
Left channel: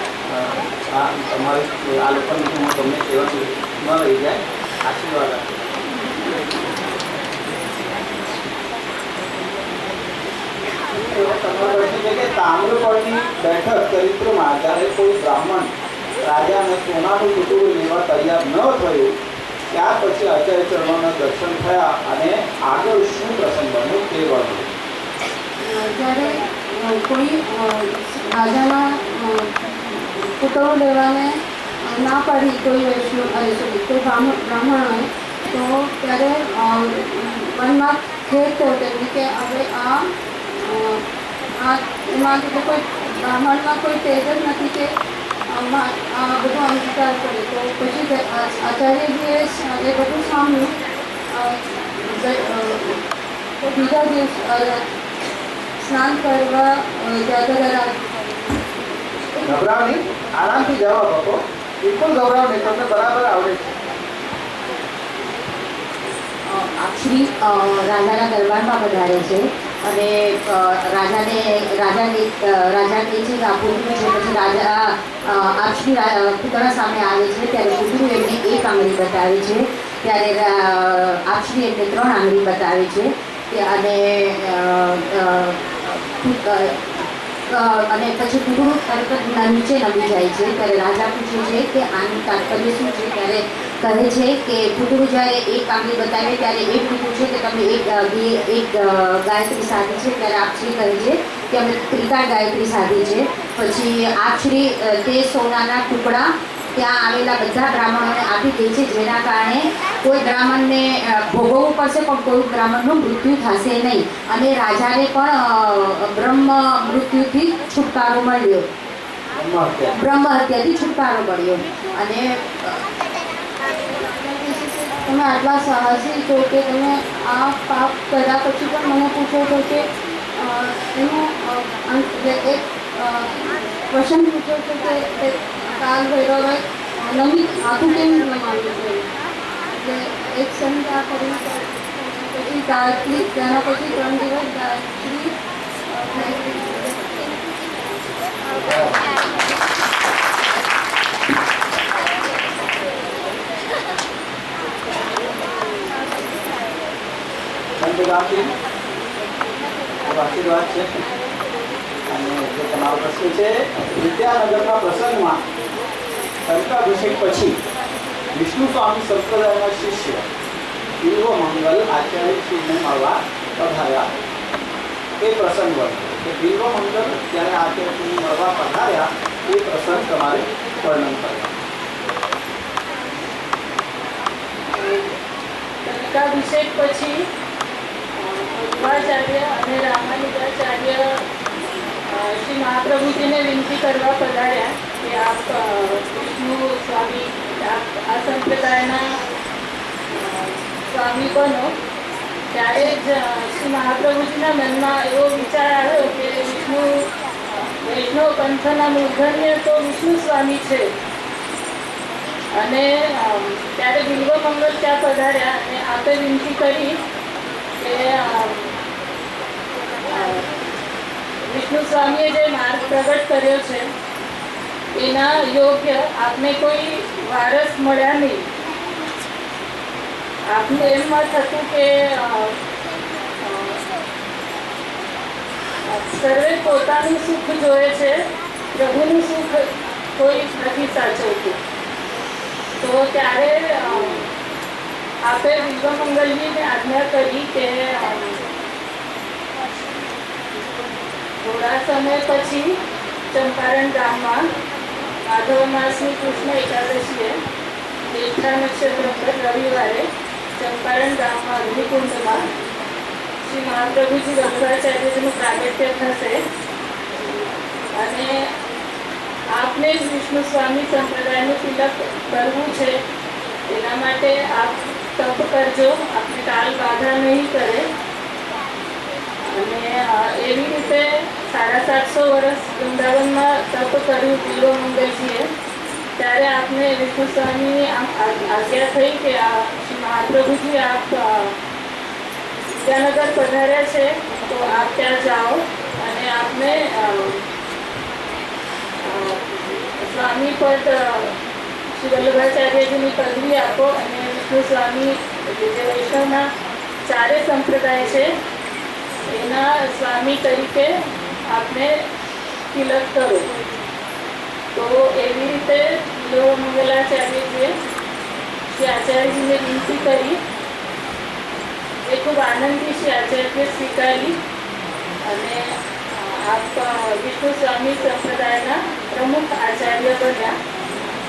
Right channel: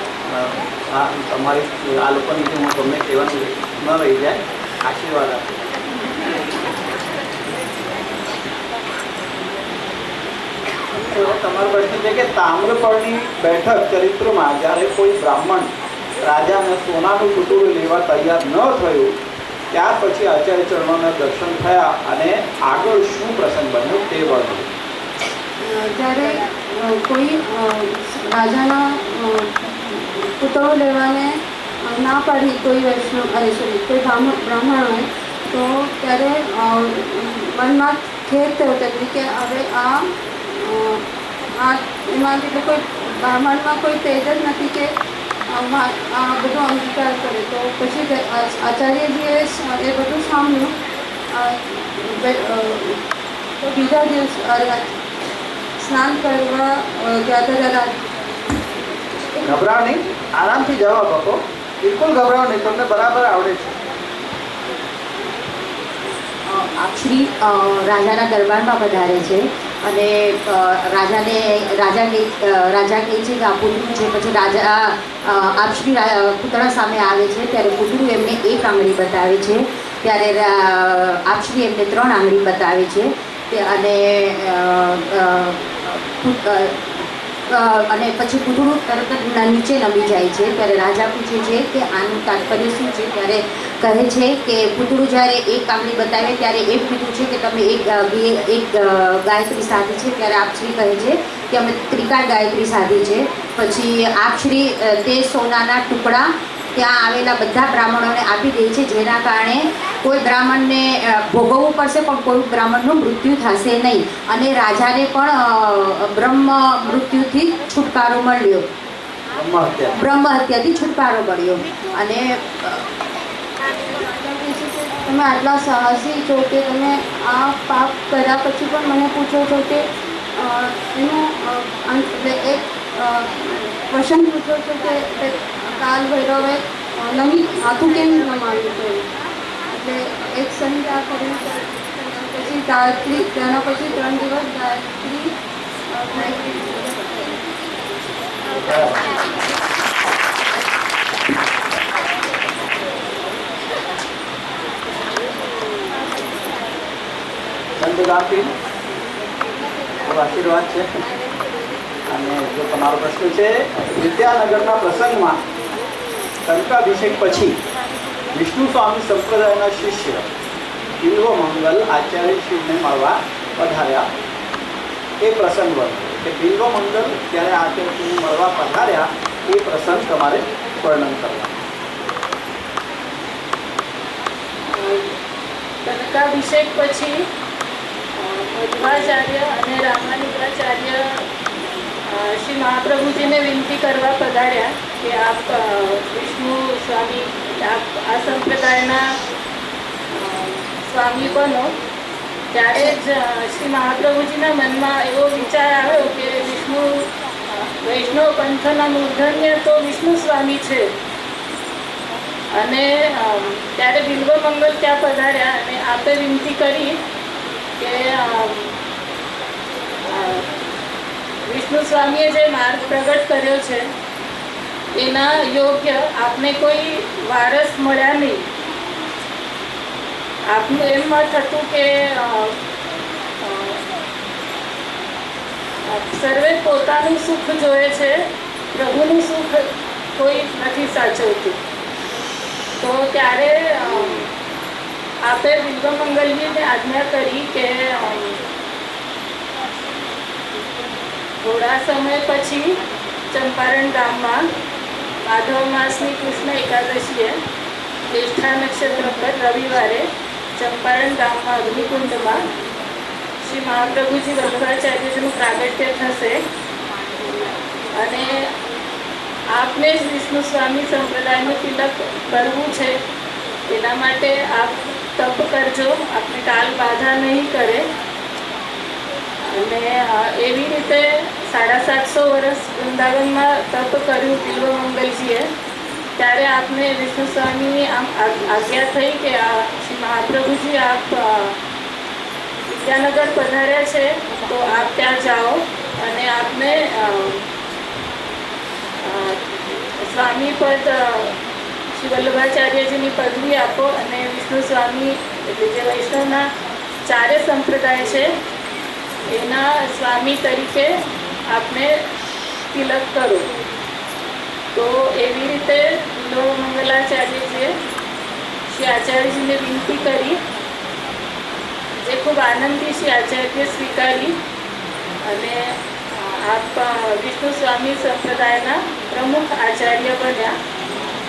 તમારે આ લોકોની હું તમને કહેવાનું ન રહી જાય. આશીર્વાદ આપો. તમારો પ્રશ્ન છે કે તામ્રપર્ણી બેઠક ચરિત્રમાં જ્યારે કોઈ બ્રાહ્મણ રાજાને સોનાનું ટુકડું લેવા તૈયાર ન થયું ત્યાર પછી આચાર્ય ચરણોના દર્શન થયા અને આગળ શું પ્રસંગ બન્યો તે વર્ણવ્યું. જ્યારે કોઈ રાજાનો પુતળો લેવાને ના પાડી કોઈ કોઈ બ્રાહ્મણોએ તો ત્યારે મનમાં ખેદ થયો કે હવે એમાં કોઈ બ્રાહ્મણમાં કોઈ તેજ જ નથી કે આ બધો અંગીકાર કરે. તો પછી આચાર્યજીએ એ બધું સાંભળ્યું. તો બીજા દિવસ સ્નાન કરવા ગયા. ગભરાવ નહીં, આરામથી જવાબ આપો. બિલકુલ ગભરાવ નહીં, તમને બરાબર આવડે છે. શ્રી રાજાના દરબારમાં પધારે છે અને રાજા કહે છે કે આ પુતળું છે. પછી રાજા આપશ્રી પુતળા સામે આવે છે ત્યારે પુતળું એમને એક આંગળી બતાવે છે, ત્યારે આપશ્રી એમને 3 આંગળી બતાવે છે અને પછી પુતળું તરત જ નીચે નમી જાય છે. ત્યારે રાજા પૂછે છે કે આનું તાત્પર્ય શું છે? ત્યારે કહે છે કે પુતળું જ્યારે એક આંગળી બતાવે ત્યારે એ પૂછ્યું છે કે તમે એક ગાયત્રી સાધી છે? ત્યારે આપશ્રી કહે છે કે અમે ત્રિકાળ ગાયત્રી સાધી છે. પછી આપશ્રી તે સોનાના ટુકડા ત્યાં આવેલા બધા બ્રાહ્મણોને આપી દે છે, જેના કારણે કોઈ બ્રાહ્મણને ભોગવવું પડશે પણ કોઈ બ્રાહ્મણનું મૃત્યુ થશે નહીં અને રાજાને પણ બ્રહ્મ મૃત્યુથી છુટકારો મળ્યો, બ્રહ્મ હત્યાથી છુટકારો મળ્યો. અને તમે આટલા સાહસી છો કે તમે આ પાપ કર્યા પછી પણ મને પૂછો છો કે એનું એક ક્વેશ્ચન પૂછો છો કે કાલ ભૈરવે નમી આખું કેવી રીતે માનવું જોઈએ? એટલે એક સંધ્યા કરી પછી ગાયત્રી, તેના પછી 3 દિવસ ગાયત્રી બંધગામથી ખૂબ આશીર્વાદ છે. અને જો તમારો પ્રશ્ન છે, વિદ્યાનગરના પ્રસંગમાં તંત્રાભિષેક પછી વિષ્ણુ સ્વામી સંપ્રદાયના શિષ્ય બિલ્વમંગલ આચાર્યશ્રીને મળવા પધાર્યા. એ પ્રસંગ વર્ણો કે બિલ્વમંગલ ત્યારે આચાર્યશ્રીને મળવા પધાર્યા એ પ્રસંગ તમારે વર્ણન કરવાનો. તનકાભિષેક પછી મધ્વાચાર્ય અને રામાનુજાચાર્ય શ્રી મહાપ્રભુજીને વિનંતી કરવા પધાર્યા કે આપ વિષ્ણુ સ્વામી આપ આ સંપ્રદાયના સ્વામી બનો. ત્યારે જ શ્રી મહાપ્રભુજીના મનમાં એવો વિચાર આવ્યો કે વૈષ્ણવ પંથના મૂર્ધન્ય તો વિષ્ણુ સ્વામી છે. અને ત્યારે બિલ્વમંગલ ત્યાં પધાર્યા અને આપે વિનંતી કરી કે વિષ્ણુ સ્વામીએ જે માર્ગ પ્રગટ કર્યો છે એના યોગ્ય આપને કોઈ વારસ મળ્યા નહીં. આપનું એમ મત હતું કે સર્વે પોતાનું સુખ જોયે છે, પ્રભુનું સુખ કોઈ નથી સાચવતું. તો ત્યારે આપે બિલ્વમંગલજીને આજ્ઞા કરી કે થોડા સમય પછી ચંપારણ ગામમાં માધવ માસની કૃષ્ણ એકાદશીએ જ્યેષ્ઠા નક્ષત્ર પર રવિવારે ચંપારણ ગામમાં અગ્નિકુંડમાં શ્રી મહાપ્રભુજી વલ્લભાચાર્યજીનું પ્રાગટ્ય થશે. અને આપને જ વિષ્ણુ સ્વામી સંપ્રદાયનું તિલક કરવું છે. એના માટે આપ તપ કરજો, આપને કાલ બાધા નહીં કરે. અને એવી રીતે 750 વર્ષ વૃંદાવનમાં તપ કર્યું બિલ્વમંગલજીએ. ત્યારે આપને વિષ્ણુ સ્વામીની આમ આજ્ઞા થઈ કે શ્રી મહાપ્રભુજી આપ વિદ્યાનગર પધાર્યા છે તો આપ ત્યાં જાઓ અને આપને સ્વામી પદ શ્રી વલ્લભાચાર્યજીની પદવી આપો અને વિષ્ણુ સ્વામી જે વૈષ્ણવના 4 સંપ્રદાય છે એના સ્વામી તરીકે આપને તિલક કરો. તો એવી રીતે બિલ્વમંગલાચાર્યજીએ શ્રી આચાર્યજીને વિનંતી કરી. એ ખૂબ આનંદથી શ્રી આચાર્ય સ્વીકારી અને આપ વિષ્ણુ સ્વામી સંપ્રદાયના પ્રમુખ આચાર્ય બન્યા.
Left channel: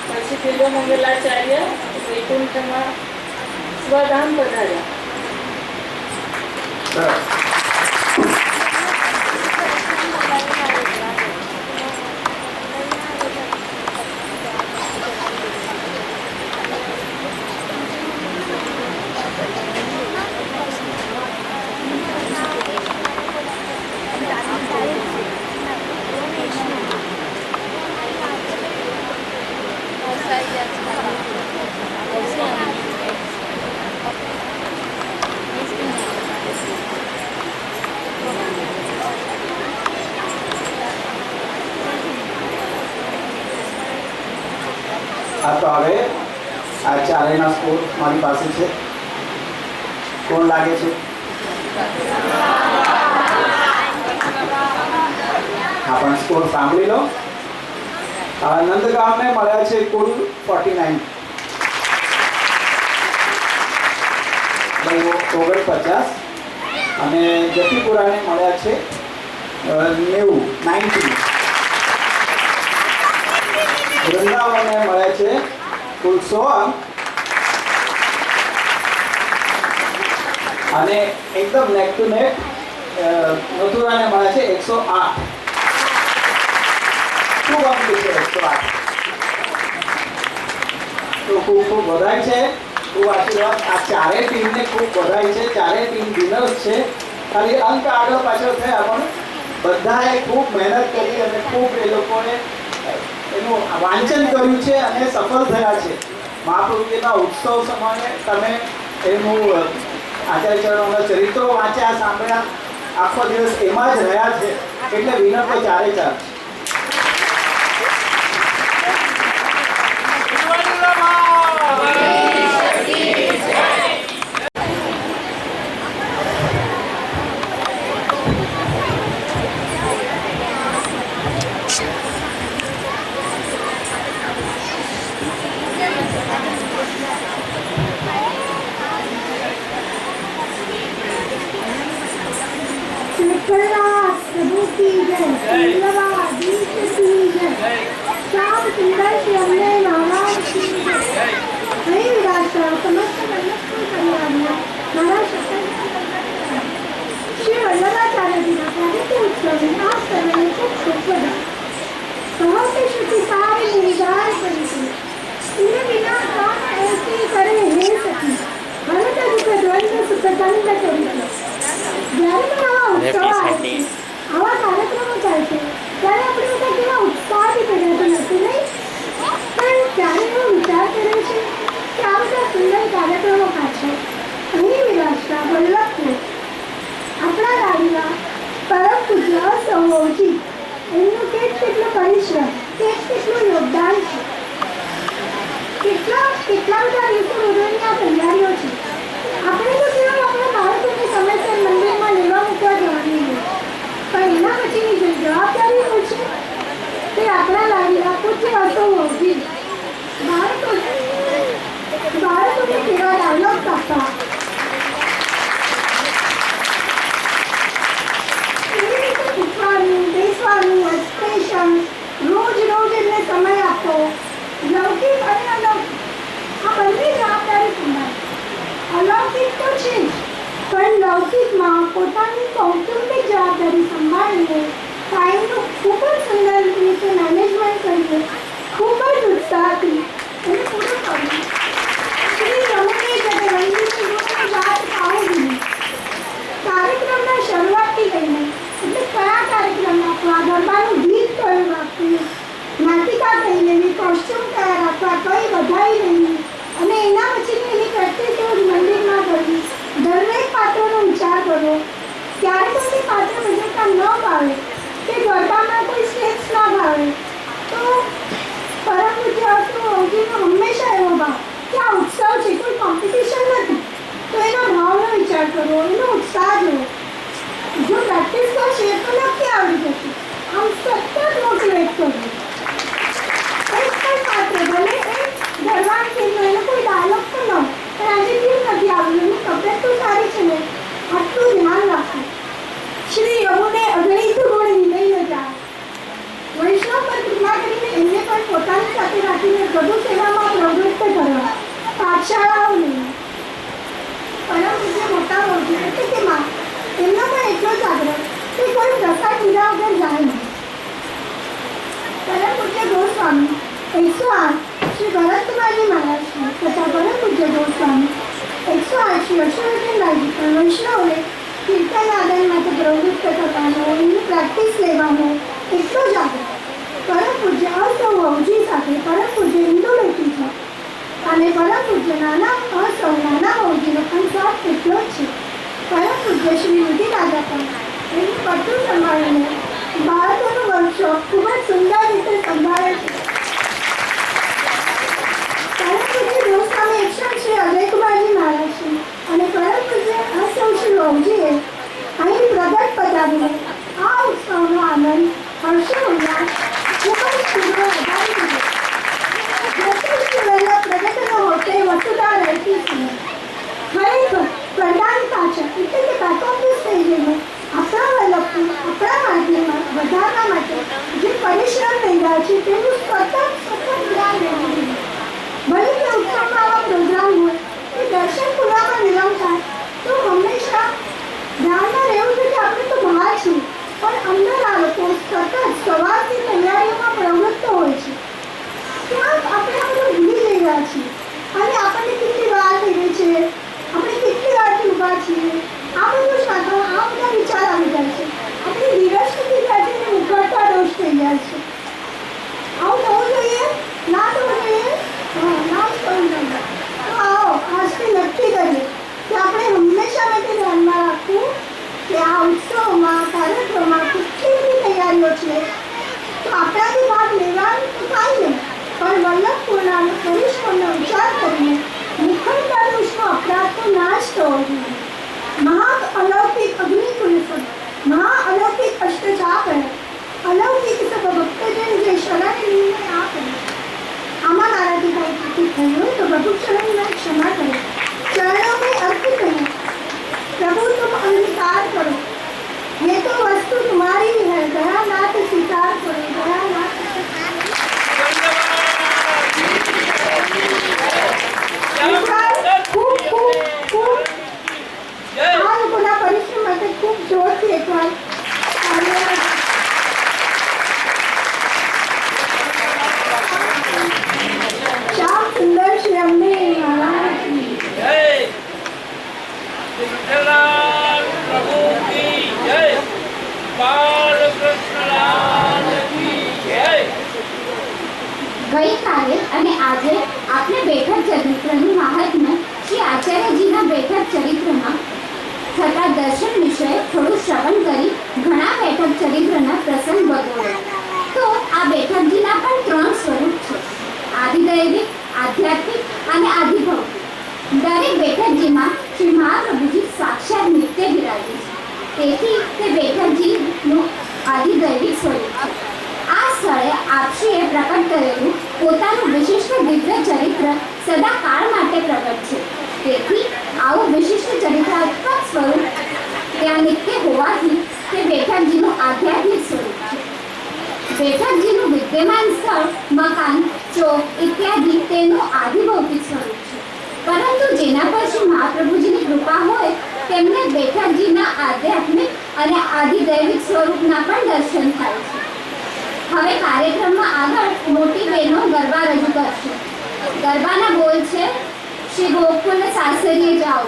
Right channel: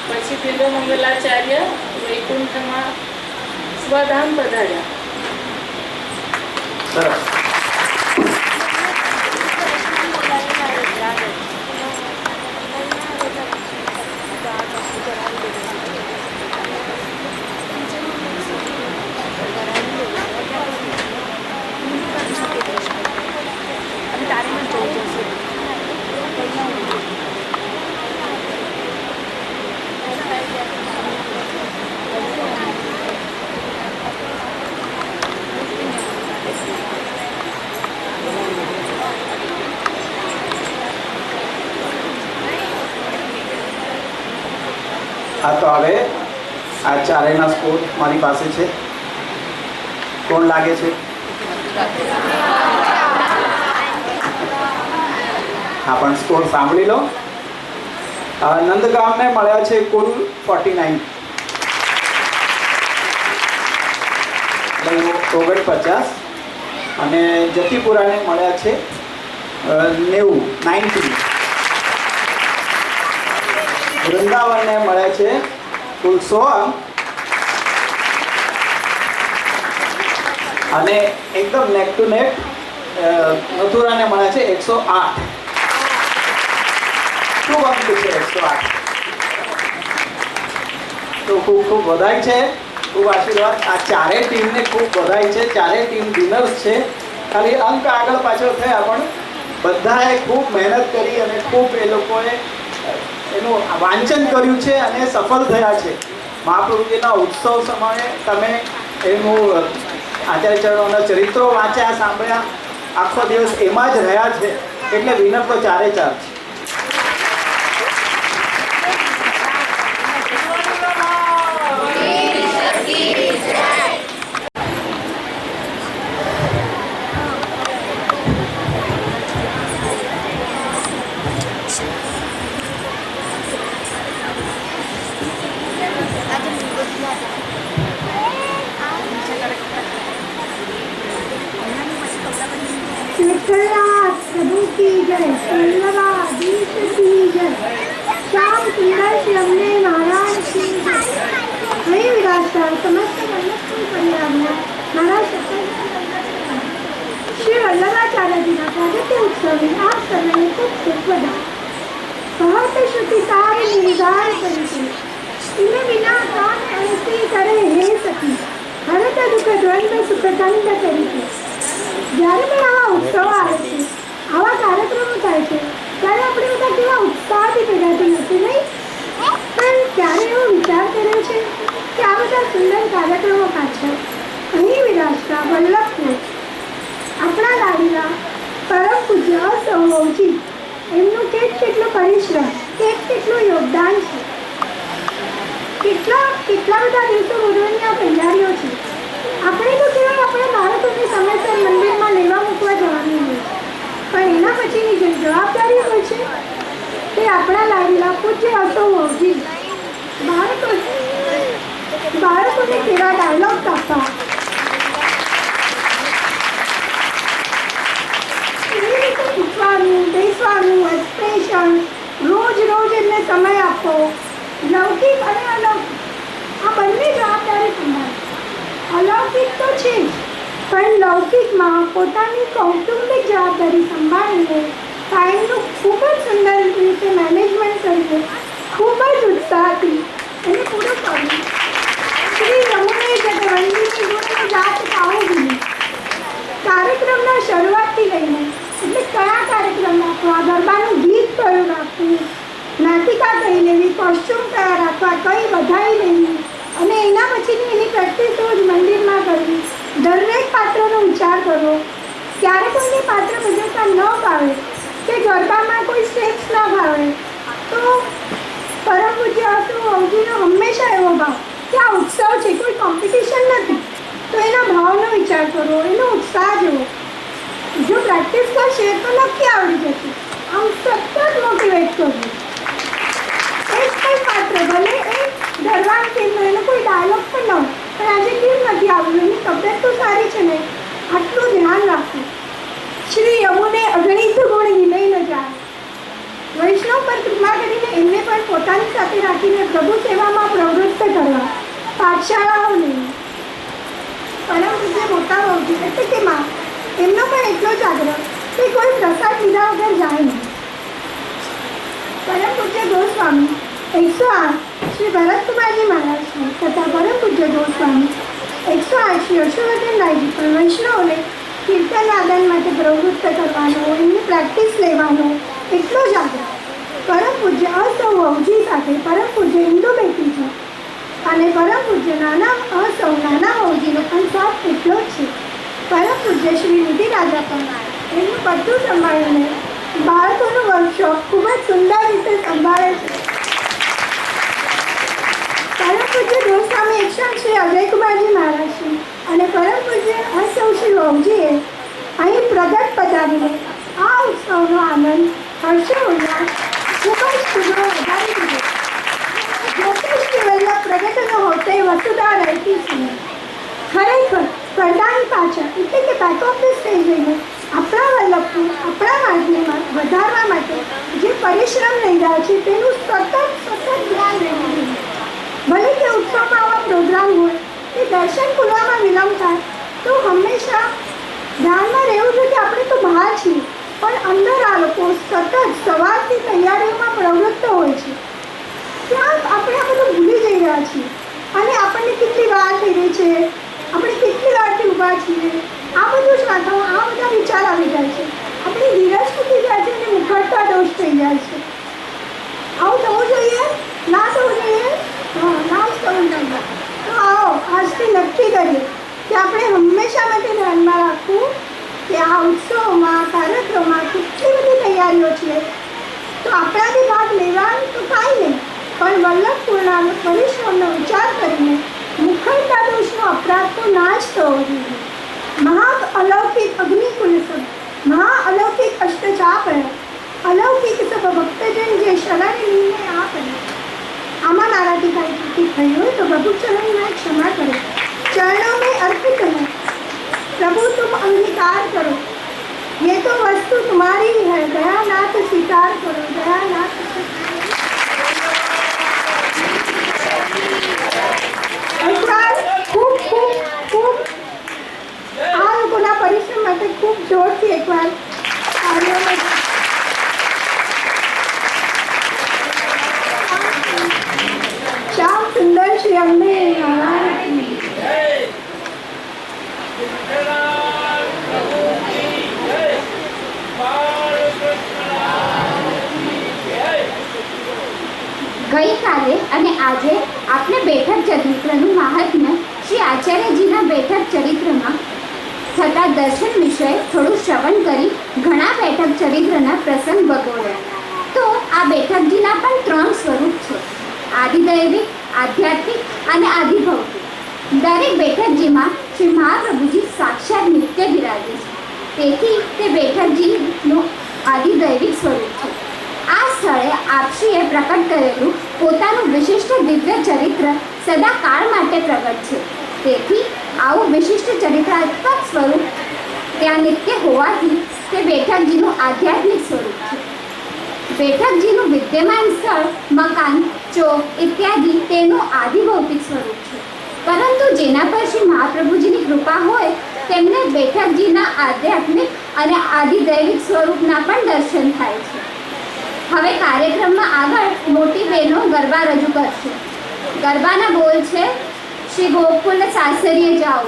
પછી બિલ્વમંગલાચાર્ય વૈકુંઠમાં સ્વધામ પધાર્યા. સરસ. આ તો હવે આ ચારેયના સ્કોર મારી પાસે છે. કોણ લાગે છે? હા, પણ સ્કોર સાંભળી લો. નંદગામને મળ્યા છે કુલ 49, 49, અને જતીપુરાને મળ્યા છે 90. વૃંદાવનને મળ્યા છે કુલ 100 અને એકદમ નેક ટુ નેક મથુરાને મળ્યા છે 108. ખૂબ અંક છે 108. તો ખૂબ ખૂબ વધાય છે, ખૂબ આશીર્વાદ. આ ચારેય ટીમને ખૂબ વધાય છે. ચારેય ટીમ વિનર્સ છે. ખાલી અંક આગળ પાછળ થયા પણ બધાએ ખૂબ મહેનત કરી અને ખૂબ એ લોકોએ એનું વાંચન કર્યું છે અને સફળ થયા છે. મહાપ્રભુજીના ઉત્સવ સમયે તમે એનું આચાર્ય ચરણોના ચરિત્રો વાંચ્યા, સાંભળ્યા, આખો દિવસ એમાં જ રહ્યા છે. એટલે વિનર તો 4 છે. प्रहलाद प्रभु की जय, वल्लभाधीश की जय, श्याम सुंदर श्री अम्बे महाराज की जय। हे विरासता समस्त वल्लभ परिवार महाराज श्री वल्लभाचार्य जी का प्रागट्य उत्सव में आप सर्वे खूब शुभ बधाई। बहुत श्रुति सारी निगार करी इन्हें बिना कौन ऐसी करे हे सखी भरत दुख द्वंद्व सुख दंड करी। જ્યારે પણ આવા ઉત્સવો આવે છે, આવા કાર્યક્રમો થાય છે, ત્યારે આપણે બધા કેવા ઉત્સાહથી ભેગા તો નથી નહીં, પણ ત્યારે એવો વિચાર કર્યો છે કે આ બધા સુંદર કાર્યક્રમો પાછળ અહીં વિરાજતા વલ્લભપુર આપણા લાડીલા પરમ પૂજ્ય સૌજી એમનું કેટલું પરિશ્રમ, કેટલું યોગદાન છે, કેટલા બધા દેશો વિદેશના ભંડારીઓ છે। આપણે તો કેવળ આપણા બાળકોને સમયસર મંદિરમાં લેવા મૂકવા જવાનું હોય, પણ એના પછીની જે જવાબદારી હોય છે તે આપણા લાડીલા પૂજ્ય અસૌજી બાળકોને કેવા ડાયલોગ્સ આપવા, એવી રીતે શીખવાનું, બેસવાનું, એક્સપ્રેશન, રોજ એમને સમય આપવો, લૌકિક અને અલૌકિક આ બંને જવાબદારી સંભાળે। અલૌકિક તો છે જ, પણ લૌકિકમાં પોતાની કૌટુંબિક જવાબદારી સંભાળીને ટાઈમનું ખૂબ જ સુંદર રીતે મેનેજમેન્ટ કરીને ખૂબ જ ઉત્સાહથી એને પૂરું કરવું। શ્રી રમણીય જગવંદીની ગુણની વાત પાઓગીની કાર્યક્રમના શરૂઆતથી લઈને એટલે કયા કાર્યક્રમ રાખવા, ગરબાનું ગીત કયું રાખવું, નાટિકા કઈ લેવી, કોસ્ટ્યુમ કયા રાખવા, કઈ વધાઈ લેવી અને એના પછીની એની પ્રેક્ટિસ રોજ મંદિરમાં કરવી, દરેક પાત્રનો વિચાર કરવો। ક્યારેક કોઈ પાત્ર ભજવતા ન ભાવે કે ગરબામાં કોઈ સ્ટેપ્સ ન ભાવે તો પરમ પૂજ્ય અસૌજીનો હંમેશા એવો ભાવ કે આ ઉત્સવ છે, કોઈ કોમ્પિટિશન નથી, તો એના ભાવનો વિચાર કરવો, એનો ઉત્સાહ જોવો। જો પ્રેક્ટિસ કરશે તો નક્કી આવડી જશે। આમ સતત મોટિવેટ કરવું। એક કોઈ પાત્ર ભલે એ દરવાન કેમનો એનો કોઈ ડાયલોગ પણ ન હોય, પણ આજે કેમ નથી આવ્યું, એની તબિયત તો સારી છે ને, આટલું ધ્યાન રાખવું। શ્રી યમુને અગણિત ગુણ વિનય ન જાય, વૈષ્ણવ પર કૃપા કરીને એમને પણ પોતાની સાથે રાખીને પ્રભુ સેવામાં પ્રવૃત્ત કરવા, પાઠશાળાઓ નહીં। પરમ પૂજ્ય મોટા હોવજી એટલે કે માં એમનો પણ એટલો જ આગ્રહ કે કોઈ પ્રસાદ લીધા વગર જાય નહીં। પરમ પૂજ્ય ગોસ્વામી 108 શ્રી ભરતકુમારજી મહારાજજી તથા પરમ પૂજ્ય ગોસ્વામી 108 શ્રી હર્ષવર્ધનરાયજી પણ વૈષ્ણવોને કીર્તન આદન માટે પ્રવૃત્ત કરવાનો, એમની પ્રેક્ટિસ લેવાનો એટલો જ આગ્રહ। પરમ પૂજ્ય અસૌજી સાથે પરમ પૂજ્ય ઇન્દુબેટીજી અને પરમ પૂજ્ય નાના હોવજીનો પણ સાથ એટલો જ છે। પરમ પૂજ્ય શ્રી નિધિ રાજા પણ એનું બધું સંભાળીને બાળકોનું વર્કશોપ ખૂબ જ સુંદર રીતે સંભાળે છે। પરમ પૂજ્ય ગોસ્વામી 108 શ્રી અજયકુમારજી મહારાજજી અને પરમ પૂજ્ય અસૌજી હોવજીએ અહીં પ્રગટ પધારીને આ ઉત્સવનો આનંદ હર્ષોલ્લાસ ખૂબ જ પૂર્વ વધારી દીધો। જ્યોતિષી વલ્લભ પ્રગટનો હોતે વસુધા રહેતી છે। ખરેખર પડદાની પાછળ એટલે કે બેક ઓફ ધ સ્ટેજ રહીને આપણા વલ્લભને આપણા માધ્યમમાં વધારવા માટે જે પરિશ્રમ લઈ રહ્યા છે તેનું સતત ધ્યાન રહેવું જોઈએ। ભલે કે ઉત્સવમાં આવા પ્રોગ્રામ હોય કે દર્શન પૂરવામાં વિલંબ થાય તો હંમેશા ધ્યાનમાં રહેવું જોઈએ કે આપણે તો બહાર છીએ, પણ અંદર આ લોકો સતત સવારથી તૈયારીઓમાં પ્રવૃત્ત હોય છે। ત્યાં આપણે આ બધું ભૂલી જઈ રહ્યા છીએ અને આપણને કેટલી વાર થઈ રહી છે, આપણે કેટલી વારથી ઊભા છીએ, આ બધું જ વાતોમાં આ બધા વિચાર આવી જાય છે। આપણી ધીરજ તૂટી જાય છે અને મુખડતા દોષ થઈ જાય છે। આવું થવું જોઈએ ના થવું જોઈએ? ના જ થવું જોઈએ। તો આવો આજથી નક્કી કરીએ કે આપણે હંમેશા માટે ધ્યાનમાં રાખવું કે આ ઉત્સવમાં કાર્યક્રમમાં કેટલી બધી તૈયારીઓ છે, તો આપણાથી ભાગ લેવાનું તો કાંઈ નહીં, પણ વલ્લભપુરના પરિશ્રમનો વિચાર કરીને મુખડતા દોષનો અપરાધ તો ના જ થવો જોઈએ। महाअलौकिक अग्निकुल सब, महाअलौकिक अष्टजाप है, अलौकिक सब भक्तजन जे शरण लीने आप है। आमा नाराजी का प्रतीक थई हो तो प्रभु चरण में क्षमा करो, चरणों में अर्पित है, प्रभु तुम अंगीकार करो। ये तो वस्तु तुम्हारी है, दयानाथ स्वीकार करो, दयानाथ। एक बार खूब खूब खूब આ લોકોના પરિશ્રમ માટે ખૂબ જોરથી એકવાર શ્યામ સુંદર શ્રી અમ્બે મહારાજ કી ગઈકાલે અને આજે આપણે બેઠક ચરિત્રનું મહાત્મ્ય શ્રી આચાર્યજીના બેઠક ચરિત્રમાં થતા દર્શન વિષય થોડું શ્રવણ કરી ઘણા બેઠક ચરિત્રના પ્રસંગ બગોળ્યા. તો આ બેઠકજીના પણ 3 સ્વરૂપ છે: આદિદૈવિક, આધ્યાત્મિક અને આદિભૌતિક. દરેક બેઠકજીમાં શ્રી મહાપ્રભુજી સાક્ષાત નિત્ય બિરાજે છે, તેથી તે બેઠકજીનું આદિદૈવિક સ્વરૂપ છે. આ સ્થળે આપશ્રીએ પ્રકટ કરેલું પોતાનું વિશિષ્ટ દિવ્ય ચરિત્ર સદા કાળ માટે પ્રગટ છે, તેથી આવું વિશિષ્ટ ચરિત્રાત્મક સ્વરૂપ ત્યાં નિત્ય હોવાથી તે બેઠકજીનું આધ્યાત્મિક સ્વરૂપ છે. બેઠકજીનું વિદ્યમાન સ્થળ, મકાન, ચોક ઇત્યાદિ તેનું આદિભૌતિક સ્વરૂપ છે. પરંતુ જેના પર શ્રી મહાપ્રભુજીની કૃપા હોય તેમને બેઠકજીના આધ્યાત્મિક અને આદિદૈવિક સ્વરૂપના પણ દર્શન થાય છે. હવે કાર્યક્રમમાં આગળ મોટી બહેનો ગરબા રજૂ કરશે. ગરબાના બોલ છે: શ્રી ગોકુલ સાસરીએ જાઓ.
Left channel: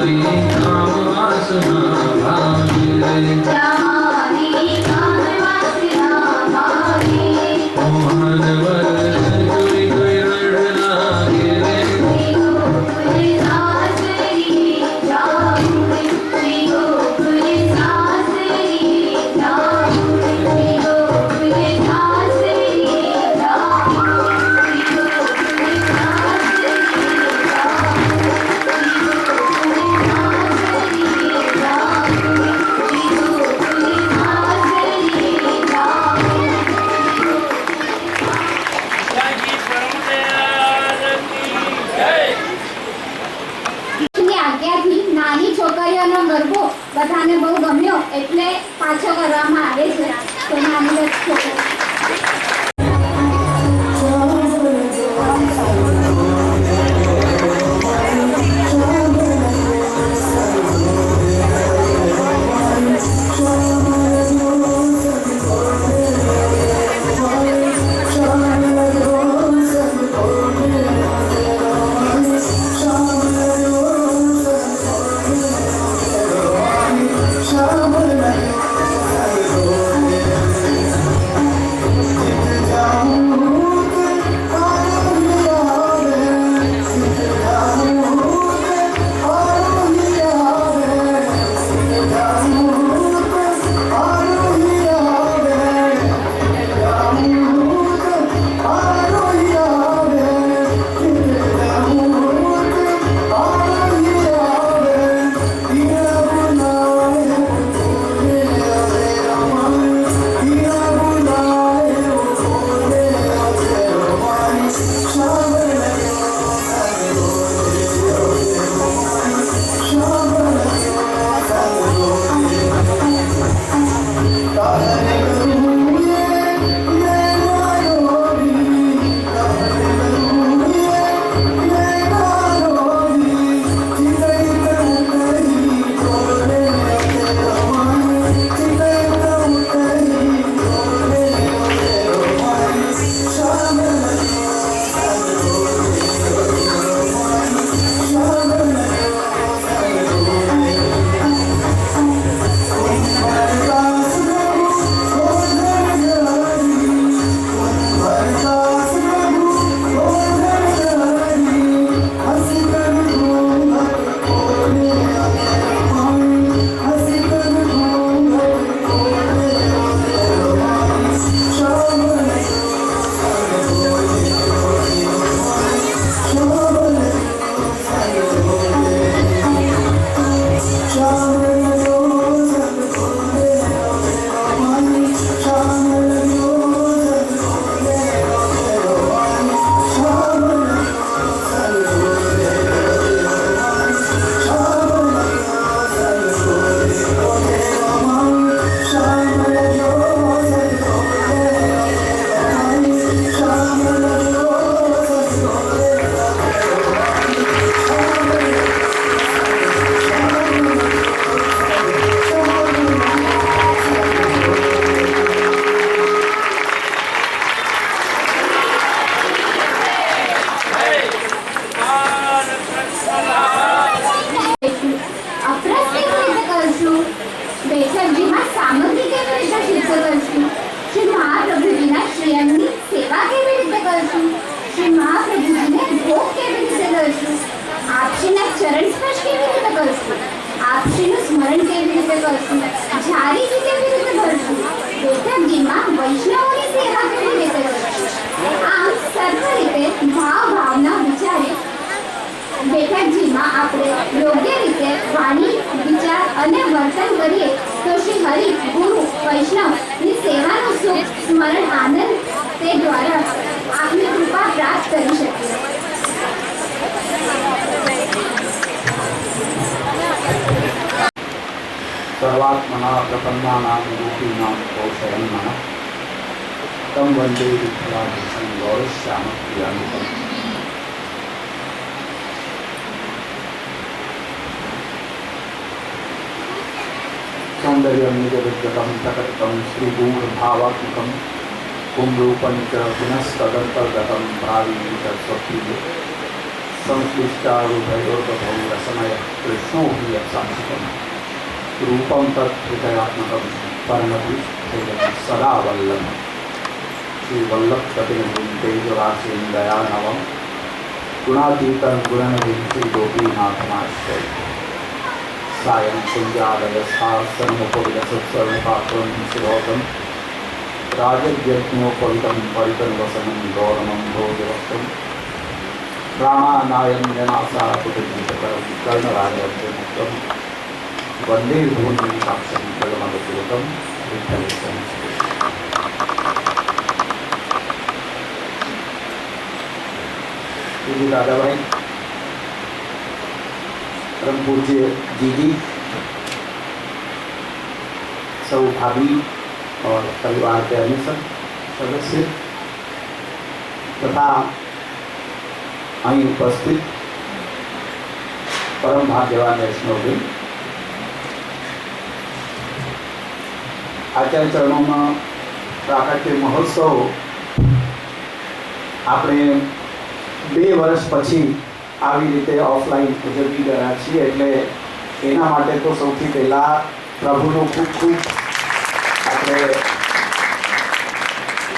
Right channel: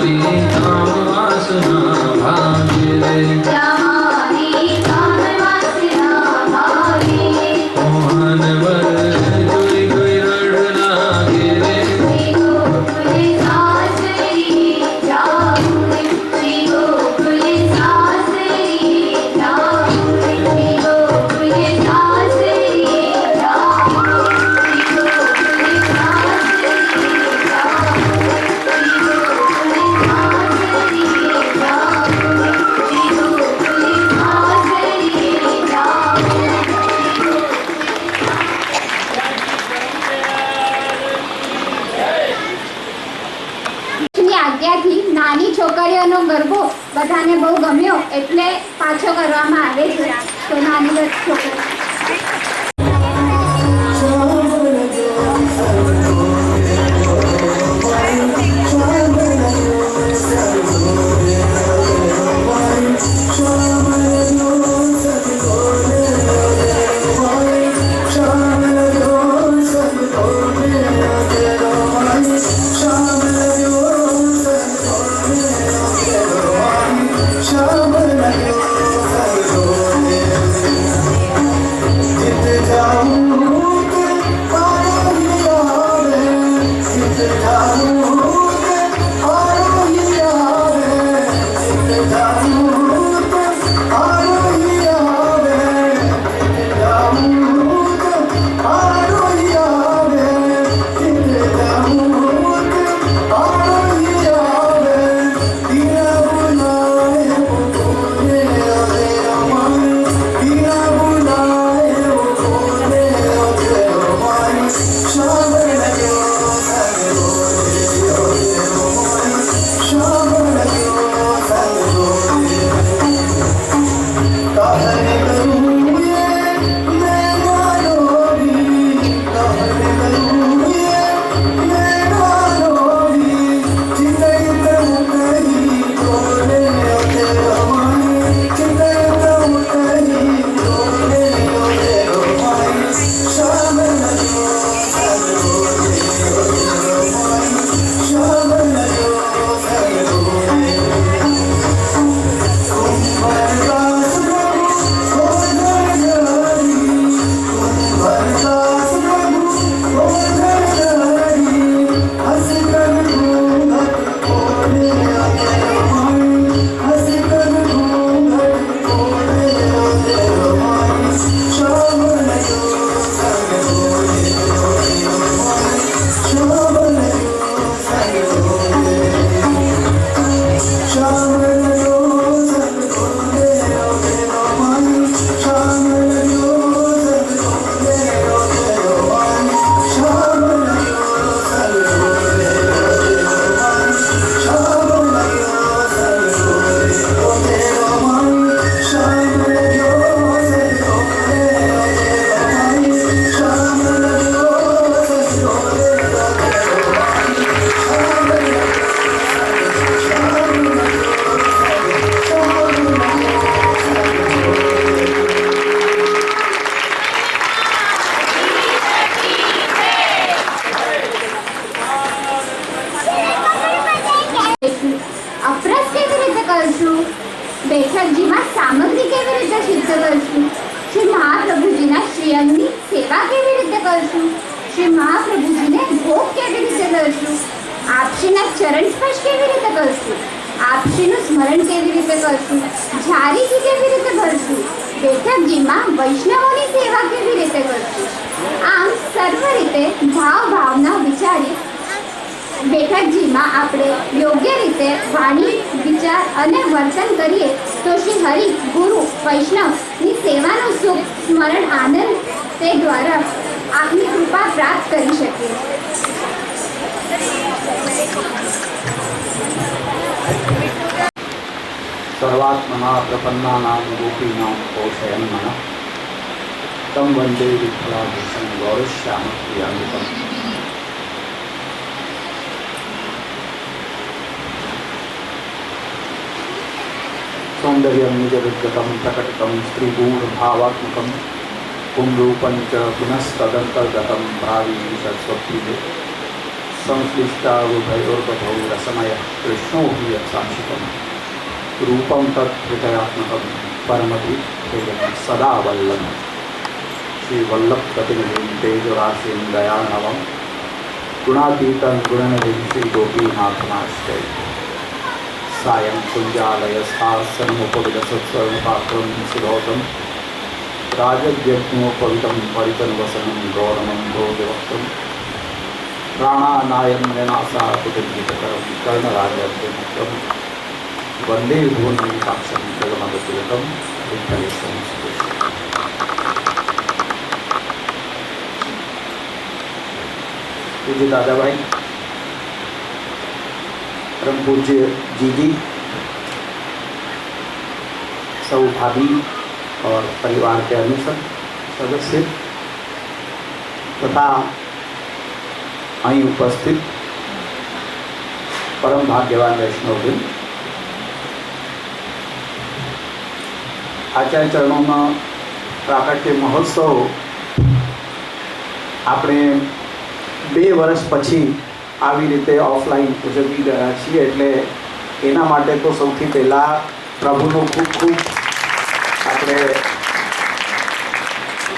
हमारी काम वासना भागे मोहन वर कोई कोई रड़ लागे આજ્ઞાથી નાની છોકરીઓનો ગરબો બધાને બહુ ગમ્યો એટલે પાછો કરવામાં આવે છે. તો નાની છોકરી બેઠકજીમાં સામગ્રી કેવી રીતે સિદ્ધ કરશું? શ્રી મહાપ્રભુજીના શ્રીઅંગની સેવા કેવી રીતે કરશું? શ્રી મહાપ્રભુજીને ભોગ કેવી રીતે કરશું? આપશ્રીના ચરણ સ્પર્શ કેવી રીતે કરશું? આપશ્રીનું સ્મરણ કેવી રીતે કરશું? ઝારીજી કેવી રીતે કરશું? બેઠકજીમાં વૈષ્ણવોની સેવા કેવી રીતે કરશું? આમ સર્વ રીતે ભાવના વિચારી બેઠકજીમાં આપણે યોગ્ય રીતે વાણી વિચાર અને વર્તન કરીએ તો શ્રી હરિ ગુરુ વૈષ્ણવની સેવાનું સુખ સ્મરણ આનંદ તે દ્વારા આપની કૃપા પ્રાપ્ત કરી શકીએ. સર્વાત્મના પ્રપન્નાનામ ગોપીનામ કૌશયન્મના તમ વંદે વિદ્યાભૂષણ ગૌરશ્યામ પ્રિયાનુપમ. સૌંદર્યમ નિજવિદ્ગતમ પ્રકટિતમ શ્રીગૂઢભાવાત્મકમ પુંરૂપં ચ પુનઃ તદંતર્ગતમ ભાવિ સરસ્વતી संश्लिष्टारूपयोर्बभौ रसमय कृष्णो हि असाक्षिकम् रूपं तत्हृदयात्मकं परमपि सदा वल्लभम् श्रीवल्लभप्रतिनिधिं तेजराशिं दयानवं गुणातीतं गुणनिधिं श्रीगोपीनाथमाश्रये सायं कुञ्जालयस्थासनमुपविलसत्स्वर्णपात्रं सुलोकं राजज्ञोपवितं परितन्वसनं गौरमं भोजवक्त्रं प्राणानायं जनासापुटगीतकरं कर्णराजमुक्तं वन्दे भुवन्निताक्षं जगमगतिलकं विठ्ठलेशं पूज्य दादा भाई, परम पूज्य जीजी, सब भाभी और परिवार के अन्य सदस्य तथा અહીં ઉપસ્થિત પરમ ભાગ્યવાન વૈષ્ણવજન, આચાર્ય ચરણોમાં પ્રાકટ્ય મહોત્સવ આપણે 2 વર્ષ પછી આવી રીતે ઓફલાઈન ઉજવી રહ્યા છીએ, એટલે એના માટે તો સૌથી પહેલાં પ્રભુનો ખૂબ ખૂબ આપણે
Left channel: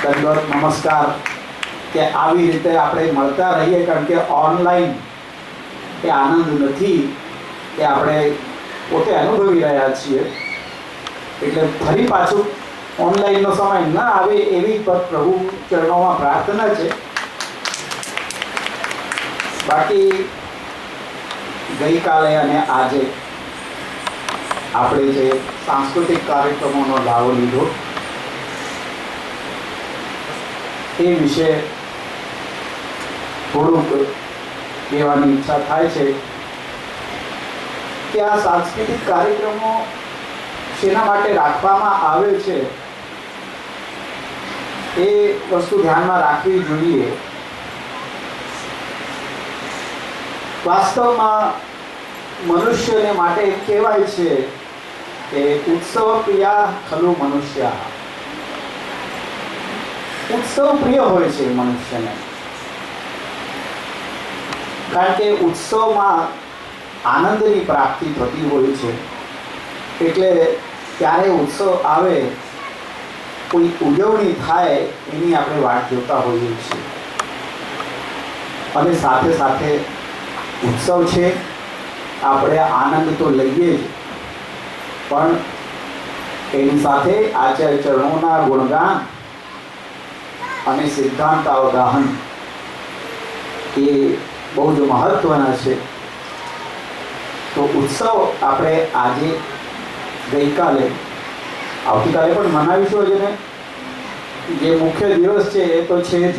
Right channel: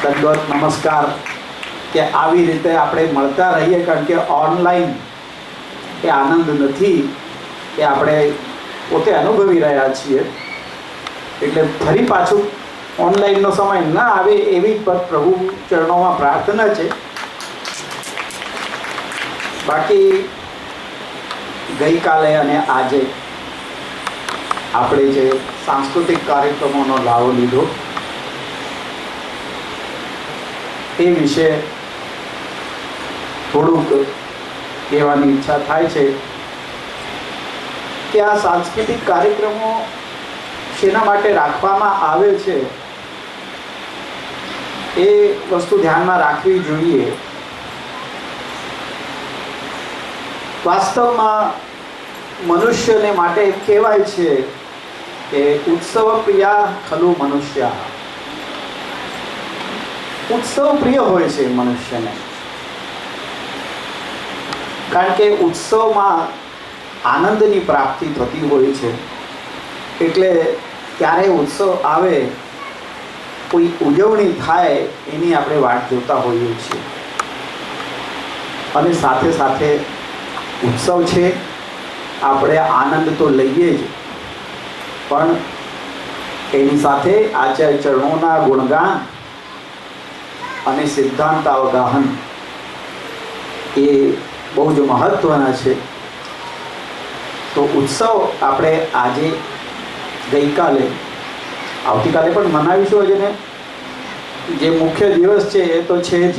દંડવત નમસ્કાર કે આવી રીતે આપણે મળતા રહીએ, કારણ કે ઓનલાઈન એ આનંદ નથી એ આપણે પોતે અનુભવી રહ્યા છીએ. એટલે ફરી પાછું ઓનલાઈનનો સમય ના આવે એવી પ્રભુ ચરણોમાં પ્રાર્થના છે. બાકી ગઈકાલે અને આજે આપણે જે સાંસ્કૃતિક કાર્યક્રમોનો લાવો લીધો એ વિશે થોડુંક કહેવાની ઈચ્છા થાય છે કે આ સાંસ્કૃતિક કાર્યક્રમો શેના માટે રાખવામાં આવે છે એ વસ્તુ ધ્યાનમાં રાખવી જોઈએ. વાસ્તવમાં મનુષ્યને માટે કહેવાય છે કે ઉત્સવ પ્રિયા ખલુ મનુષ્ય. ઉત્સવ પ્રિય હોય છે મનુષ્યને, કારણ કે ઉત્સવમાં આનંદની પ્રાપ્તિ થતી હોય છે. એટલે ત્યારે ઉત્સવ આવે, કોઈ ઉજવણી થાય એની આપણે વાટ જોતા હોઈએ છીએ. અને સાથે સાથે ઉત્સવ છે, આપણે આનંદ તો લઈએ જ, પણ એની સાથે આચાર્ય ચરણોના ગુણગાન અને સિદ્ધાંત અવગાહન એ બહુ જ મહત્વના છે. તો ઉત્સવ આપણે આજે ગઈકાલે આવતીકાલે પણ મનાવીશું. જેને જે મુખ્ય દિવસ છે એ તો છે જ,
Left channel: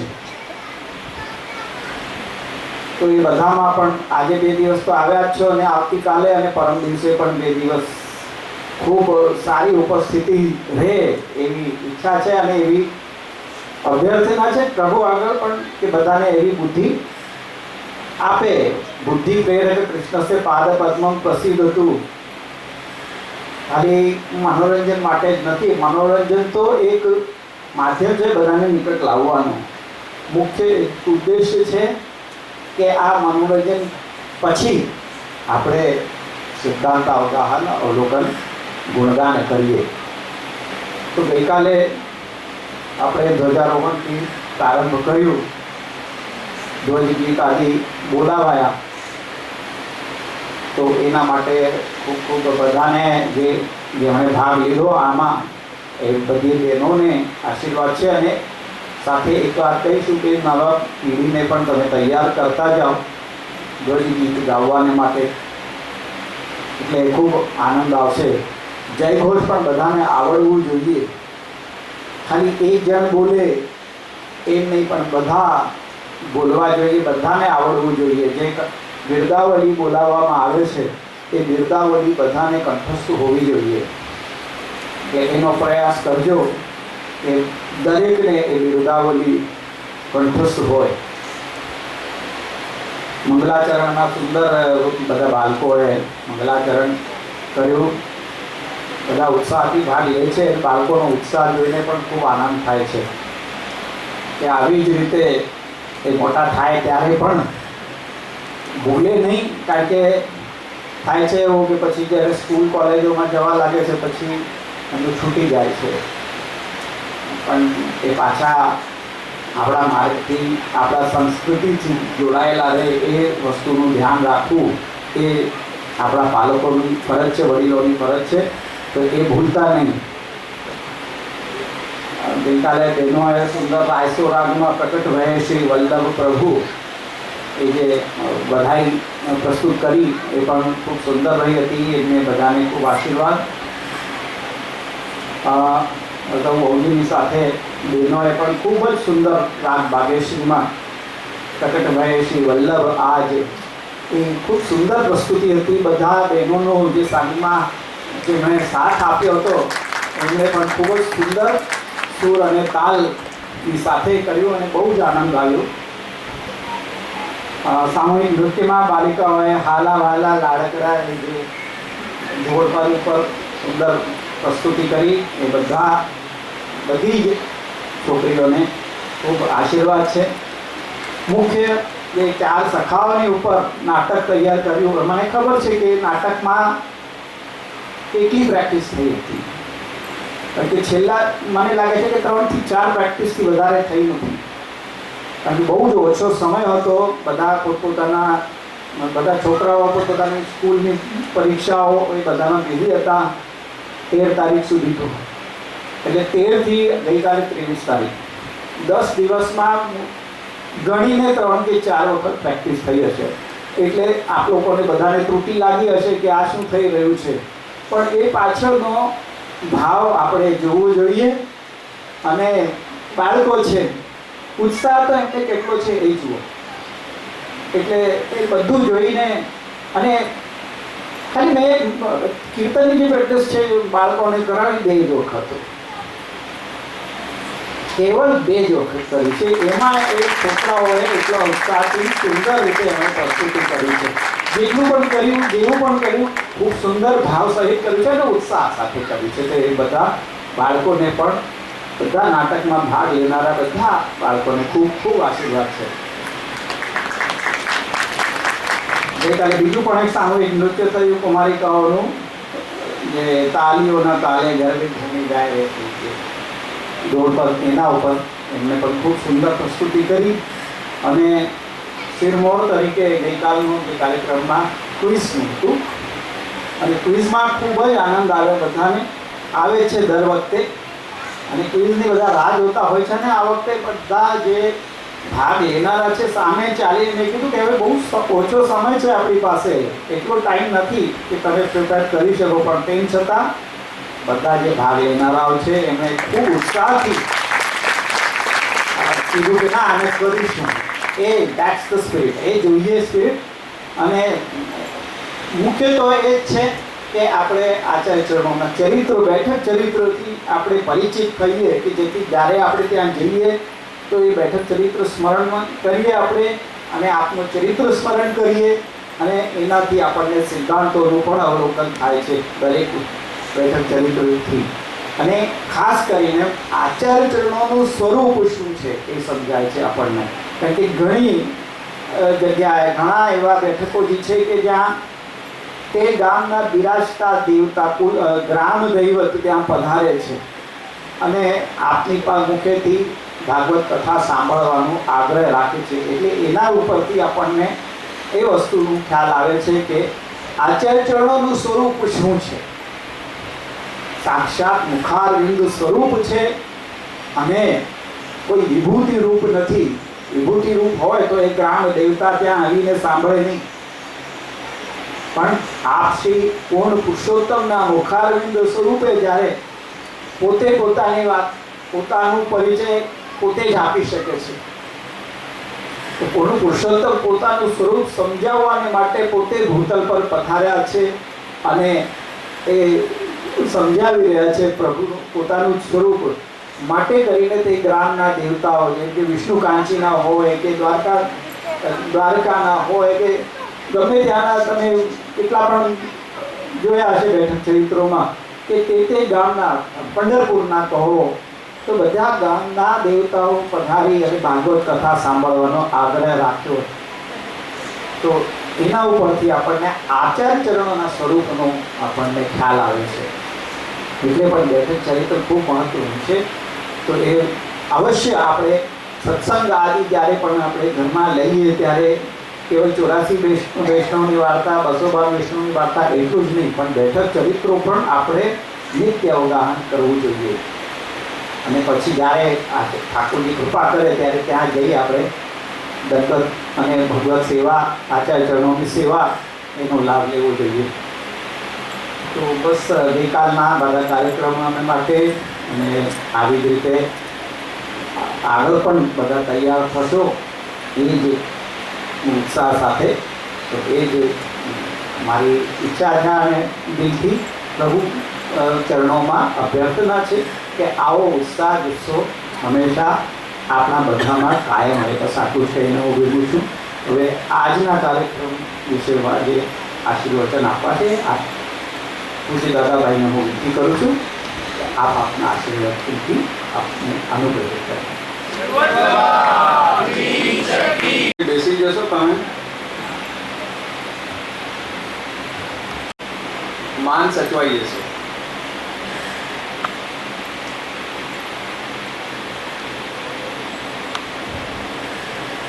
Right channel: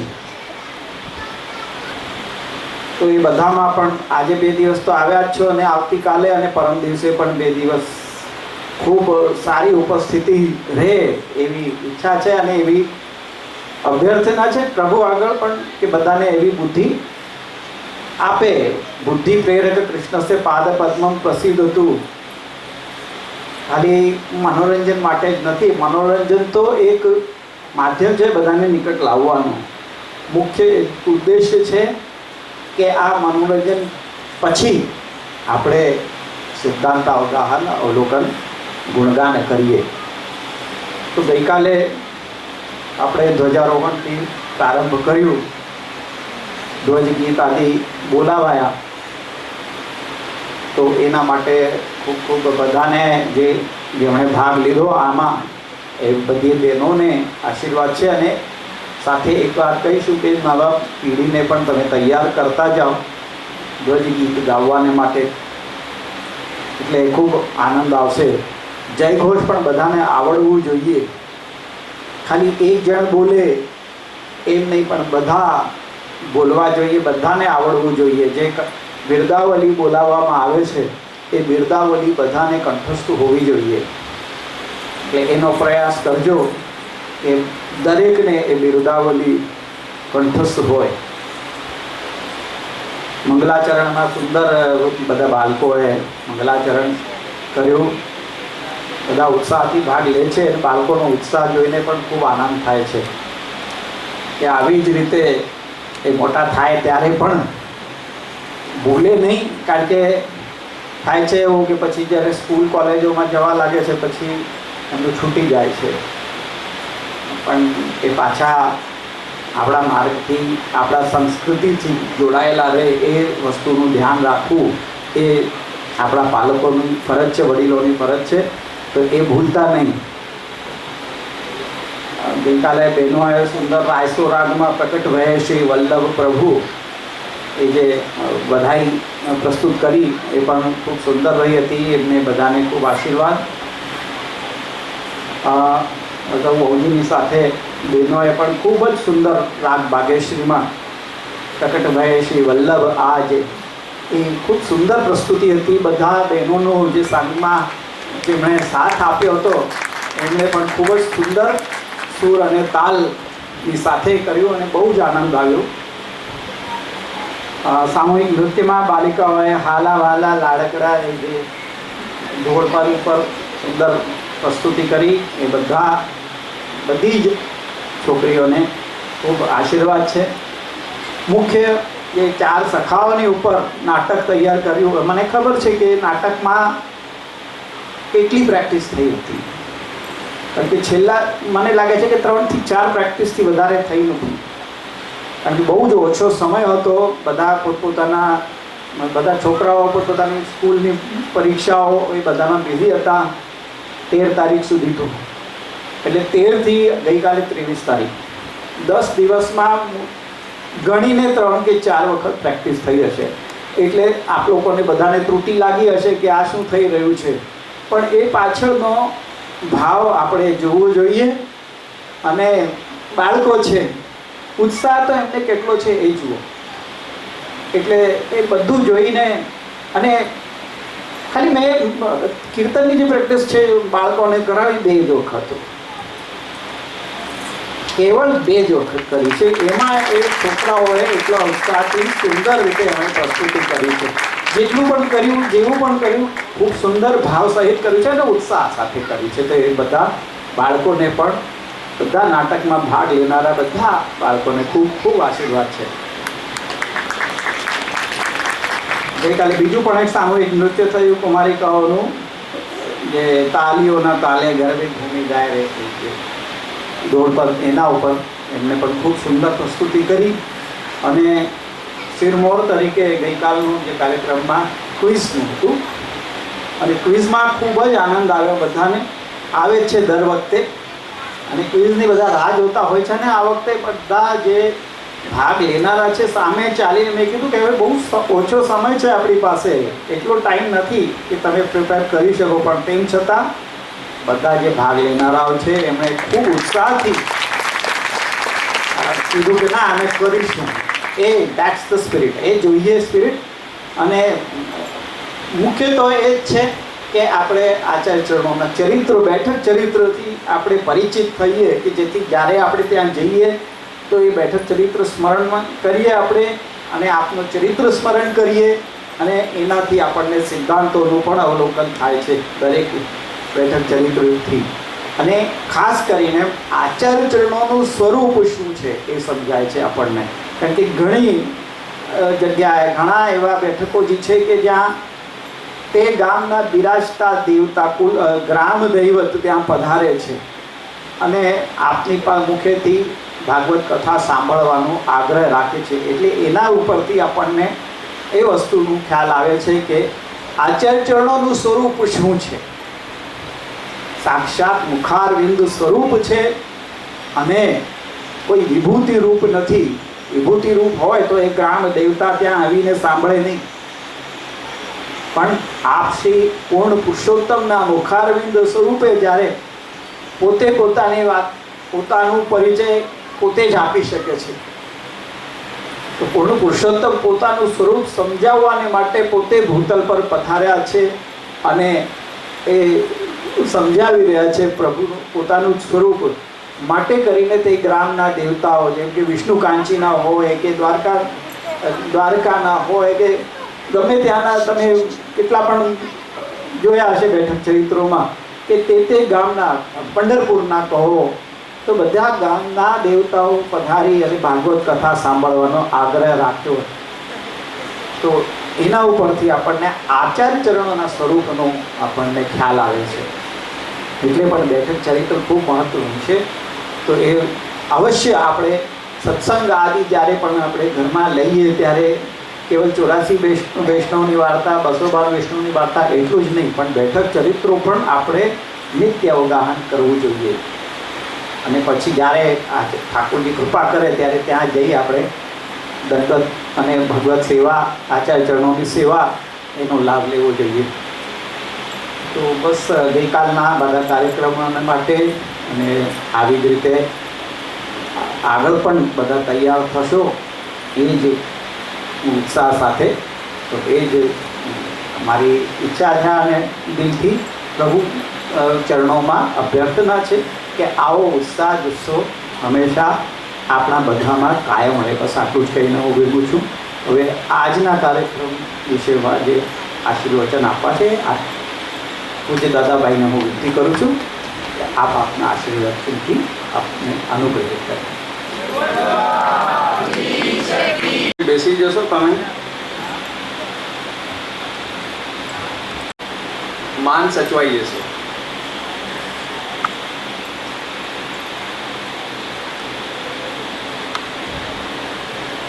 તો એ બધામાં પણ આજે 2 દિવસ તો આવ્યા જ છો, અને આવતીકાલે અને પરમ દિવસે પણ 2 દિવસ ખૂબ સારી ઉપસ્થિતિ રહે એવી ઈચ્છા છે અને એવી અભ્યર્થના છે પ્રભુ આગળ પણ કે બધાને એવી બુદ્ધિ આપે. બુદ્ધિ પ્રેરક કૃષ્ણસે પાદ પદ્મમ પ્રસિદ્ધતું. ખાલી મનોરંજન માટે જ નથી, મનોરંજન તો એક માધ્યમ છે બધાને નિકટ લાવવાનું. મુખ્ય ઉદ્દેશ્ય છે કે આ મનોરંજન પછી આપણે સિદ્ધાંત અવગાહન અવલોકન ગુણગાન કરીએ. તો ગઈકાલે આપણે ધ્વજારોહણથી પ્રારંભ કર્યું, ધ્વજ ગીત આદિ બોલાવાયા. તો એના માટે ખૂબ ખૂબ બધાને જેમણે ભાગ લીધો આમાં એ બધી બહેનોને આશીર્વાદ છે. અને સાથે એક વાત કહીશું કે નવા પેઢીને પણ તમે તૈયાર કરતા જાઓ ધ્વજ ગીત ગાવાને માટે, એટલે ખૂબ આનંદ આવશે. જયઘોષ પણ બધાને આવડવું જોઈએ. ખાલી એક જણ બોલે એમ નહીં, પણ બધા બોલવા જોઈએ, બધાને આવડવું જોઈએ. જે બિરદાવલી બોલાવવામાં આવે છે એ બિરદાવલી બધાને કંઠસ્થ હોવી જોઈએ. એટલે એનો પ્રયાસ કરજો કે દરેકને એ બિરદાવલી કંઠસ્થ હોય. મંગલાચરણમાં સુંદર બધા બાળકોએ મંગલાચરણ કર્યું, બધા ઉત્સાહથી ભાગ લે છે. અને બાળકોનો ઉત્સાહ જોઈને પણ ખૂબ આનંદ થાય છે કે આવી જ રીતે એ મોટા થાય ત્યારે પણ ભૂલે નહીં, કારણ કે થાય છે એવું કે પછી જ્યારે સ્કૂલ કોલેજોમાં જવા લાગે છે પછી એમનું છૂટી જાય છે, પણ એ પાછા આપણા માર્ગથી આપણા સંસ્કૃતિથી જોડાયેલા રહે એ વસ્તુનું ધ્યાન રાખવું એ આપણા પાલકોની ફરજ છે, વડીલોની ફરજ છે, તો એ ભૂલતા નહીં. ગઈકાલે બહેનોએ સુંદર રાયસો રાગમાં પ્રકટ વહે શ્રી વલ્લભ પ્રભુ એ જે બધાઈ પ્રસ્તુત કરી એ પણ ખૂબ સુંદર રહી હતી. એમને બધાને ખૂબ આશીર્વાદ. બહુજીની સાથે બહેનોએ પણ ખૂબ જ સુંદર રાગ ભાગ્યશ્રીમાં પ્રકટ વહે શ્રી વલ્લભ આ જે એ ખૂબ સુંદર પ્રસ્તુતિ હતી. બધા બહેનોનો જે સંગમાં જેમણે સાથ આપ્યો હતો એમણે પણ ખૂબ જ સુંદર સુર અને તાલની સાથે કર્યું અને બહુ જ આનંદ આવ્યો. સામૂહિક નૃત્યમાં બાલિકાઓએ હાલા વાલા લાડકડા એ જે ઢોળ પર ઉપર સુંદર પ્રસ્તુતિ કરી એ બધી જ છોકરીઓને ખૂબ આશીર્વાદ છે. મુખ્ય જે 4 સખાઓની ઉપર નાટક તૈયાર કર્યું, મને ખબર છે કે નાટકમાં કેટલી પ્રેક્ટિસ થઈ હતી, કારણ કે છેલ્લા મને લાગે છે કે 3 થી 4 પ્રેક્ટિસથી વધારે થઈ નથી, કારણ કે બહુ જ ઓછો સમય હતો. બધા બધા છોકરાઓ પોતપોતાની સ્કૂલની પરીક્ષાઓ એ બધામાં બિઝી હતા 13 તારીખ સુધી તો, એટલે 13 થી ગઈકાલે 23 તારીખ 10 દિવસમાં ગણીને 3 કે 4 વખત પ્રેક્ટિસ થઈ હશે. એટલે આપ લોકોને બધાને ત્રુટિ લાગી હશે કે આ શું થઈ રહ્યું છે, પણ એ પાછળનો ભાવ આપણે જોવો જોઈએ. અને બાળકો છે, ઉત્સાહ તો એમને કેટલો છે એ જુઓ. એટલે એ બધું જોઈને અને ખાલી મેં કીર્તનની જે પ્રેક્ટિસ છે બાળકોને કરાવી 2 જ વખત, કેવળ 2 જ વખત કરી છે. એમાં એ છોકરાઓએ એટલા ઉત્સાહથી સુંદર રીતે એમણે પ્રસ્તુતિ કરી છે. જેટલું પણ કર્યું, જેવું પણ કર્યું, ખૂબ સુંદર ભાવ સહિત કર્યું છે અને ઉત્સાહ સાથે કર્યું છે. તો એ બધા બાળકોને પણ, બધા નાટકમાં ભાગ લેનારા બધા બાળકોને ખૂબ ખૂબ આશીર્વાદ છે. ગઈકાલે બીજું પણ એક સામૂહિક નૃત્ય થયું કુમારિકાઓનું, જે તાલીઓના તાલે ગરબે ઘૂમી ગાય રહે છે દોડ પર, એના ઉપર એમને પણ ખૂબ સુંદર પ્રસ્તુતિ કરી. અને શિરમોર તરીકે ગઈકાલનું જે કાર્યક્રમમાં ક્વિઝનું હતું અને ક્વિઝમાં ખૂબ જ આનંદ આવ્યો. બધાને આવે છે દર વખતે અને ક્વિઝની બધા રાહ જોતા હોય છે. અને આ વખતે બધા જે ભાગ લેનારા છે સામે ચાલીને મેં કીધું કે હવે બહુ ઓછો સમય છે આપણી પાસે, એટલો ટાઈમ નથી કે તમે પ્રિપેર કરી શકો, પણ તેમ છતાં બધા જે ભાગ લેનારાઓ છે એમણે ખૂબ ઉત્સાહથી કીધું કે ના અમે કરીશું. એ દેટ્સ ધ સ્પિરિટ, એ જોઈએ સ્પિરિટ. અને મુખ્ય તો એ જ છે કે આપણે આચાર્ય ચરણોના ચરિત્રો, બેઠક ચરિત્રોથી આપણે પરિચિત થઈએ કે જેથી જ્યારે આપણે ત્યાં જઈએ તો એ બેઠક ચરિત્ર સ્મરણ કરીએ આપણે, અને આપનું ચરિત્ર સ્મરણ કરીએ, અને એનાથી આપણને સિદ્ધાંતોનું પણ અવલોકન થાય છે દરેક બેઠક ચરિત્રથી. અને ખાસ કરીને આચાર્ય ચરણોનું સ્વરૂપ શું છે એ સમજાય છે આપણને. કારણ કે ઘણી જગ્યાએ ઘણા એવા બેઠકો જે છે કે જ્યાં તે ગામના બિરાજતા દેવતા, ગ્રામ દૈવત ત્યાં પધારે છે અને આપની મુખેથી ભાગવત કથા સાંભળવાનો આગ્રહ રાખે છે. એટલે એના ઉપરથી આપણને એ વસ્તુનો ખ્યાલ આવે છે કે આચાર્ય ચરણોનું સ્વરૂપ શું છે. સાક્ષાત મુખારવિંદ સ્વરૂપ છે અને કોઈ વિભૂતિ રૂપ નથી. વિભૂતિ રૂપ હોય તો એ ગ્રામ દેવતા ત્યાં આવીને સાંભળે નહીં, પણ આપ શ્રી પૂર્ણ પુરુષોત્તમના મુખારવિંદ સ્વરૂપે જ્યારે પોતે પોતાની વાત, પોતાનું પરિચય પોતે જ આપી શકે છે, તો પૂર્ણ પુરુષોત્તમ પોતાનું સ્વરૂપ સમજાવવાને માટે પોતે ભૂતલ પર પધાર્યા છે અને એ સમજાવી રહ્યા છે પ્રભુનું પોતાનું સ્વરૂપ. માટે કરીને તે ગ્રામના દેવતાઓ જેમ કે વિષ્ણુ કાંચીના હોય કે દ્વારકાના હોય કે ગમે ત્યાંના, તમે કેટલા પણ જોયા હશે બેઠક ચરિત્રોમાં કે તે ગામના, પંઢરપુરના કહો તો બધા ગામના દેવતાઓ પધારી અને ભાગવત કથા સાંભળવાનો આગ્રહ રાખ્યો. તો એના ઉપરથી આપણને આચાર્ય ચરણોના સ્વરૂપનો આપણને ખ્યાલ આવે છે. એટલે પણ બેઠક ચરિત્ર ખૂબ મહત્વનું છે. તો એ અવશ્ય આપણે સત્સંગ આદિ જ્યારે પણ આપણે ઘરમાં લઈએ ત્યારે કેવલ 84 વૈષ્ણવની વાર્તા, 212 વૈષ્ણવની વાર્તા એટલું જ નહીં, પણ બેઠક ચરિત્રો પણ આપણે નિત્ય અવગાહન કરવું જોઈએ. અને પછી જ્યારે આ ઠાકોરજી કૃપા કરે ત્યારે ત્યાં જઈ આપણે દંડવત અને ભગવત સેવા, આચાર્ય ચરણોની સેવા એનો લાભ લેવો જોઈએ. તો બસ ગઈકાલના બધા કાર્યક્રમો માટે અને આવી જ રીતે આગળ પણ બધા તૈયાર થશો એ જ ઉત્સાહ સાથે. તો એ જ મારી ઈચ્છા છે અને દિલથી પ્રભુ ચરણોમાં અભ્યર્થના છે કે આવો ઉત્સાહ જુસ્સો હંમેશા આપણા બધામાં કાયમ રહે. બસ આટલું જ કહીને હું ભેગું છું. હવે આજના કાર્યક્રમ વિષયમાં જે આશીર્વચન આપવા છે આ પૂજ્ય દાદાભાઈને હું વિનંતી કરું છું કે આપ આપના આશીર્વાદથી આપને અનુગ્રહિત કરે. બેસી જશો તમે. માન સચવાઈ જશે.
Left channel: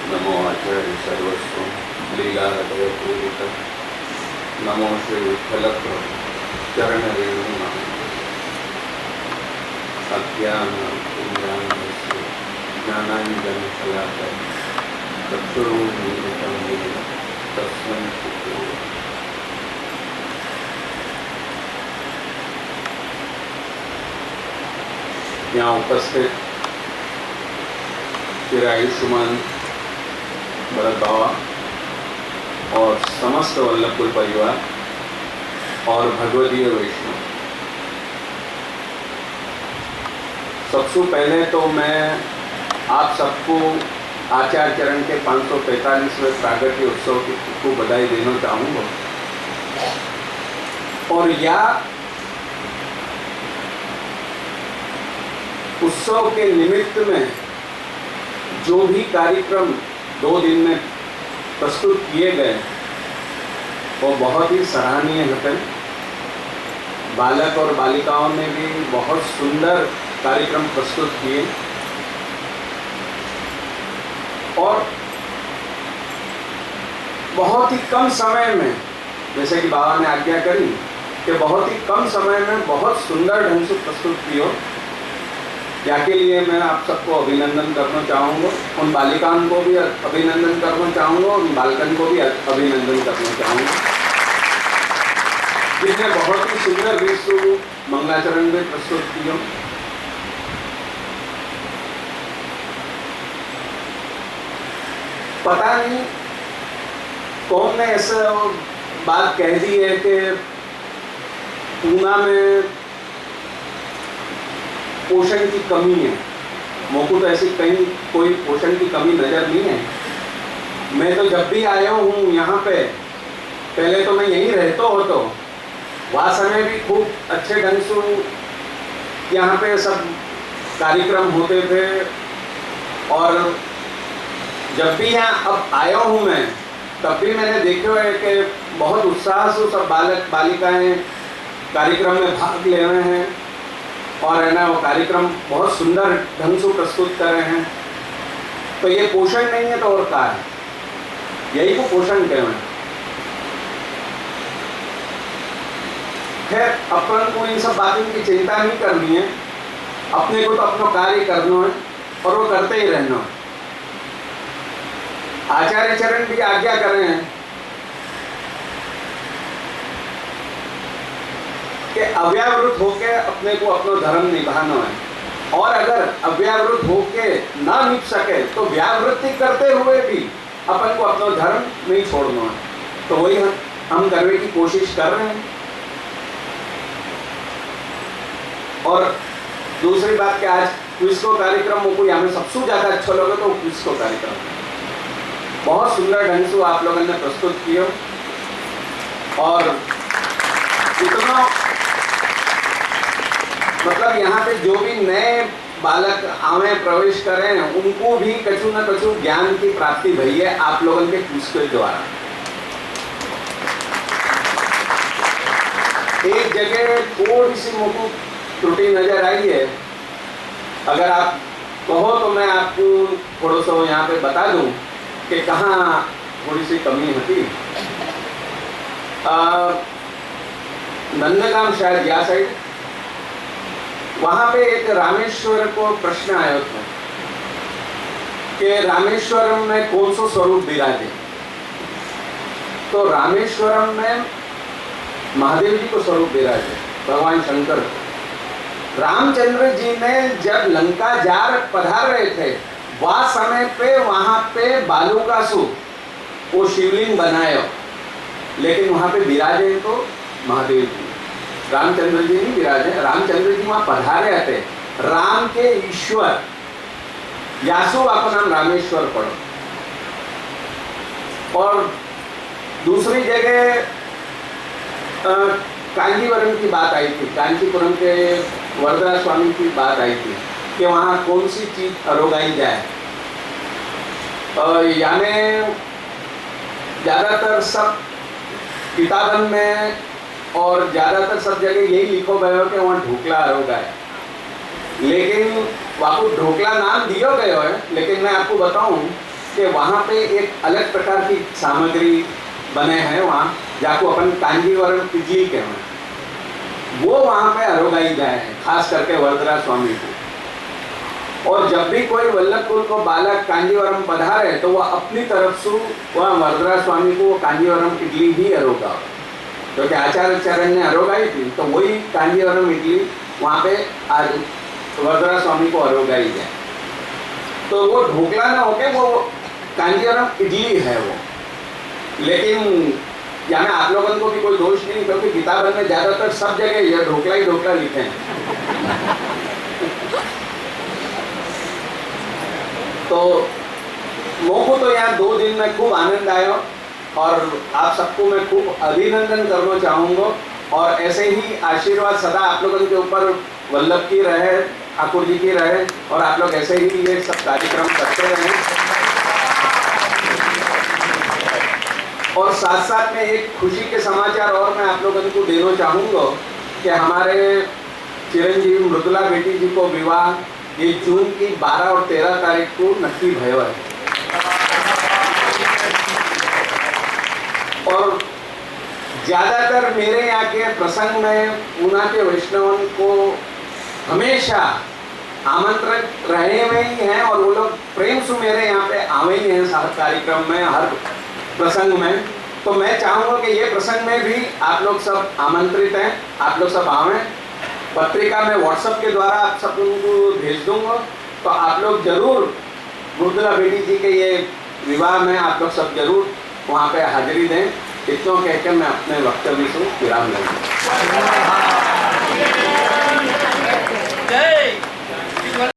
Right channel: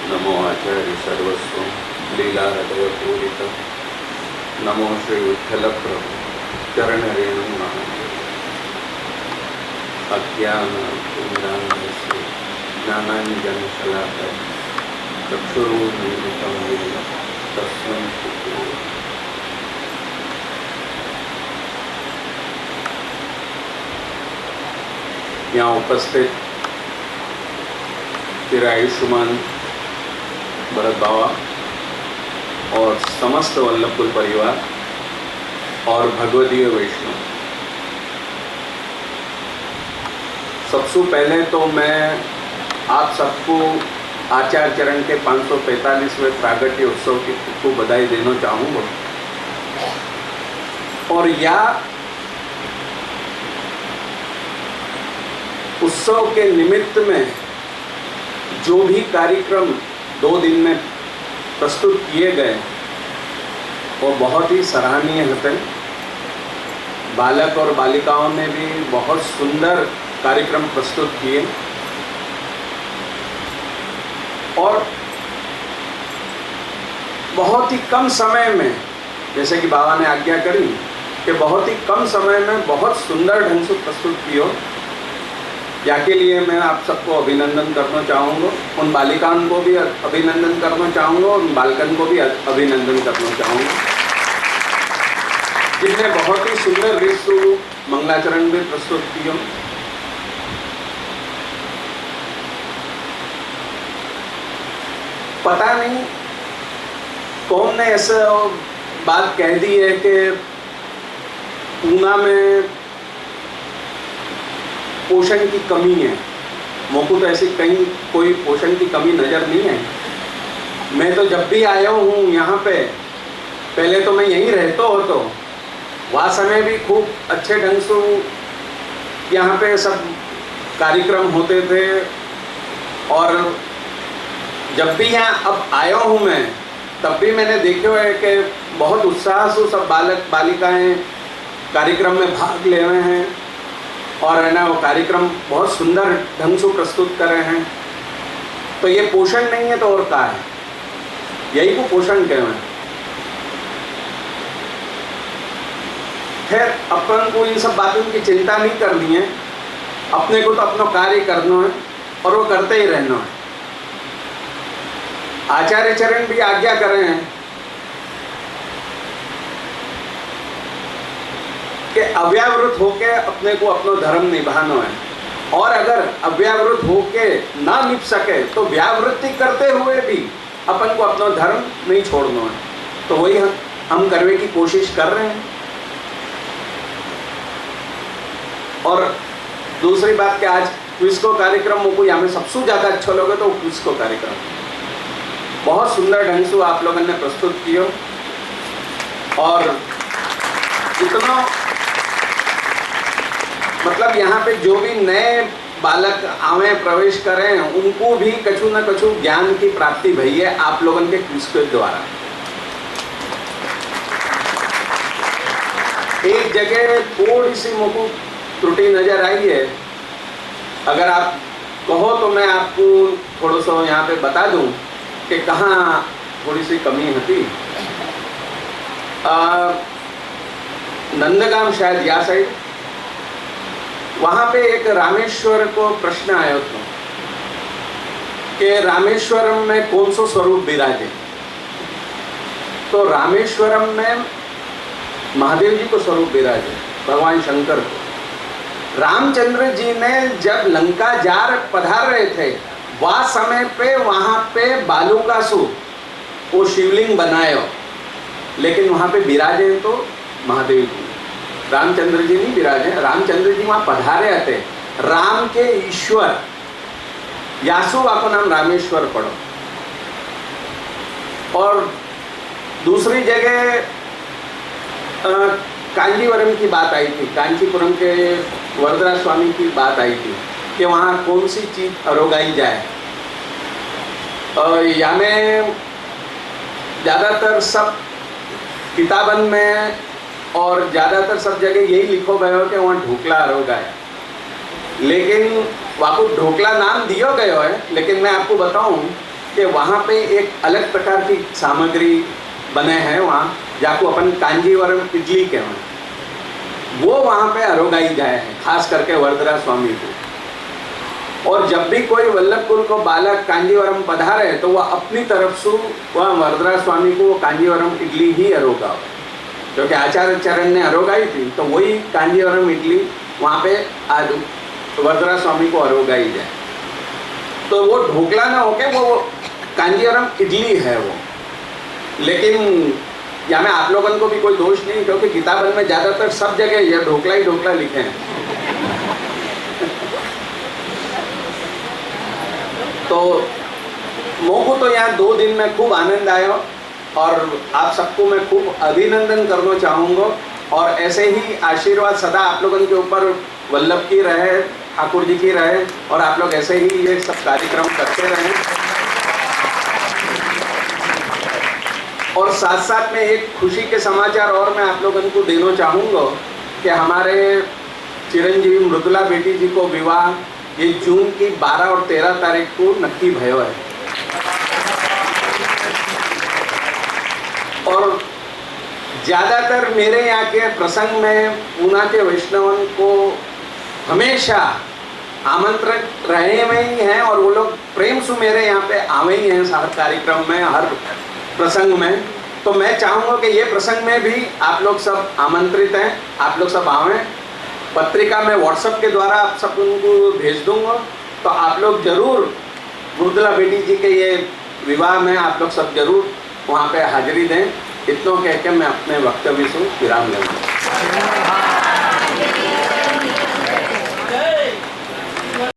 નમો આચાર્ય સર્વસ્વ લીલા હૃદય પૂરિત. નમો શ્રી વિઠ્ઠલ પ્રભુ ચરણ રેણુ અજ્ઞાન જ્ઞાનાંજન શલાકર ચક્ષુરુન્મિલિતં येन તસ્मै શ્રી. यहाँ उपस्थित चिरायुष्मान भरत बाबा और समस्त वल्लभकुल परिवार और भगवदीय वैष्णव, सबसे पहले तो मैं आप सबको आचार्य चरण के 545वें प्रागट्य उत्सव की खूब बधाई देना चाहूँगा. और यह उत्सव के निमित्त में जो भी कार्यक्रम 2 दिन में प्रस्तुत किए गए वो बहुत ही सराहनीय होते. बालक और बालिकाओं ने भी बहुत सुंदर कार्यक्रम प्रस्तुत किए और बहुत ही कम समय में, जैसे कि बाबा ने आज्ञा करी कि बहुत ही कम समय में बहुत सुंदर ढंग से प्रस्तुत किए. याके लिए मैं आप सबको अभिनंदन करना चाहूँगा. उन बालिकाओं को भी अभिनंदन करना चाहूँगा और उन बालकन को भी अभिनंदन करना चाहूँगा जिसने बहुत ही सुंदर विश्व मंगलाचरण में प्रस्तुत किया. पता नहीं कौन ने ऐसा बात कह दी है कि पूना में पोषण की कमी है. मुझको तो ऐसी कहीं कोई पोषण की कमी नज़र नहीं है. मैं तो जब भी आया हूँ यहाँ पे, पहले तो मैं यहीं रहता हो तो वहाँ समय भी खूब अच्छे ढंग से यहाँ पे सब कार्यक्रम होते थे. और जब भी यहाँ अब आया हूँ मैं, तब भी मैंने देखा है कि बहुत उत्साह से सब बालक बालिकाएं कार्यक्रम में भाग ले रहे हैं और है ना वो कार्यक्रम बहुत सुंदर ढंग से प्रस्तुत कर रहे हैं. तो ये पोषण नहीं है तो और क्या है? यही को पोषण कहना. खैर अपन को इन सब बातों की चिंता नहीं करनी है. अपने को तो अपना कार्य करना है और वो करते ही रहना है. आचार्य चरण भी आज्ञा कर रहे हैं कि अव्यावृत होके अपने को अपना धर्म निभाना है. और अगर अव्यावृत होके ना निभ सके तो व्यावृत्ति करते हुए भी अपन को अपना धर्म नहीं छोड़ना है. तो वही हम करने की कोशिश कर रहे हैं. और दूसरी बात कि आज क्विज को कार्यक्रम को हमें सबसे ज़्यादा अच्छा लगा तो क्विज को कार्यक्रम बहुत सुंदर ढंग से आप लोगों ने प्रस्तुत किया. और इतना मतलब यहाँ पे जो भी नए बालक आवे प्रवेश करें उनको भी कछु न कछु ज्ञान की प्राप्ति भई है आप लोगों के क्विज के द्वारा. एक जगह थोड़ी सी मुझको त्रुटि नजर आई है। अगर आप कहो तो मैं आपको थोड़ा सा यहाँ पे बता दूं कि कहाँ थोड़ी सी कमी थी। नंदगाम शायद या साइड, वहाँ पे एक रामेश्वर को प्रश्न आया था कि रामेश्वरम में कौन सा स्वरूप विराजे। तो रामेश्वरम में महादेव जी को स्वरूप विराजे, भगवान शंकर को। रामचंद्र जी ने जब लंका जार पधार रहे थे, वह समय पे वहां पे बालू का सूप वो शिवलिंग बनाया, लेकिन वहां पे विराजे तो महादेव जी, रामचंद्र जी नहीं विराजे। रामचंद्र जी वहां पधारे थे। राम के ईश्वर यासु आपको नाम रामेश्वर पढ़ो। और दूसरी जगह कांजीवरम की बात आई थी, कांचीपुरम के वरदरा स्वामी की बात आई थी कि वहाँ कौन सी चीज अरोगाई जाए। यानी ज़्यादातर सब किताबन में और ज़्यादातर सब जगह यही लिखो गए हो कि वहाँ ढोकला अरोगा है, लेकिन वहाँ को ढोकला नाम दिया गया है। लेकिन मैं आपको बताऊं कि वहाँ पे एक अलग प्रकार की सामग्री बने हैं वहाँ, जाको अपन कांजीवरम इडली के हैं, वो वहाँ पे अरोगाई गए हैं, खास करके वरदरा स्वामी को। और जब भी कोई वल्लभ कुल को बालक कांजीवरम पधारे तो वह अपनी तरफ से वह वरदरा स्वामी को कांजीवरम इडली ही अरोगा, क्योंकि आचार्य चरण ने अरोगाई थी, तो वही कांजीवरम इडली वहाँ पे आज वरदरा स्वामी को अरोगाई जाए। तो वो ढोकला ना होके वो कांजीवरम इडली है वो। लेकिन यानी आप लोगों को भी कोई दोष नहीं, क्योंकि किताबन में ज्यादातर सब जगह यह ढोकला ही ढोकला लिखे हैं। तो मोको तो यहाँ 2 दिन में खूब आनंद आया और आप सबको मैं खूब अभिनंदन करना चाहूँगा। और ऐसे ही आशीर्वाद सदा आप लोगों के ऊपर वल्लभ की रहे, ठाकुर जी की रहे, और आप लोग ऐसे ही ये सब कार्यक्रम करते रहें। और साथ साथ में एक खुशी के समाचार और मैं आप लोगों को देना चाहूँगा कि हमारे चिरंजीवी मृदुला बेटी जी को विवाह ये जून की 12 और 13 तारीख को नक्की भयो है। और ज़्यादातर मेरे यहाँ के प्रसंग में पूना के वैष्णवन को हमेशा आमंत्रण रहे हुए ही हैं, और वो लोग प्रेम से मेरे यहाँ पे आवे ही हैं हर कार्यक्रम में, हर प्रसंग में। तो मैं चाहूँगा कि ये प्रसंग में भी आप लोग सब आमंत्रित हैं, आप लोग सब आवें। पत्रिका में व्हाट्सएप के द्वारा आप सब उनको भेज दूँगा, तो आप लोग जरूर मृदुला बेटी जी के ये विवाह में आप लोग सब जरूर वहाँ पे हाजिरी दें। इतना कह के मैं अपने वक्तव्य से विराम लूँगा।